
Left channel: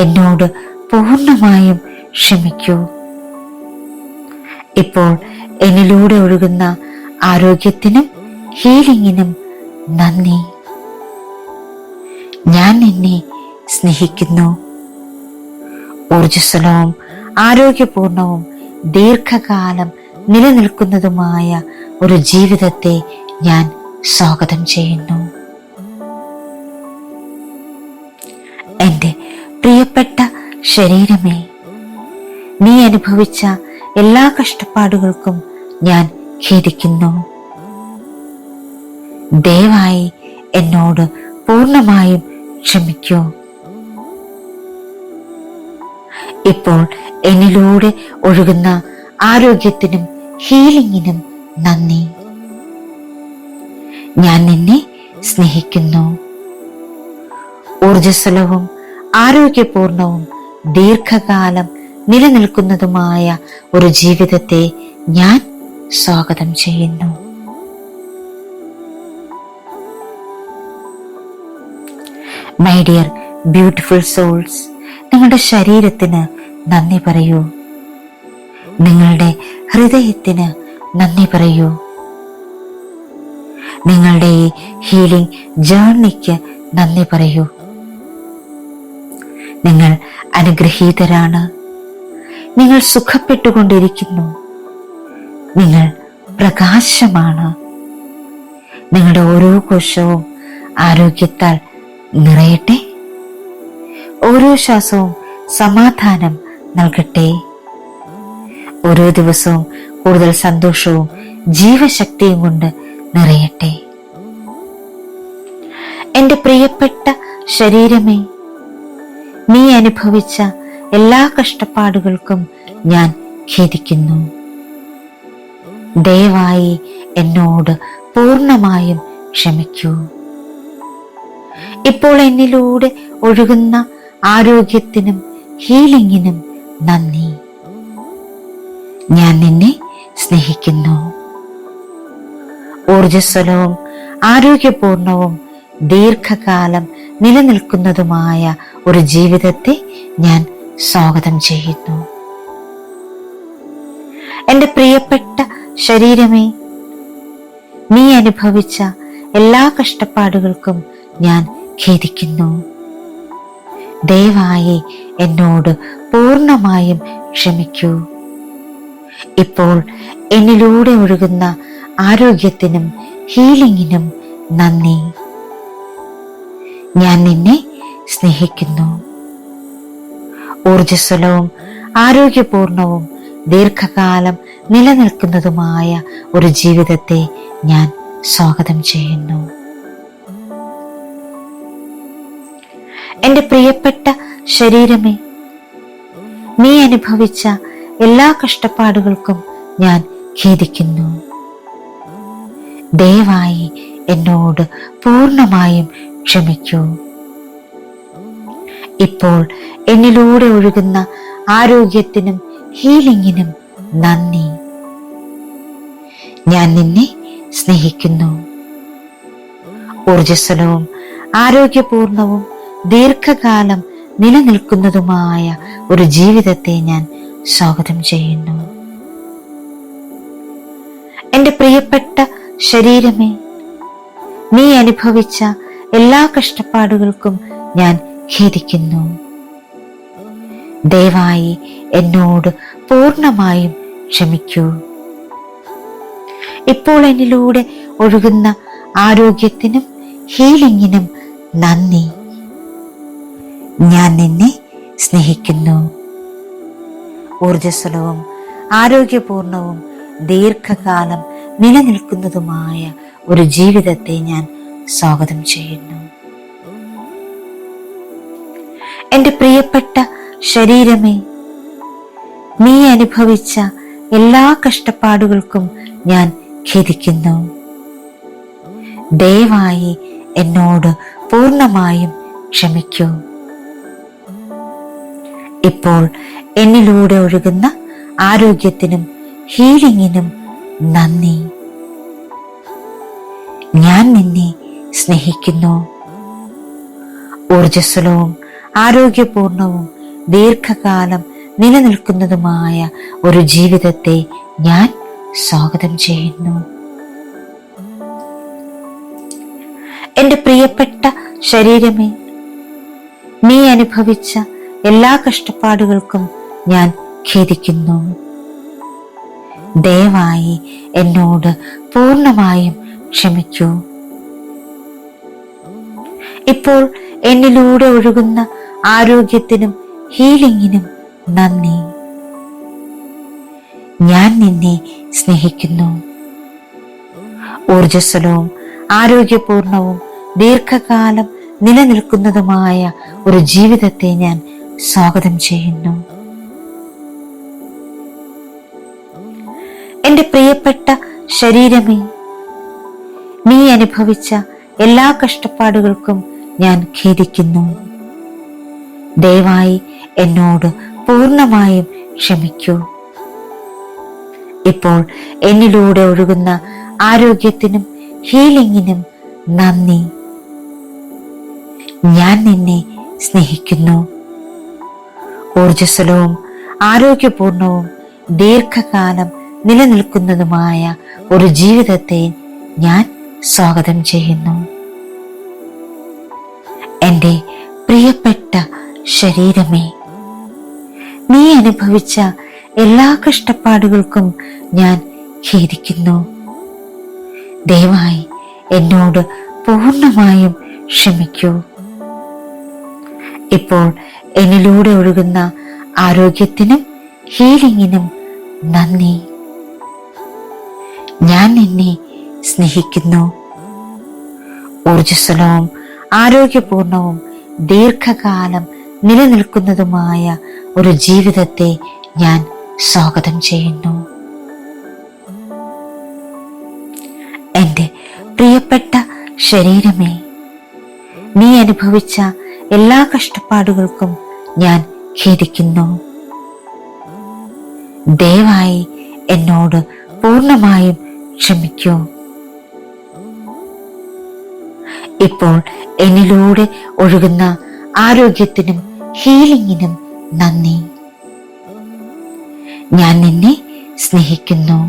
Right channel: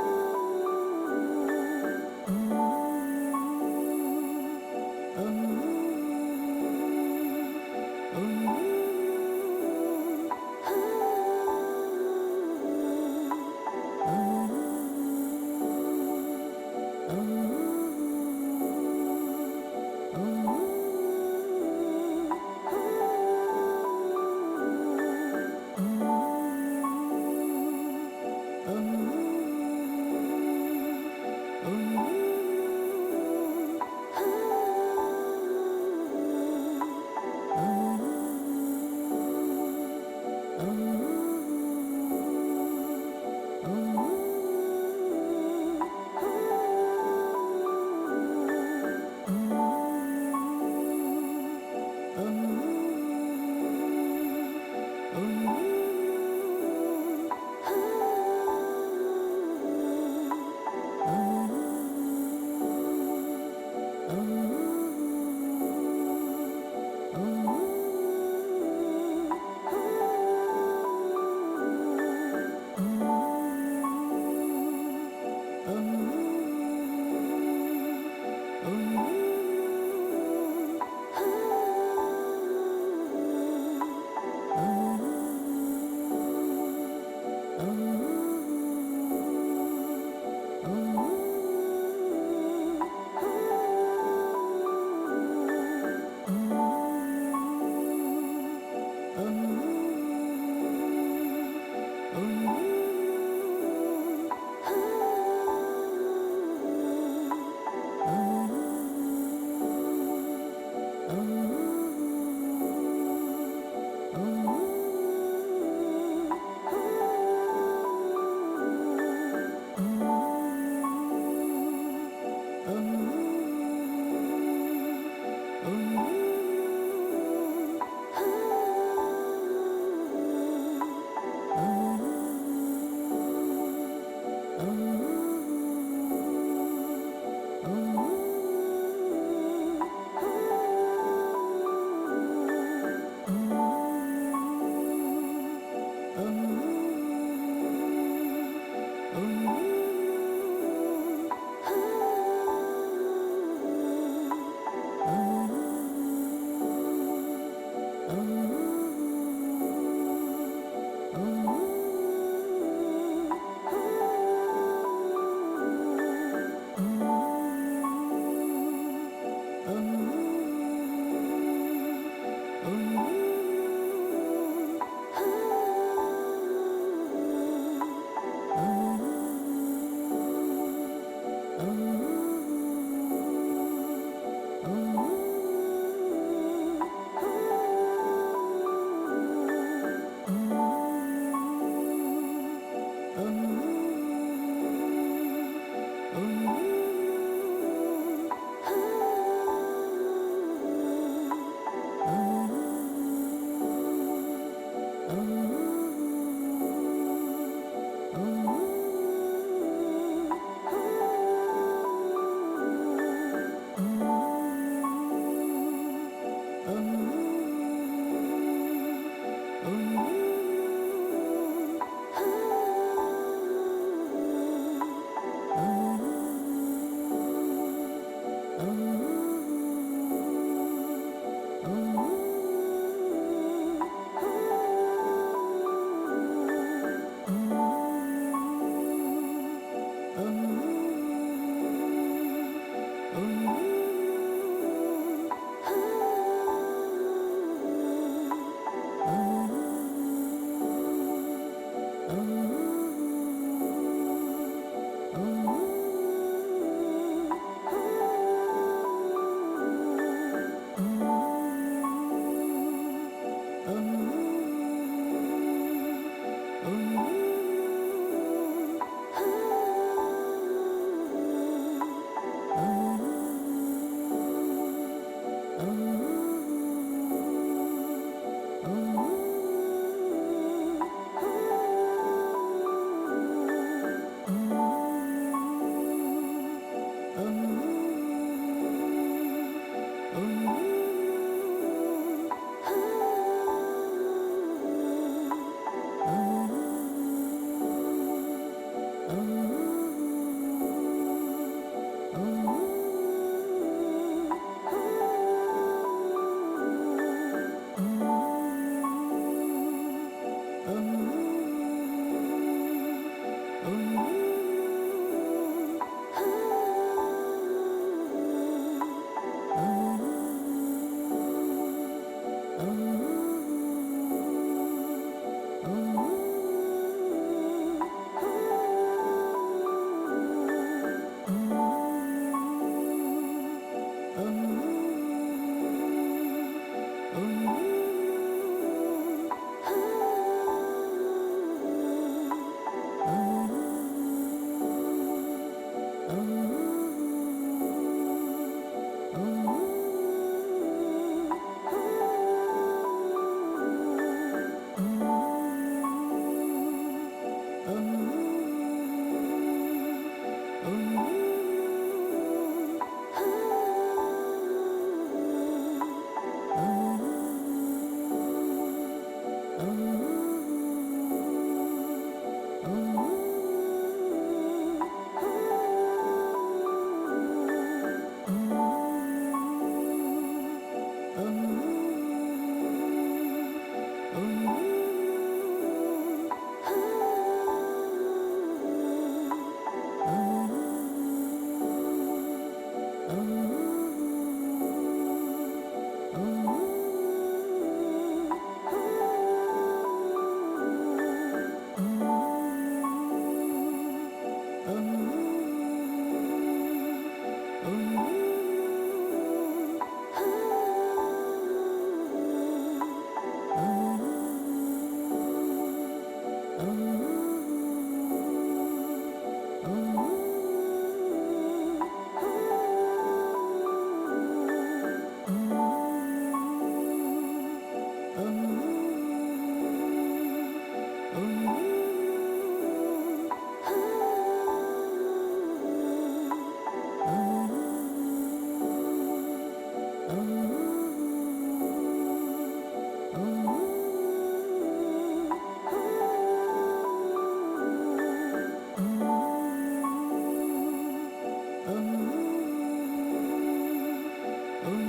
എന്നോട് പൂർണ്ണമായും ക്ഷമിക്കൂ. ഇപ്പോൾ എന്നിലൂടെ ഒഴുകുന്ന ആരോഗ്യത്തിനും ഹീലിംഗിനും നന്ദി. ഞാൻ നിന്നെ സ്നേഹിക്കുന്നു. ഊർജ്ജസ്വലവും ആരോഗ്യപൂർണവും ദീർഘകാലം നിലനിൽക്കുന്നതുമായ ഒരു ജീവിതത്തെ ഞാൻ സ്വാഗതം ചെയ്യുന്നു. എൻ്റെ പ്രിയപ്പെട്ട ശരീരമേ, നീ അനുഭവിച്ച എല്ലാ കഷ്ടപ്പാടുകൾക്കും ഞാൻ ഖേദിക്കുന്നു. ദയവായി എന്നോട് പൂർണ്ണമായും ക്ഷമിക്കൂ. ഇപ്പോൾ എന്നിലൂടെ ഒഴുകുന്ന ആരോഗ്യത്തിനും ഹീലിംഗിനും നന്ദി. ഞാൻ നിന്നെ സ്നേഹിക്കുന്നു. ഊർജ്ജസ്വലവും ആരോഗ്യപൂർണവും ദീർഘകാലം നിലനിൽക്കുന്നതുമായ ഒരു ജീവിതത്തെ ഞാൻ സ്വാഗതം ചെയ്യുന്നു. മൈ ഡിയർ ബ്യൂട്ടിഫുൾ സോൾസ്, നിങ്ങളുടെ ശരീരത്തിന് നന്ദി പറയൂ. നിങ്ങളുടെ ഹൃദയത്തിന് നന്ദി പറയൂ. നിങ്ങളുടെ ഈ ഹീലിംഗ് ജേർണിക്ക് നന്ദി പറയൂ. നിങ്ങൾ അനുഗ്രഹീതരാണ്. നിങ്ങൾ സുഖപ്പെട്ടുകൊണ്ടിരിക്കുന്നു. നിങ്ങൾ പ്രകാശമാണ്. നിങ്ങളുടെ ഓരോ കോശവും ആരോഗ്യത്താൽ നിറയട്ടെ. ഓരോ ശ്വാസവും സമാധാനം നൽകട്ടെ. ഓരോ ദിവസവും കൂടുതൽ സന്തോഷവും ജീവശക്തിയും കൊണ്ട് നിറയട്ടെ. എൻ്റെ പ്രിയപ്പെട്ട ശരീരമേ, നീ അനുഭവിച്ച എല്ലാ കഷ്ടപ്പാടുകൾക്കും ഞാൻ ഖേദിക്കുന്നു. ദയവായി എന്നോട് പൂർണ്ണമായും ക്ഷമിക്കൂ. ഇപ്പോൾ എന്നിലൂടെ ഒഴുകുന്ന ആരോഗ്യത്തിനും ഹീലിംഗിനും നന്ദി. ഞാൻ നിന്നെ സ്നേഹിക്കുന്നു. ഊർജ്ജസ്വലവും ആരോഗ്യപൂർണവും ദീർഘകാലം നിലനിൽക്കുന്നതുമായ ഒരു ജീവിതത്തെ ഞാൻ സ്വാഗതം ചെയ്യുന്നു. എൻ്റെ പ്രിയപ്പെട്ട ശരീരമേ, നീ അനുഭവിച്ച എല്ലാ കഷ്ടപ്പാടുകൾക്കും ഞാൻ ഖേദിക്കുന്നു. ദയവായി എന്നോട് പൂർണ്ണമായും ക്ഷമിക്കൂ. ഇപ്പോൾ എന്നിലൂടെ ഒഴുകുന്ന ആരോഗ്യത്തിനും ഹീലിംഗിനും നന്ദി. ഞാൻ നിന്നെ സ്നേഹിക്കുന്നു. ഊർജ്ജസ്വലവും ആരോഗ്യപൂർണവും ദീർഘകാലം നിലനിൽക്കുന്നതുമായ ഒരു ജീവിതത്തെ ഞാൻ സ്വാഗതം ചെയ്യുന്നു. എൻ്റെ പ്രിയപ്പെട്ട ശരീരമേ, നീ അനുഭവിച്ച എല്ലാ കഷ്ടപ്പാടുകൾക്കും ഞാൻ ഖേദിക്കുന്നു. ദയവായി എന്നോട് പൂർണ്ണമായും ക്ഷമിക്കൂ. ഇപ്പോൾ എന്നിലൂടെ ഒഴുകുന്ന ആരോഗ്യത്തിനും ഹീലിംഗിനും നന്ദി. ഞാൻ നിന്നെ സ്നേഹിക്കുന്നു. ഊർജ്ജസ്വലവും ആരോഗ്യപൂർണവും ദീർഘകാലം നിലനിൽക്കുന്നതുമായ ഒരു ജീവിതത്തെ ഞാൻ സ്വാഗതം ചെയ്യുന്നു. എൻ്റെ പ്രിയപ്പെട്ട ശരീരമേ, നീ അനുഭവിച്ച എല്ലാ കഷ്ടപ്പാടുകൾക്കും ഞാൻ ഖേദിക്കുന്നു. ദയവായി എന്നോട് പൂർണ്ണമായും ക്ഷമിക്കൂ. ഇപ്പോൾ എന്നിലൂടെ ഒഴുകുന്ന ആരോഗ്യത്തിനും ഹീലിംഗിനും നന്ദി. ഞാൻ നിന്നെ സ്നേഹിക്കുന്നു. ഊർജ്ജസ്വലവും ആരോഗ്യപൂർണവും ദീർഘകാലം നിലനിൽക്കുന്നതുമായ ഒരു ജീവിതത്തെ ഞാൻ സ്വാഗതം ചെയ്യുന്നു. എൻ്റെ പ്രിയപ്പെട്ട ശരീരമേ, നീ അനുഭവിച്ച എല്ലാ കഷ്ടപ്പാടുകൾക്കും ഞാൻ ഖേദിക്കുന്നു. ദയവായി എന്നോട് പൂർണ്ണമായും ക്ഷമിക്കൂ. ഇപ്പോൾ എന്നിലൂടെ ഒഴുകുന്ന ആരോഗ്യത്തിനും ഹീലിംഗിനും നന്ദി. ഞാൻ നിന്നെ സ്നേഹിക്കുന്നു. ഊർജ്ജസ്വലവും ആരോഗ്യപൂർണവും ദീർഘകാലം നിലനിൽക്കുന്നതുമായ ഒരു ജീവിതത്തെ ഞാൻ സ്വാഗതം ചെയ്യുന്നു. എന്റെ പ്രിയപ്പെട്ട ശരീരമേ, നീ അനുഭവിച്ച എല്ലാ കഷ്ടപ്പാടുകൾക്കും ഞാൻ ഖേദിക്കുന്നു. ദയവായി എന്നോട് പൂർണ്ണമായും ക്ഷമിക്കൂ. ഇപ്പോൾ എന്നിലൂടെ ഒഴുകുന്ന ആരോഗ്യത്തിനും ഹീലിംഗിനും നന്ദി. ഞാൻ നിന്നെ സ്നേഹിക്കുന്നു. ഊർജ്ജസ്വലവും ആരോഗ്യപൂർണവും ദീർഘകാലം നിലനിൽക്കുന്നതുമായ ഒരു ജീവിതത്തെ ഞാൻ സ്വാഗതം ചെയ്യുന്നു. എന്റെ പ്രിയപ്പെട്ട ശരീരമേ, നീ അനുഭവിച്ച എല്ലാ കഷ്ടപ്പാടുകൾക്കും ഞാൻ ഖേദിക്കുന്നു. ദയവായി എന്നോട് പൂർണ്ണമായും ക്ഷമിക്കൂ. ഇപ്പോൾ എന്നിലൂടെ ഒഴുകുന്ന ആരോഗ്യത്തിനും ഹീലിംഗിനും നന്ദി. ഞാൻ നിന്നെ സ്നേഹിക്കുന്നു. ഊർജ്ജസ്വലവും ആരോഗ്യപൂർണവും ദീർഘകാലം നിലനിൽക്കുന്നതുമായ ഒരു ജീവിതത്തെ ഞാൻ സ്വാഗതം ചെയ്യുന്നു. എന്റെ പ്രിയപ്പെട്ട ശരീരമേ, നീ അനുഭവിച്ച എല്ലാ കഷ്ടപ്പാടുകൾക്കും ഞാൻ ഖേദിക്കുന്നു. ദയവായി എന്നോട് പൂർണ്ണമായും ക്ഷമിക്കൂ. ഇപ്പോൾ എന്നിലൂടെ ഒഴുകുന്ന ആരോഗ്യത്തിനും ഹീലിംഗിനും നന്ദി. ഞാൻ നിന്നെ സ്നേഹിക്കുന്നു. ഊർജ്ജസ്വലവും ആരോഗ്യപൂർണവും ദീർഘകാലം നിലനിൽക്കുന്നതുമായ ഒരു ജീവിതത്തെ ഞാൻ സ്വാഗതം ചെയ്യുന്നു. എന്റെ പ്രിയപ്പെട്ട ശരീരമേ, നീ അനുഭവിച്ച എല്ലാ കഷ്ടപ്പാടുകൾക്കും ഞാൻ ഖേദിക്കുന്നു. ദയവായി എന്നോട് പൂർണ്ണമായും ക്ഷമിക്കൂ. ഇപ്പോൾ എന്നിലൂടെ ഒഴുകുന്ന ആരോഗ്യത്തിനും ഹീലിംഗിനും നന്ദി. ഞാൻ നിന്നെ സ്നേഹിക്കുന്നു.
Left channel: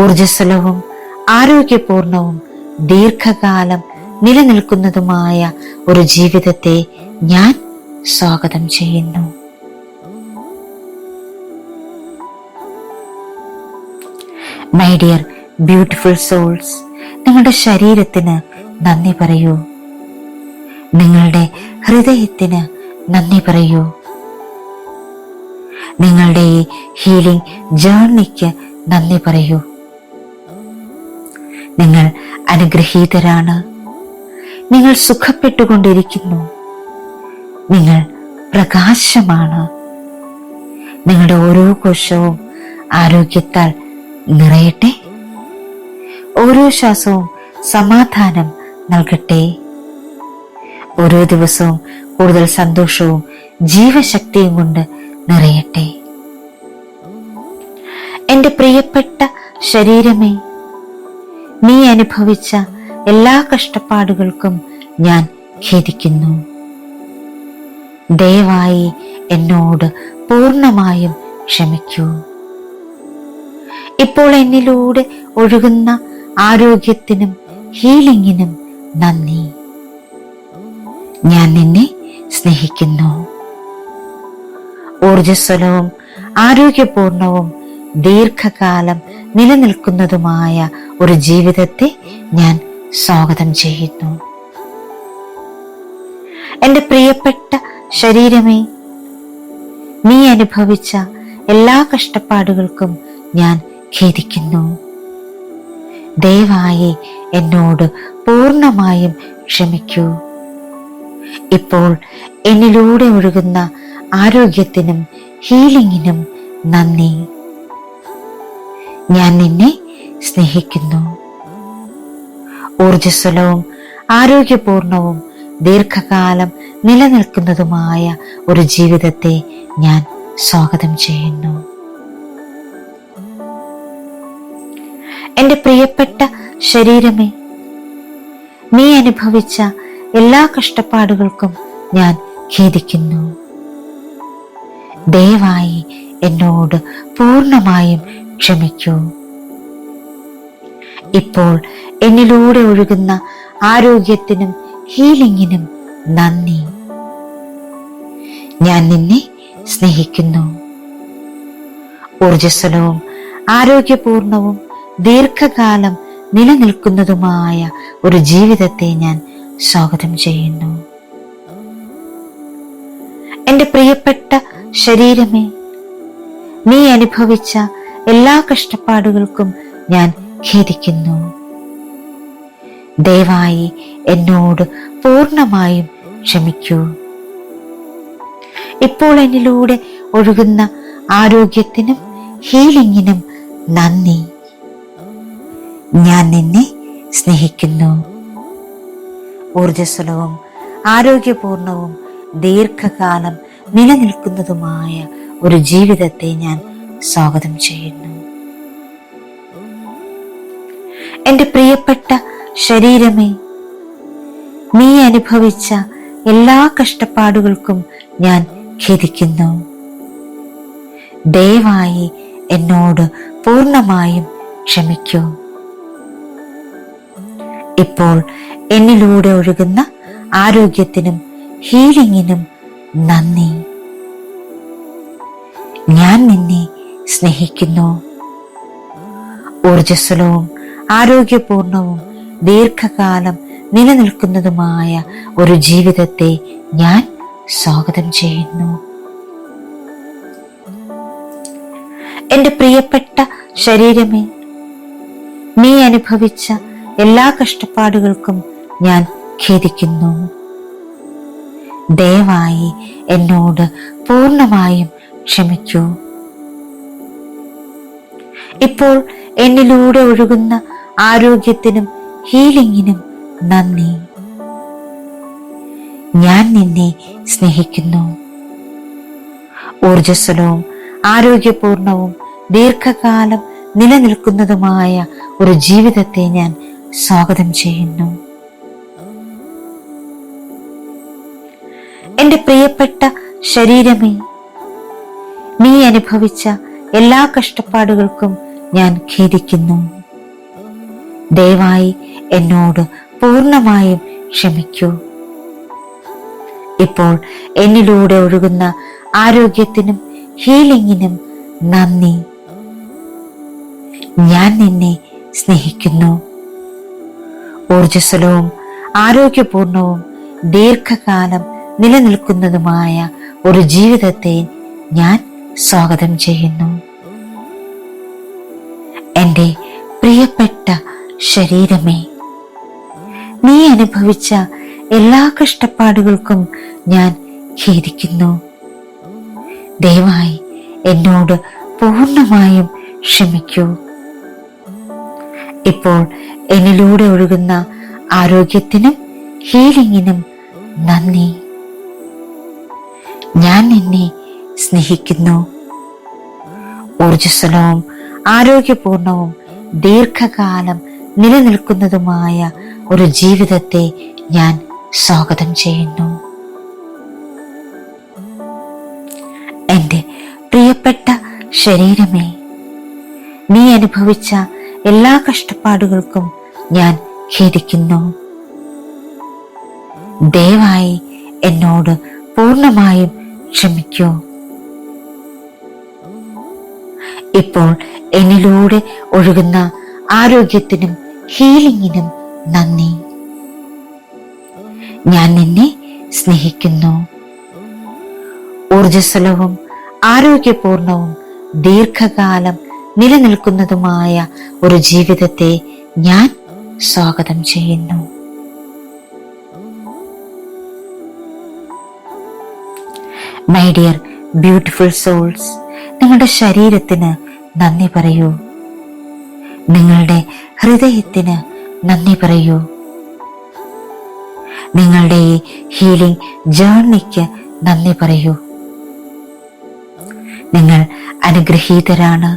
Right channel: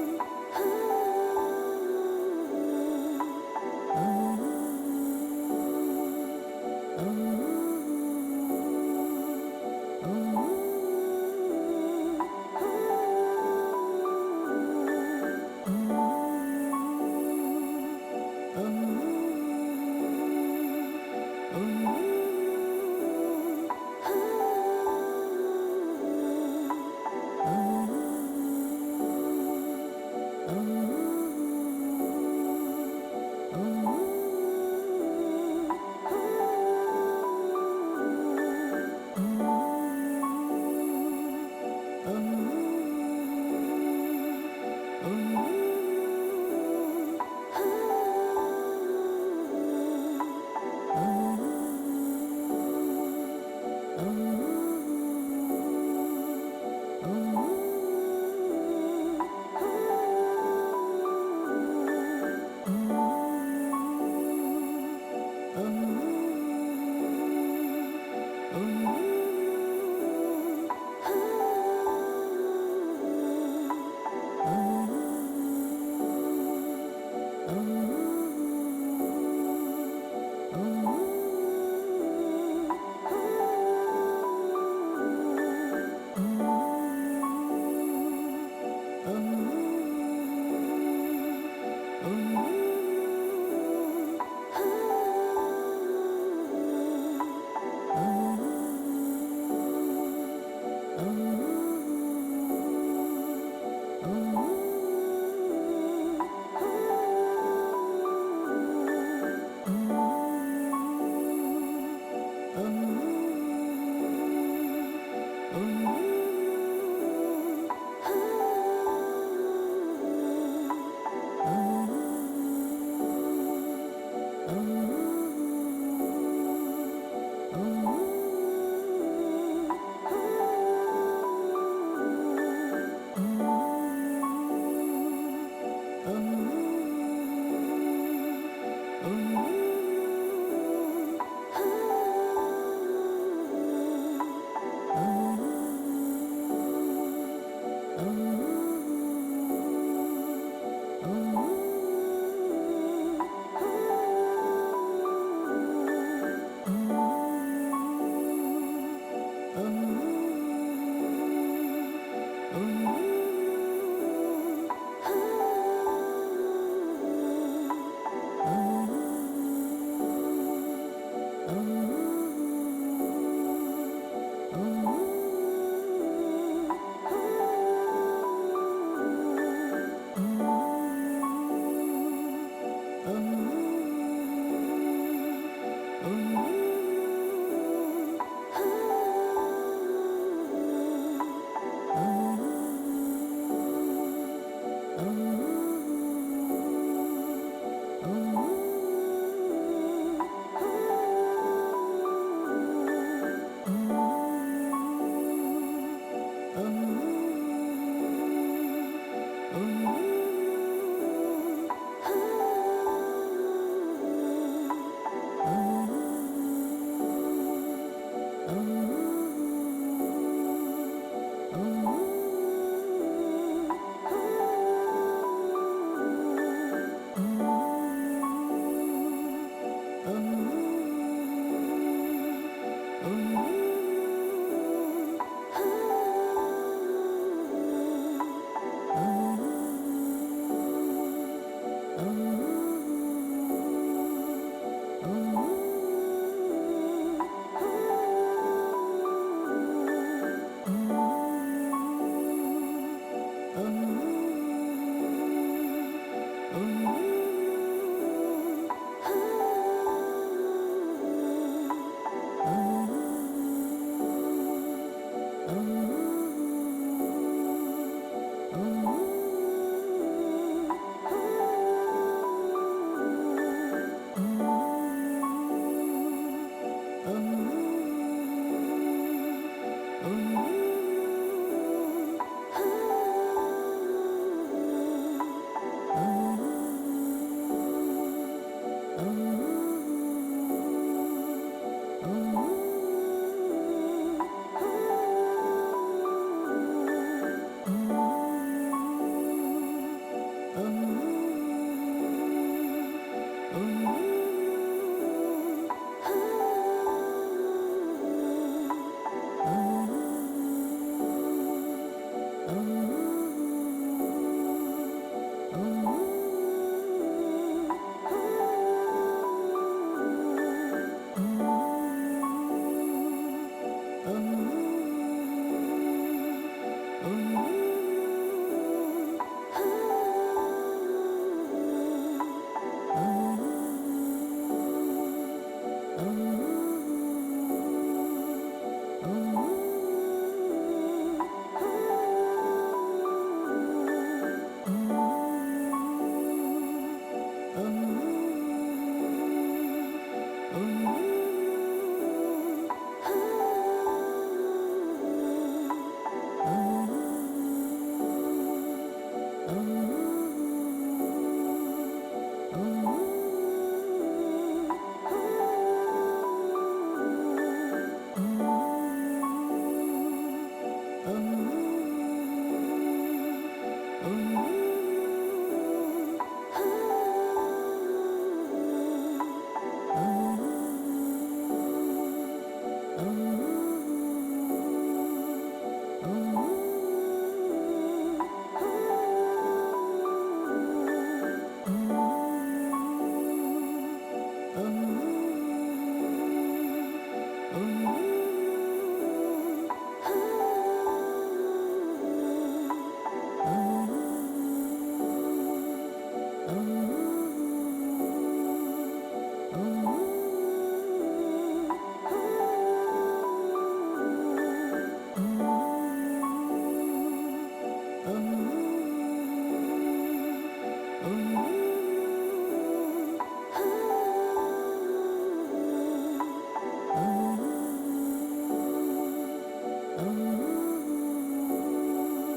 ഊർജ്ജസ്വലവും ആരോഗ്യപൂർണവും ദീർഘകാലം നിലനിൽക്കുന്നതുമായ ഒരു ജീവിതത്തെ ഞാൻ സ്വാഗതം ചെയ്യുന്നു. മൈ ഡിയർ ബ്യൂട്ടിഫുൾ സോൾസ്, നിങ്ങളുടെ ശരീരത്തിന് നന്ദി പറയൂ. നിങ്ങളുടെ ഹൃദയത്തിന് നന്ദി പറയൂ. നിങ്ങളുടെ ഈ ഹീലിംഗ് ജേർണിക്ക് നന്ദി പറയൂ. നിങ്ങൾ അനുഗ്രഹീതരാണ്. നിങ്ങൾ സുഖപ്പെട്ടുകൊണ്ടിരിക്കുന്നു. നിങ്ങൾ പ്രകാശമാണ്. നിങ്ങളുടെ ഓരോ കോശവും ആരോഗ്യത്താൽ നിറയട്ടെ. ഓരോ ശ്വാസവും സമാധാനം നൽകട്ടെ. ഓരോ ദിവസവും കൂടുതൽ സന്തോഷവും ജീവശക്തിയും കൊണ്ട് നിറയട്ടെ. എന്റെ പ്രിയപ്പെട്ട ശരീരമേ, നീ അനുഭവിച്ച എല്ലാ കഷ്ടപ്പാടുകൾക്കും ഞാൻ ഖേദിക്കുന്നു. ദയവായി എന്നോട് പൂർണ്ണമായും ക്ഷമിക്കൂ. ഇപ്പോൾ എന്നിലൂടെ ഒഴുകുന്ന ആരോഗ്യത്തിനും ഹീലിംഗിനും നന്ദി. ഞാൻ നിന്നെ സ്നേഹിക്കുന്നു. ഊർജ്ജസ്വലവും ആരോഗ്യപൂർണവും ദീർഘകാലം നിലനിൽക്കുന്നതുമായ ഒരു ജീവിതത്തെ ഞാൻ സ്വാഗതം ചെയ്യുന്നു. എന്റെ പ്രിയപ്പെട്ട ശരീരമേ, നീ അനുഭവിച്ച എല്ലാ കഷ്ടപ്പാടുകൾക്കും ഞാൻ ഖേദിക്കുന്നു. ദയവായി എന്നോട് പൂർണ്ണമായും ക്ഷമിക്കൂ. ഇപ്പോൾ എന്നിലൂടെ ഒഴുകുന്ന ആരോഗ്യത്തിനും ഹീലിംഗിനും നന്ദി. ഞാൻ നിന്നെ സ്നേഹിക്കുന്നു. ഊർജ്ജസ്വലവും ആരോഗ്യപൂർണവും ദീർഘകാലം നിലനിൽക്കുന്നതുമായ ഒരു ജീവിതത്തെ ഞാൻ സ്വാഗതം ചെയ്യുന്നു. എൻ്റെ പ്രിയപ്പെട്ട ശരീരമേ, നീ അനുഭവിച്ച എല്ലാ കഷ്ടപ്പാടുകൾക്കും ഞാൻ ഖേദിക്കുന്നു. ദയവായി എന്നോട് പൂർണ്ണമായും ക്ഷമിക്കൂ. ഇപ്പോൾ എന്നിലൂടെ ഒഴുകുന്ന ആരോഗ്യത്തിനും ഹീലിംഗിനും നന്ദി. ഞാൻ നിന്നെ സ്നേഹിക്കുന്നു. ഊർജ്ജസ്വലവും ആരോഗ്യപൂർണവും ദീർഘകാലം നിലനിൽക്കുന്നതുമായ ഒരു ജീവിതത്തെ ഞാൻ സ്വാഗതം ചെയ്യുന്നു. എൻ്റെ പ്രിയപ്പെട്ട ശരീരമേ, നീ അനുഭവിച്ച എല്ലാ കഷ്ടപ്പാടുകൾക്കും ഞാൻ ഖേദിക്കുന്നു. ദയവായി എന്നോട് പൂർണ്ണമായും ക്ഷമിക്കൂ. ഇപ്പോൾ എന്നിലൂടെ ഒഴുകുന്ന ആരോഗ്യത്തിനും ഹീലിംഗിനും നന്ദി. ഞാൻ നിന്നെ സ്നേഹിക്കുന്നു. ഊർജ്ജസ്വലവും ആരോഗ്യപൂർണവും ദീർഘകാലം നിലനിൽക്കുന്നതുമായ ഒരു ജീവിതത്തെ ഞാൻ സ്വാഗതം ചെയ്യുന്നു. എൻ്റെ പ്രിയപ്പെട്ട ശരീരമേ, നീ അനുഭവിച്ച എല്ലാ കഷ്ടപ്പാടുകൾക്കും ഞാൻ ഖേദിക്കുന്നു. ദയവായി എന്നോട് പൂർണ്ണമായും ക്ഷമിക്കൂ. ഇപ്പോൾ എന്നിലൂടെ ഒഴുകുന്ന ആരോഗ്യത്തിനും ഹീലിംഗിനും നന്ദി. ഞാൻ നിന്നെ സ്നേഹിക്കുന്നു. ഊർജ്ജസ്വലവും ആരോഗ്യപൂർണവും ദീർഘകാലം നിലനിൽക്കുന്നതുമായ ഒരു ജീവിതത്തെ ഞാൻ സ്വാഗതം ചെയ്യുന്നു. എൻ്റെ പ്രിയപ്പെട്ട ശരീരമേ, നീ അനുഭവിച്ച എല്ലാ കഷ്ടപ്പാടുകൾക്കും ഞാൻ ഖേദിക്കുന്നു. ദയവായി എന്നോട് പൂർണ്ണമായും ക്ഷമിക്കൂ. ഇപ്പോൾ എന്നിലൂടെ ഒഴുകുന്ന ആരോഗ്യത്തിനും ഹീലിംഗിനും നന്ദി. ഞാൻ നിന്നെ സ്നേഹിക്കുന്നു. ഊർജ്ജസ്വലവും ആരോഗ്യപൂർണവും ദീർഘകാലം നിലനിൽക്കുന്നതുമായ ഒരു ജീവിതത്തെ ഞാൻ സ്വാഗതം ചെയ്യുന്നു. എൻ്റെ പ്രിയപ്പെട്ട ശരീരമേ, നീ അനുഭവിച്ച എല്ലാ കഷ്ടപ്പാടുകൾക്കും ഞാൻ ഖേദിക്കുന്നു. ദയവായി എന്നോട് പൂർണ്ണമായും ക്ഷമിക്കൂ. ഇപ്പോൾ എന്നിലൂടെ ഒഴുകുന്ന ആരോഗ്യത്തിനും ഹീലിംഗിനും നന്ദി. ഞാൻ നിന്നെ സ്നേഹിക്കുന്നു. ഊർജ്ജസ്വലവും ആരോഗ്യപൂർണവും ദീർഘകാലം നിലനിൽക്കുന്നതുമായ ഒരു ജീവിതത്തെ ഞാൻ സ്വാഗതം ചെയ്യുന്നു. എൻ്റെ പ്രിയപ്പെട്ട ശരീരമേ, നീ അനുഭവിച്ച എല്ലാ കഷ്ടപ്പാടുകൾക്കും ഞാൻ ഖേദിക്കുന്നു. ദയവായി എന്നോട് പൂർണ്ണമായും ക്ഷമിക്കൂ. ഇപ്പോൾ എന്നിലൂടെ ഒഴുകുന്ന ആരോഗ്യത്തിനും ഹീലിംഗിനും നന്ദി. ഞാൻ നിന്നെ സ്നേഹിക്കുന്നു. ഊർജ്ജസ്വലവും ആരോഗ്യപൂർണവും ദീർഘകാലം നിലനിൽക്കുന്നതുമായ ഒരു ജീവിതത്തെ ഞാൻ സ്വാഗതം ചെയ്യുന്നു. എൻ്റെ പ്രിയപ്പെട്ട ശരീരമേ, നീ അനുഭവിച്ച എല്ലാ കഷ്ടപ്പാടുകൾക്കും ഞാൻ ഖേദിക്കുന്നു. ദയവായി എന്നോട് പൂർണ്ണമായും ക്ഷമിക്കൂ. ഇപ്പോൾ എന്നിലൂടെ ഒഴുകുന്ന ആരോഗ്യത്തിനും ഹീലിംഗിനും നന്ദി. ഞാൻ നിന്നെ സ്നേഹിക്കുന്നു. ഊർജ്ജസ്വലവും ആരോഗ്യപൂർണവും ദീർഘകാലം നിലനിൽക്കുന്നതുമായ ഒരു ജീവിതത്തെ ഞാൻ സ്വാഗതം ചെയ്യുന്നു. മൈ ഡിയർ ബ്യൂട്ടിഫുൾ സോൾസ്, നിങ്ങളുടെ ശരീരത്തിന് നന്ദി പറയൂ. നിങ്ങളുടെ ഹൃദയത്തിന് നന്ദി പറയൂ. നിങ്ങളുടെ ഈ ഹീലിംഗ് ജേർണിക്ക് നന്ദി പറയൂ. നിങ്ങൾ അനുഗ്രഹീതരാണ്.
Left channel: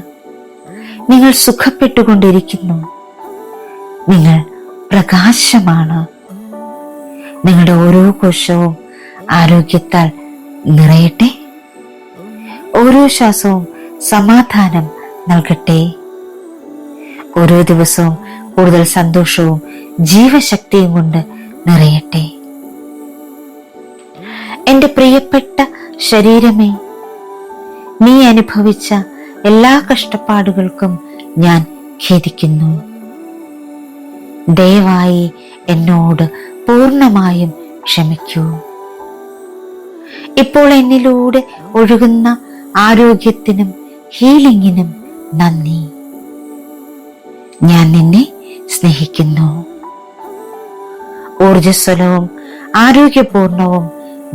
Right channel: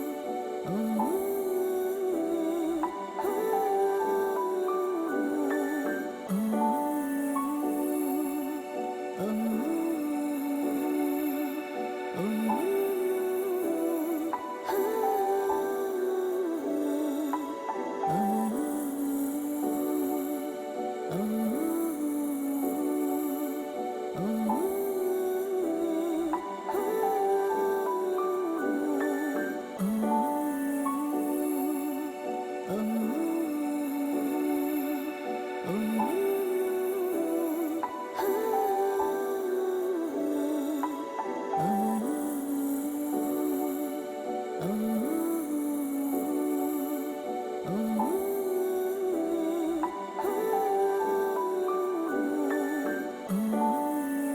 നിങ്ങൾ സുഖപ്പെട്ടുകൊണ്ടിരിക്കുന്നു. നിങ്ങൾ പ്രകാശമാണ്. നിങ്ങളുടെ ഓരോ കോശവും ആരോഗ്യത്താൽ നിറയട്ടെ. ഓരോ ശ്വാസവും സമാധാനം നൽകട്ടെ. ഓരോ ദിവസവും കൂടുതൽ സന്തോഷവും ജീവശക്തിയും കൊണ്ട് നിറയട്ടെ. എന്റെ പ്രിയപ്പെട്ട ശരീരമേ, നീ അനുഭവിച്ച എല്ലാ കഷ്ടപ്പാടുകൾക്കും ഞാൻ ഖേദിക്കുന്നു. ദയവായി എന്നോട് പൂർണ്ണമായും ക്ഷമിക്കൂ. ഇപ്പോൾ എന്നിലൂടെ ഒഴുകുന്ന ആരോഗ്യത്തിനും ഹീലിംഗിനും നന്ദി. ഞാൻ നിന്നെ സ്നേഹിക്കുന്നു. ഊർജ്ജസ്വലവും ആരോഗ്യപൂർണവും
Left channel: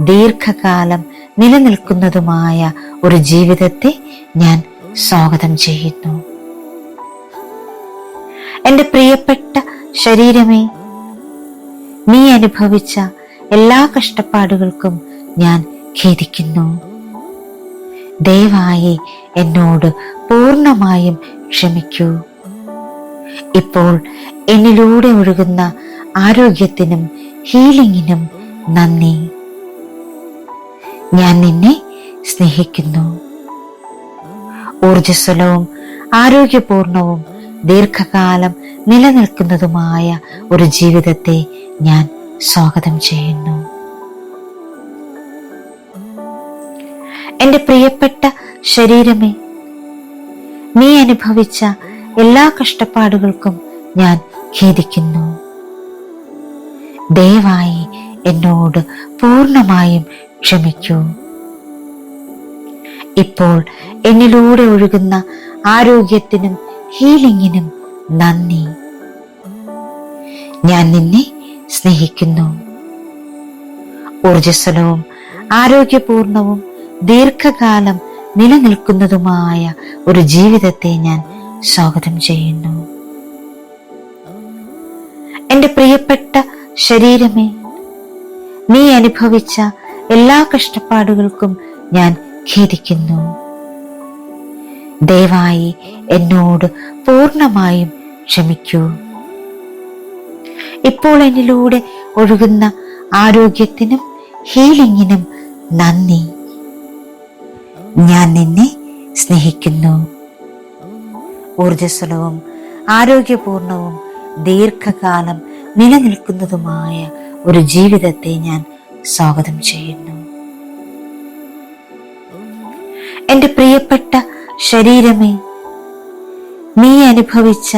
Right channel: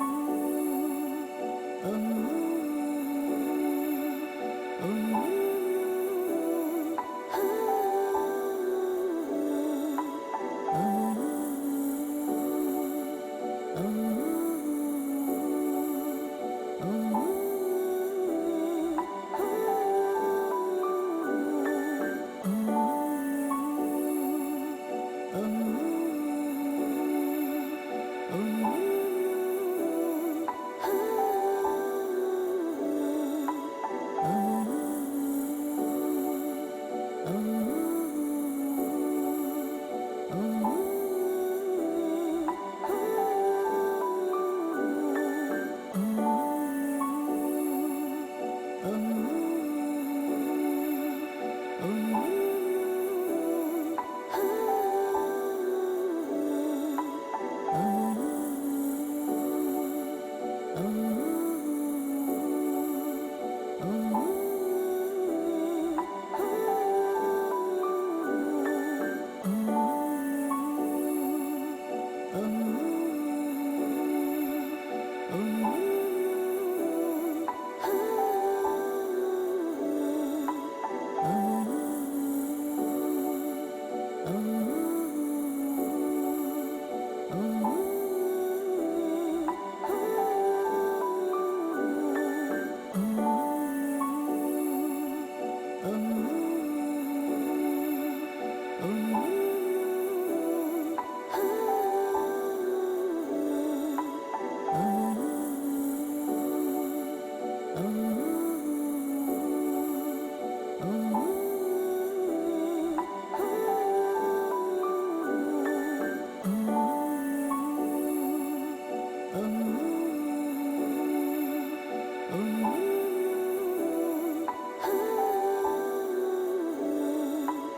ദീർഘകാലം നിലനിൽക്കുന്നതുമായ ഒരു ജീവിതത്തെ ഞാൻ സ്വാഗതം ചെയ്യുന്നു. എന്റെ പ്രിയപ്പെട്ട ശരീരമേ, നീ അനുഭവിച്ച എല്ലാ കഷ്ടപ്പാടുകൾക്കും ഞാൻ ഖേദിക്കുന്നു. ദയവായി എന്നോട് പൂർണ്ണമായും ക്ഷമിക്കൂ. ഇപ്പോൾ എന്നിലൂടെ ഒഴുകുന്ന ആരോഗ്യത്തിനും ഹീലിംഗിനും നന്ദി. ഞാൻ നിന്നെ സ്നേഹിക്കുന്നു. ഊർജ്ജസ്വലവും ആരോഗ്യപൂർണവും ദീർഘകാലം നിലനിൽക്കുന്നതുമായ ഒരു ജീവിതത്തെ ഞാൻ സ്വാഗതം ചെയ്യുന്നു. എന്റെ പ്രിയപ്പെട്ട ശരീരമേ, നീ അനുഭവിച്ച എല്ലാ കഷ്ടപ്പാടുകൾക്കും ഞാൻ ഖേദിക്കുന്നു. ദയവായി എന്നോട് പൂർണ്ണമായും ക്ഷമിക്കൂ. ഇപ്പോൾ എന്നിലൂടെ ഒഴുകുന്ന ആരോഗ്യത്തിനും ഹീലിംഗിനും നന്ദി. ഞാൻ നിന്നെ സ്നേഹിക്കുന്നു. ഊർജ്ജസ്വലവും ആരോഗ്യപൂർണവും ദീർഘകാലം നിലനിൽക്കുന്നതുമായ ഒരു ജീവിതത്തെ ഞാൻ സ്വാഗതം ചെയ്യുന്നു. എന്റെ പ്രിയപ്പെട്ട ശരീരമേ, നീ അനുഭവിച്ച എല്ലാ കഷ്ടപ്പാടുകൾക്കും ഞാൻ ഖേദിക്കുന്നു. ദയവായി എന്നോട് പൂർണ്ണമായും ക്ഷമിക്കൂ. ഇപ്പോൾ എന്നിലൂടെ ഒഴുകുന്ന ആരോഗ്യത്തിനും ഹീലിംഗിനും നന്ദി. ഞാൻ നിന്നെ സ്നേഹിക്കുന്നു. ഊർജ്ജസ്വലവും ആരോഗ്യപൂർണവും ദീർഘകാലം നിലനിൽക്കുന്നതുമായ ഒരു ജീവിതത്തെ ഞാൻ സ്വാഗതം ചെയ്യുന്നു. എന്റെ പ്രിയപ്പെട്ട ശരീരമേ, നീ അനുഭവിച്ച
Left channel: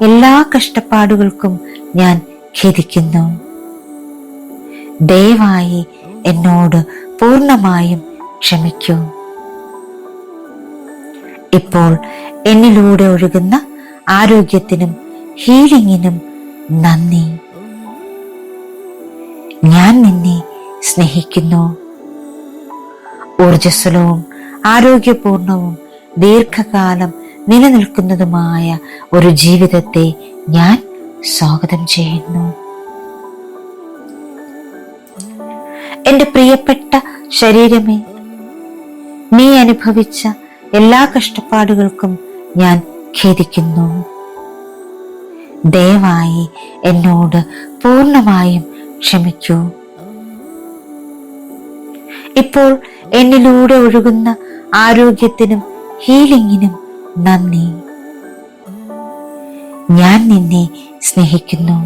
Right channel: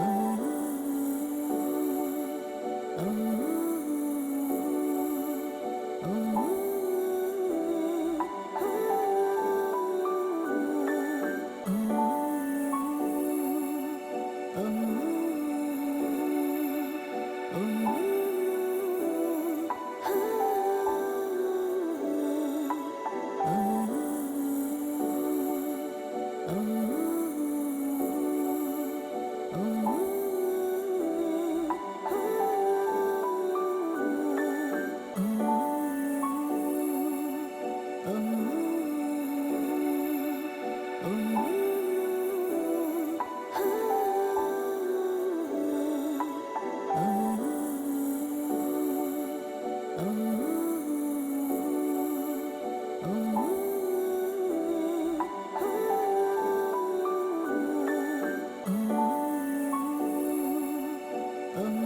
എല്ലാ കഷ്ടപ്പാടുകൾക്കും ഞാൻ ഖേദിക്കുന്നു. ദയവായി എന്നോട് പൂർണ്ണമായും ക്ഷമിക്കൂ. ഇപ്പോൾ എന്നിലൂടെ ഒഴുകുന്ന ആരോഗ്യത്തിനും ഹീലിംഗിനും നന്ദി. ഞാൻ നിന്നെ സ്നേഹിക്കുന്നു. ഊർജ്ജസ്വലവും ആരോഗ്യപൂർണവും ദീർഘകാലം നിലനിൽക്കുന്നതുമായ ഒരു ജീവിതത്തെ ഞാൻ സ്വാഗതം ചെയ്യുന്നു. എന്റെ പ്രിയപ്പെട്ട ശരീരമേ, നീ അനുഭവിച്ച എല്ലാ കഷ്ടപ്പാടുകൾക്കും ഞാൻ ഖേദിക്കുന്നു. ദയവായി എന്നോട് പൂർണ്ണമായും ക്ഷമിക്കൂ. ഇപ്പോൾ എന്നിലൂടെ ഒഴുകുന്ന ആരോഗ്യത്തിനും ഹീലിംഗിനും നന്ദി. ഞാൻ നിന്നെ സ്നേഹിക്കുന്നു.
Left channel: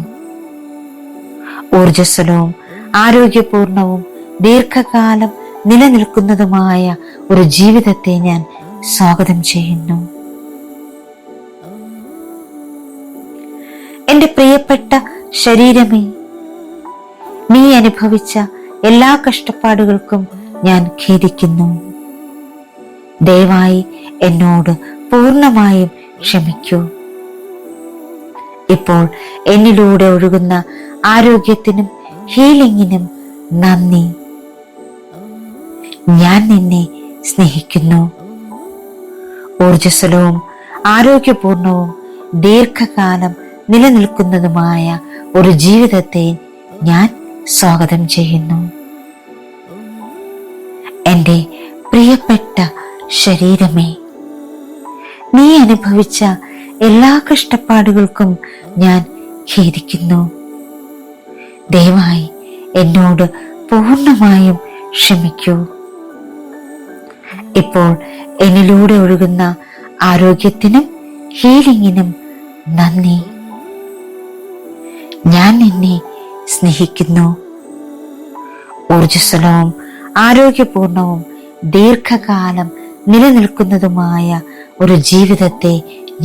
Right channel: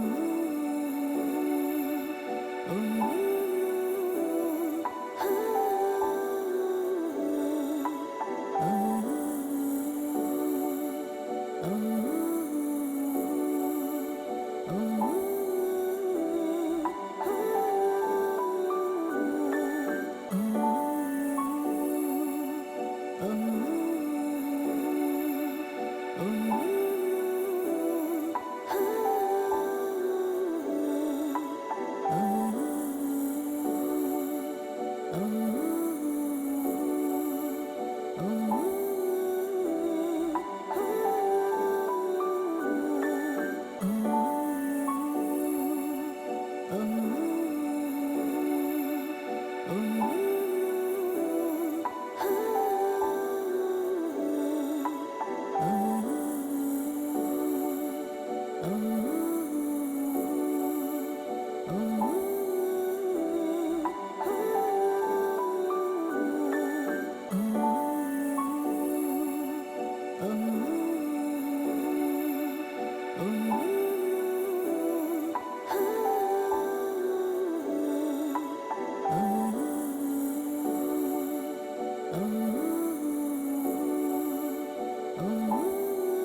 ഊർജ്ജസ്വലവും ആരോഗ്യപൂർണവും ദീർഘകാലം നിലനിൽക്കുന്നതുമായ ഒരു ജീവിതത്തെ ഞാൻ സ്വാഗതം ചെയ്യുന്നു. എന്റെ പ്രിയപ്പെട്ട ശരീരമേ, നീ അനുഭവിച്ച എല്ലാ കഷ്ടപ്പാടുകൾക്കും ഞാൻ ഖേദിക്കുന്നു. ദയവായി എന്നോട് പൂർണ്ണമായും ക്ഷമിക്കൂ. ഇപ്പോൾ എന്നിലൂടെ ഒഴുകുന്ന ആരോഗ്യത്തിനും ഹീലിംഗിനും നന്ദി. ഞാൻ നിന്നെ സ്നേഹിക്കുന്നു. ഊർജ്ജസ്വലവും ആരോഗ്യപൂർണവും ദീർഘകാലം നിലനിൽക്കുന്നതുമായ ഒരു ജീവിതത്തെ ഞാൻ സ്വാഗതം ചെയ്യുന്നു. എന്റെ പ്രിയപ്പെട്ട ശരീരമേ, നീ അനുഭവിച്ച എല്ലാ കഷ്ടപ്പാടുകൾക്കും ഞാൻ ഖേദിക്കുന്നു. ദയവായി എന്നോട് പൂർണ്ണമായും ക്ഷമിക്കൂ. ഇപ്പോൾ എന്നിലൂടെ ഒഴുകുന്ന ആരോഗ്യത്തിനും ഹീലിംഗിനും നന്ദി. ഞാൻ നിന്നെ സ്നേഹിക്കുന്നു. ഊർജ്ജസ്വലവും ആരോഗ്യപൂർണവും ദീർഘകാലം നിലനിൽക്കുന്നതുമായ ഒരു ജീവിതത്തെ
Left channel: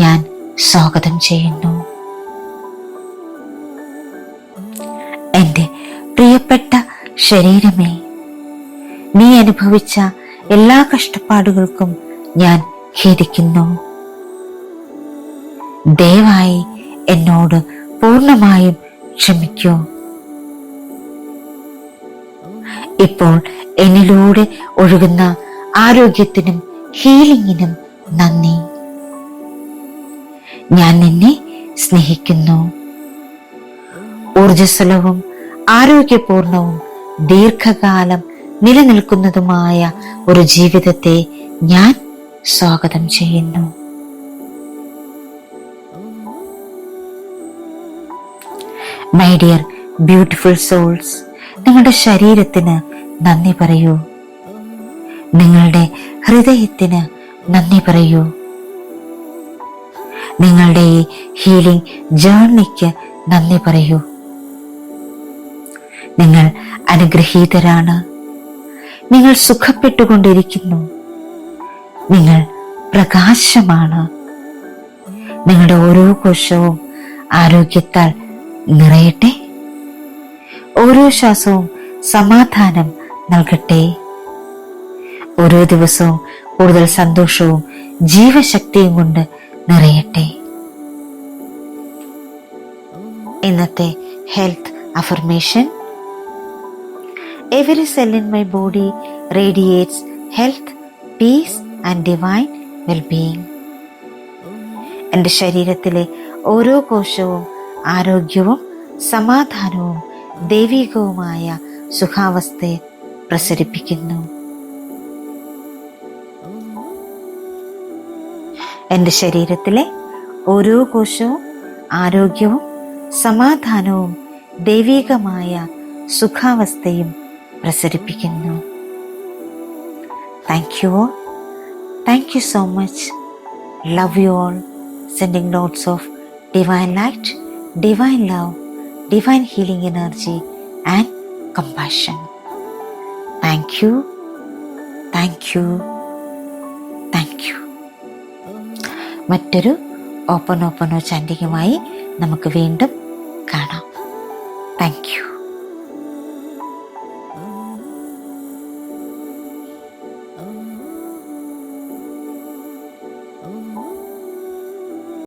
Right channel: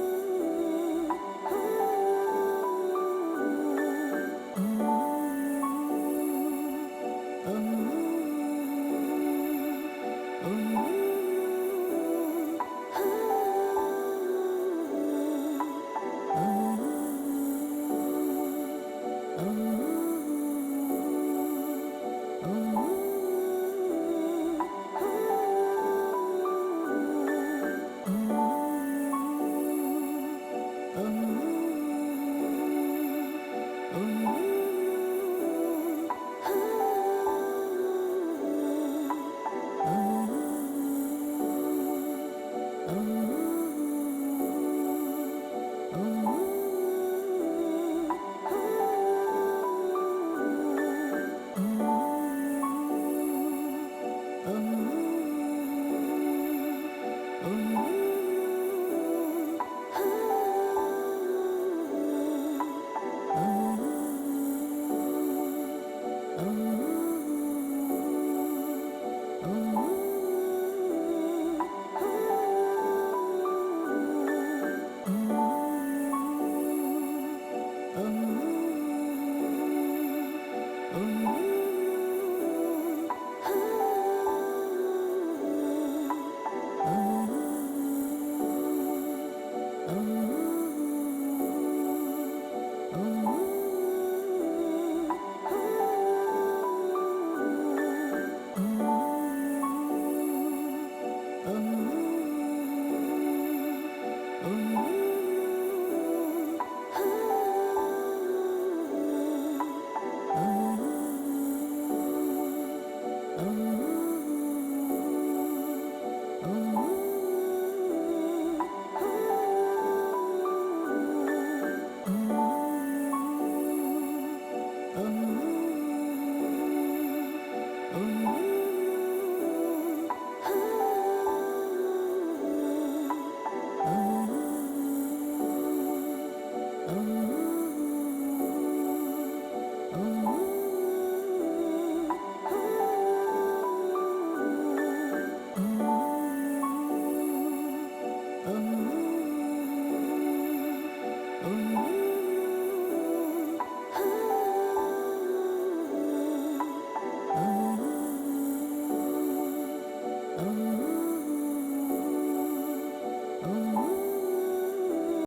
ഞാൻ സ്വാഗതം ചെയ്യുന്നു. എൻ്റെ പ്രിയപ്പെട്ട ശരീരമേ, നീ അനുഭവിച്ച എല്ലാ കഷ്ടപ്പാടുകൾക്കും ഞാൻ ഖേദിക്കുന്നു. ദയവായി എന്നോട് പൂർണ്ണമായും ക്ഷമിക്കൂ. ഇപ്പോൾ എന്നിലൂടെ ഒഴുകുന്ന ആരോഗ്യത്തിനും ഹീലിംഗിനും നന്ദി. ഞാൻ നിന്നെ സ്നേഹിക്കുന്നു. ഊർജ്ജസ്വലവും ആരോഗ്യപൂർണവും ദീർഘകാലം നിലനിൽക്കുന്നതുമായ ഒരു ജീവിതത്തെ ഞാൻ സ്വാഗതം ചെയ്യുന്നു. മൈ ഡിയർ ബ്യൂട്ടിഫുൾ സോൾസ്, നിങ്ങളുടെ ശരീരത്തിന് നന്ദി പറയൂ. നിങ്ങളുടെ ഹൃദയത്തിന് നന്ദി പറയൂ. നിങ്ങളുടെ ഈ ഹീലിംഗ് ജേർണിക്ക് നന്ദി പറയൂ. നിങ്ങൾ അനുഗ്രഹീതരാണ്. നിങ്ങൾ സുഖപ്പെട്ടുകൊണ്ടിരിക്കുന്നു. നിങ്ങൾ പ്രകാശമാണ്. നിങ്ങളുടെ ഓരോ കോശവും ആരോഗ്യത്താൽ നിറയട്ടെ. ഓരോ ശ്വാസവും സമാധാനം നൽകട്ടെ. ഓരോ ദിവസവും കൂടുതൽ സന്തോഷവും ജീവശക്തിയും കൊണ്ട് നിറയട്ടെ. ഇന്നത്തെ health affirmation: every cell in my body radiates health, piece and divine wellbeing. എൻ്റെ ശരീരത്തിലെ ഓരോ കോശവും ആരോഗ്യവും സമാധാനവും ദൈവികവുമായ സുഖാവസ്ഥയെ പ്രസരിപ്പിക്കുന്നു. എൻ്റെ ശരീരത്തിലെ ഓരോ കോശവും ആരോഗ്യവും സമാധാനവും ദൈവികമായ സുഖാവസ്ഥയും പ്രസരിപ്പിക്കുന്നു. Thank you all. Thank you so much. Love you all. Sending lots of divine light, divine love, divine healing energy and compassion. Thank you, thank you, thank you. മറ്റൊരു ഓപ്പൺ ചാൻഡിങ്ങുമായി നമുക്ക് വീണ്ടും കാണാം. Thank you.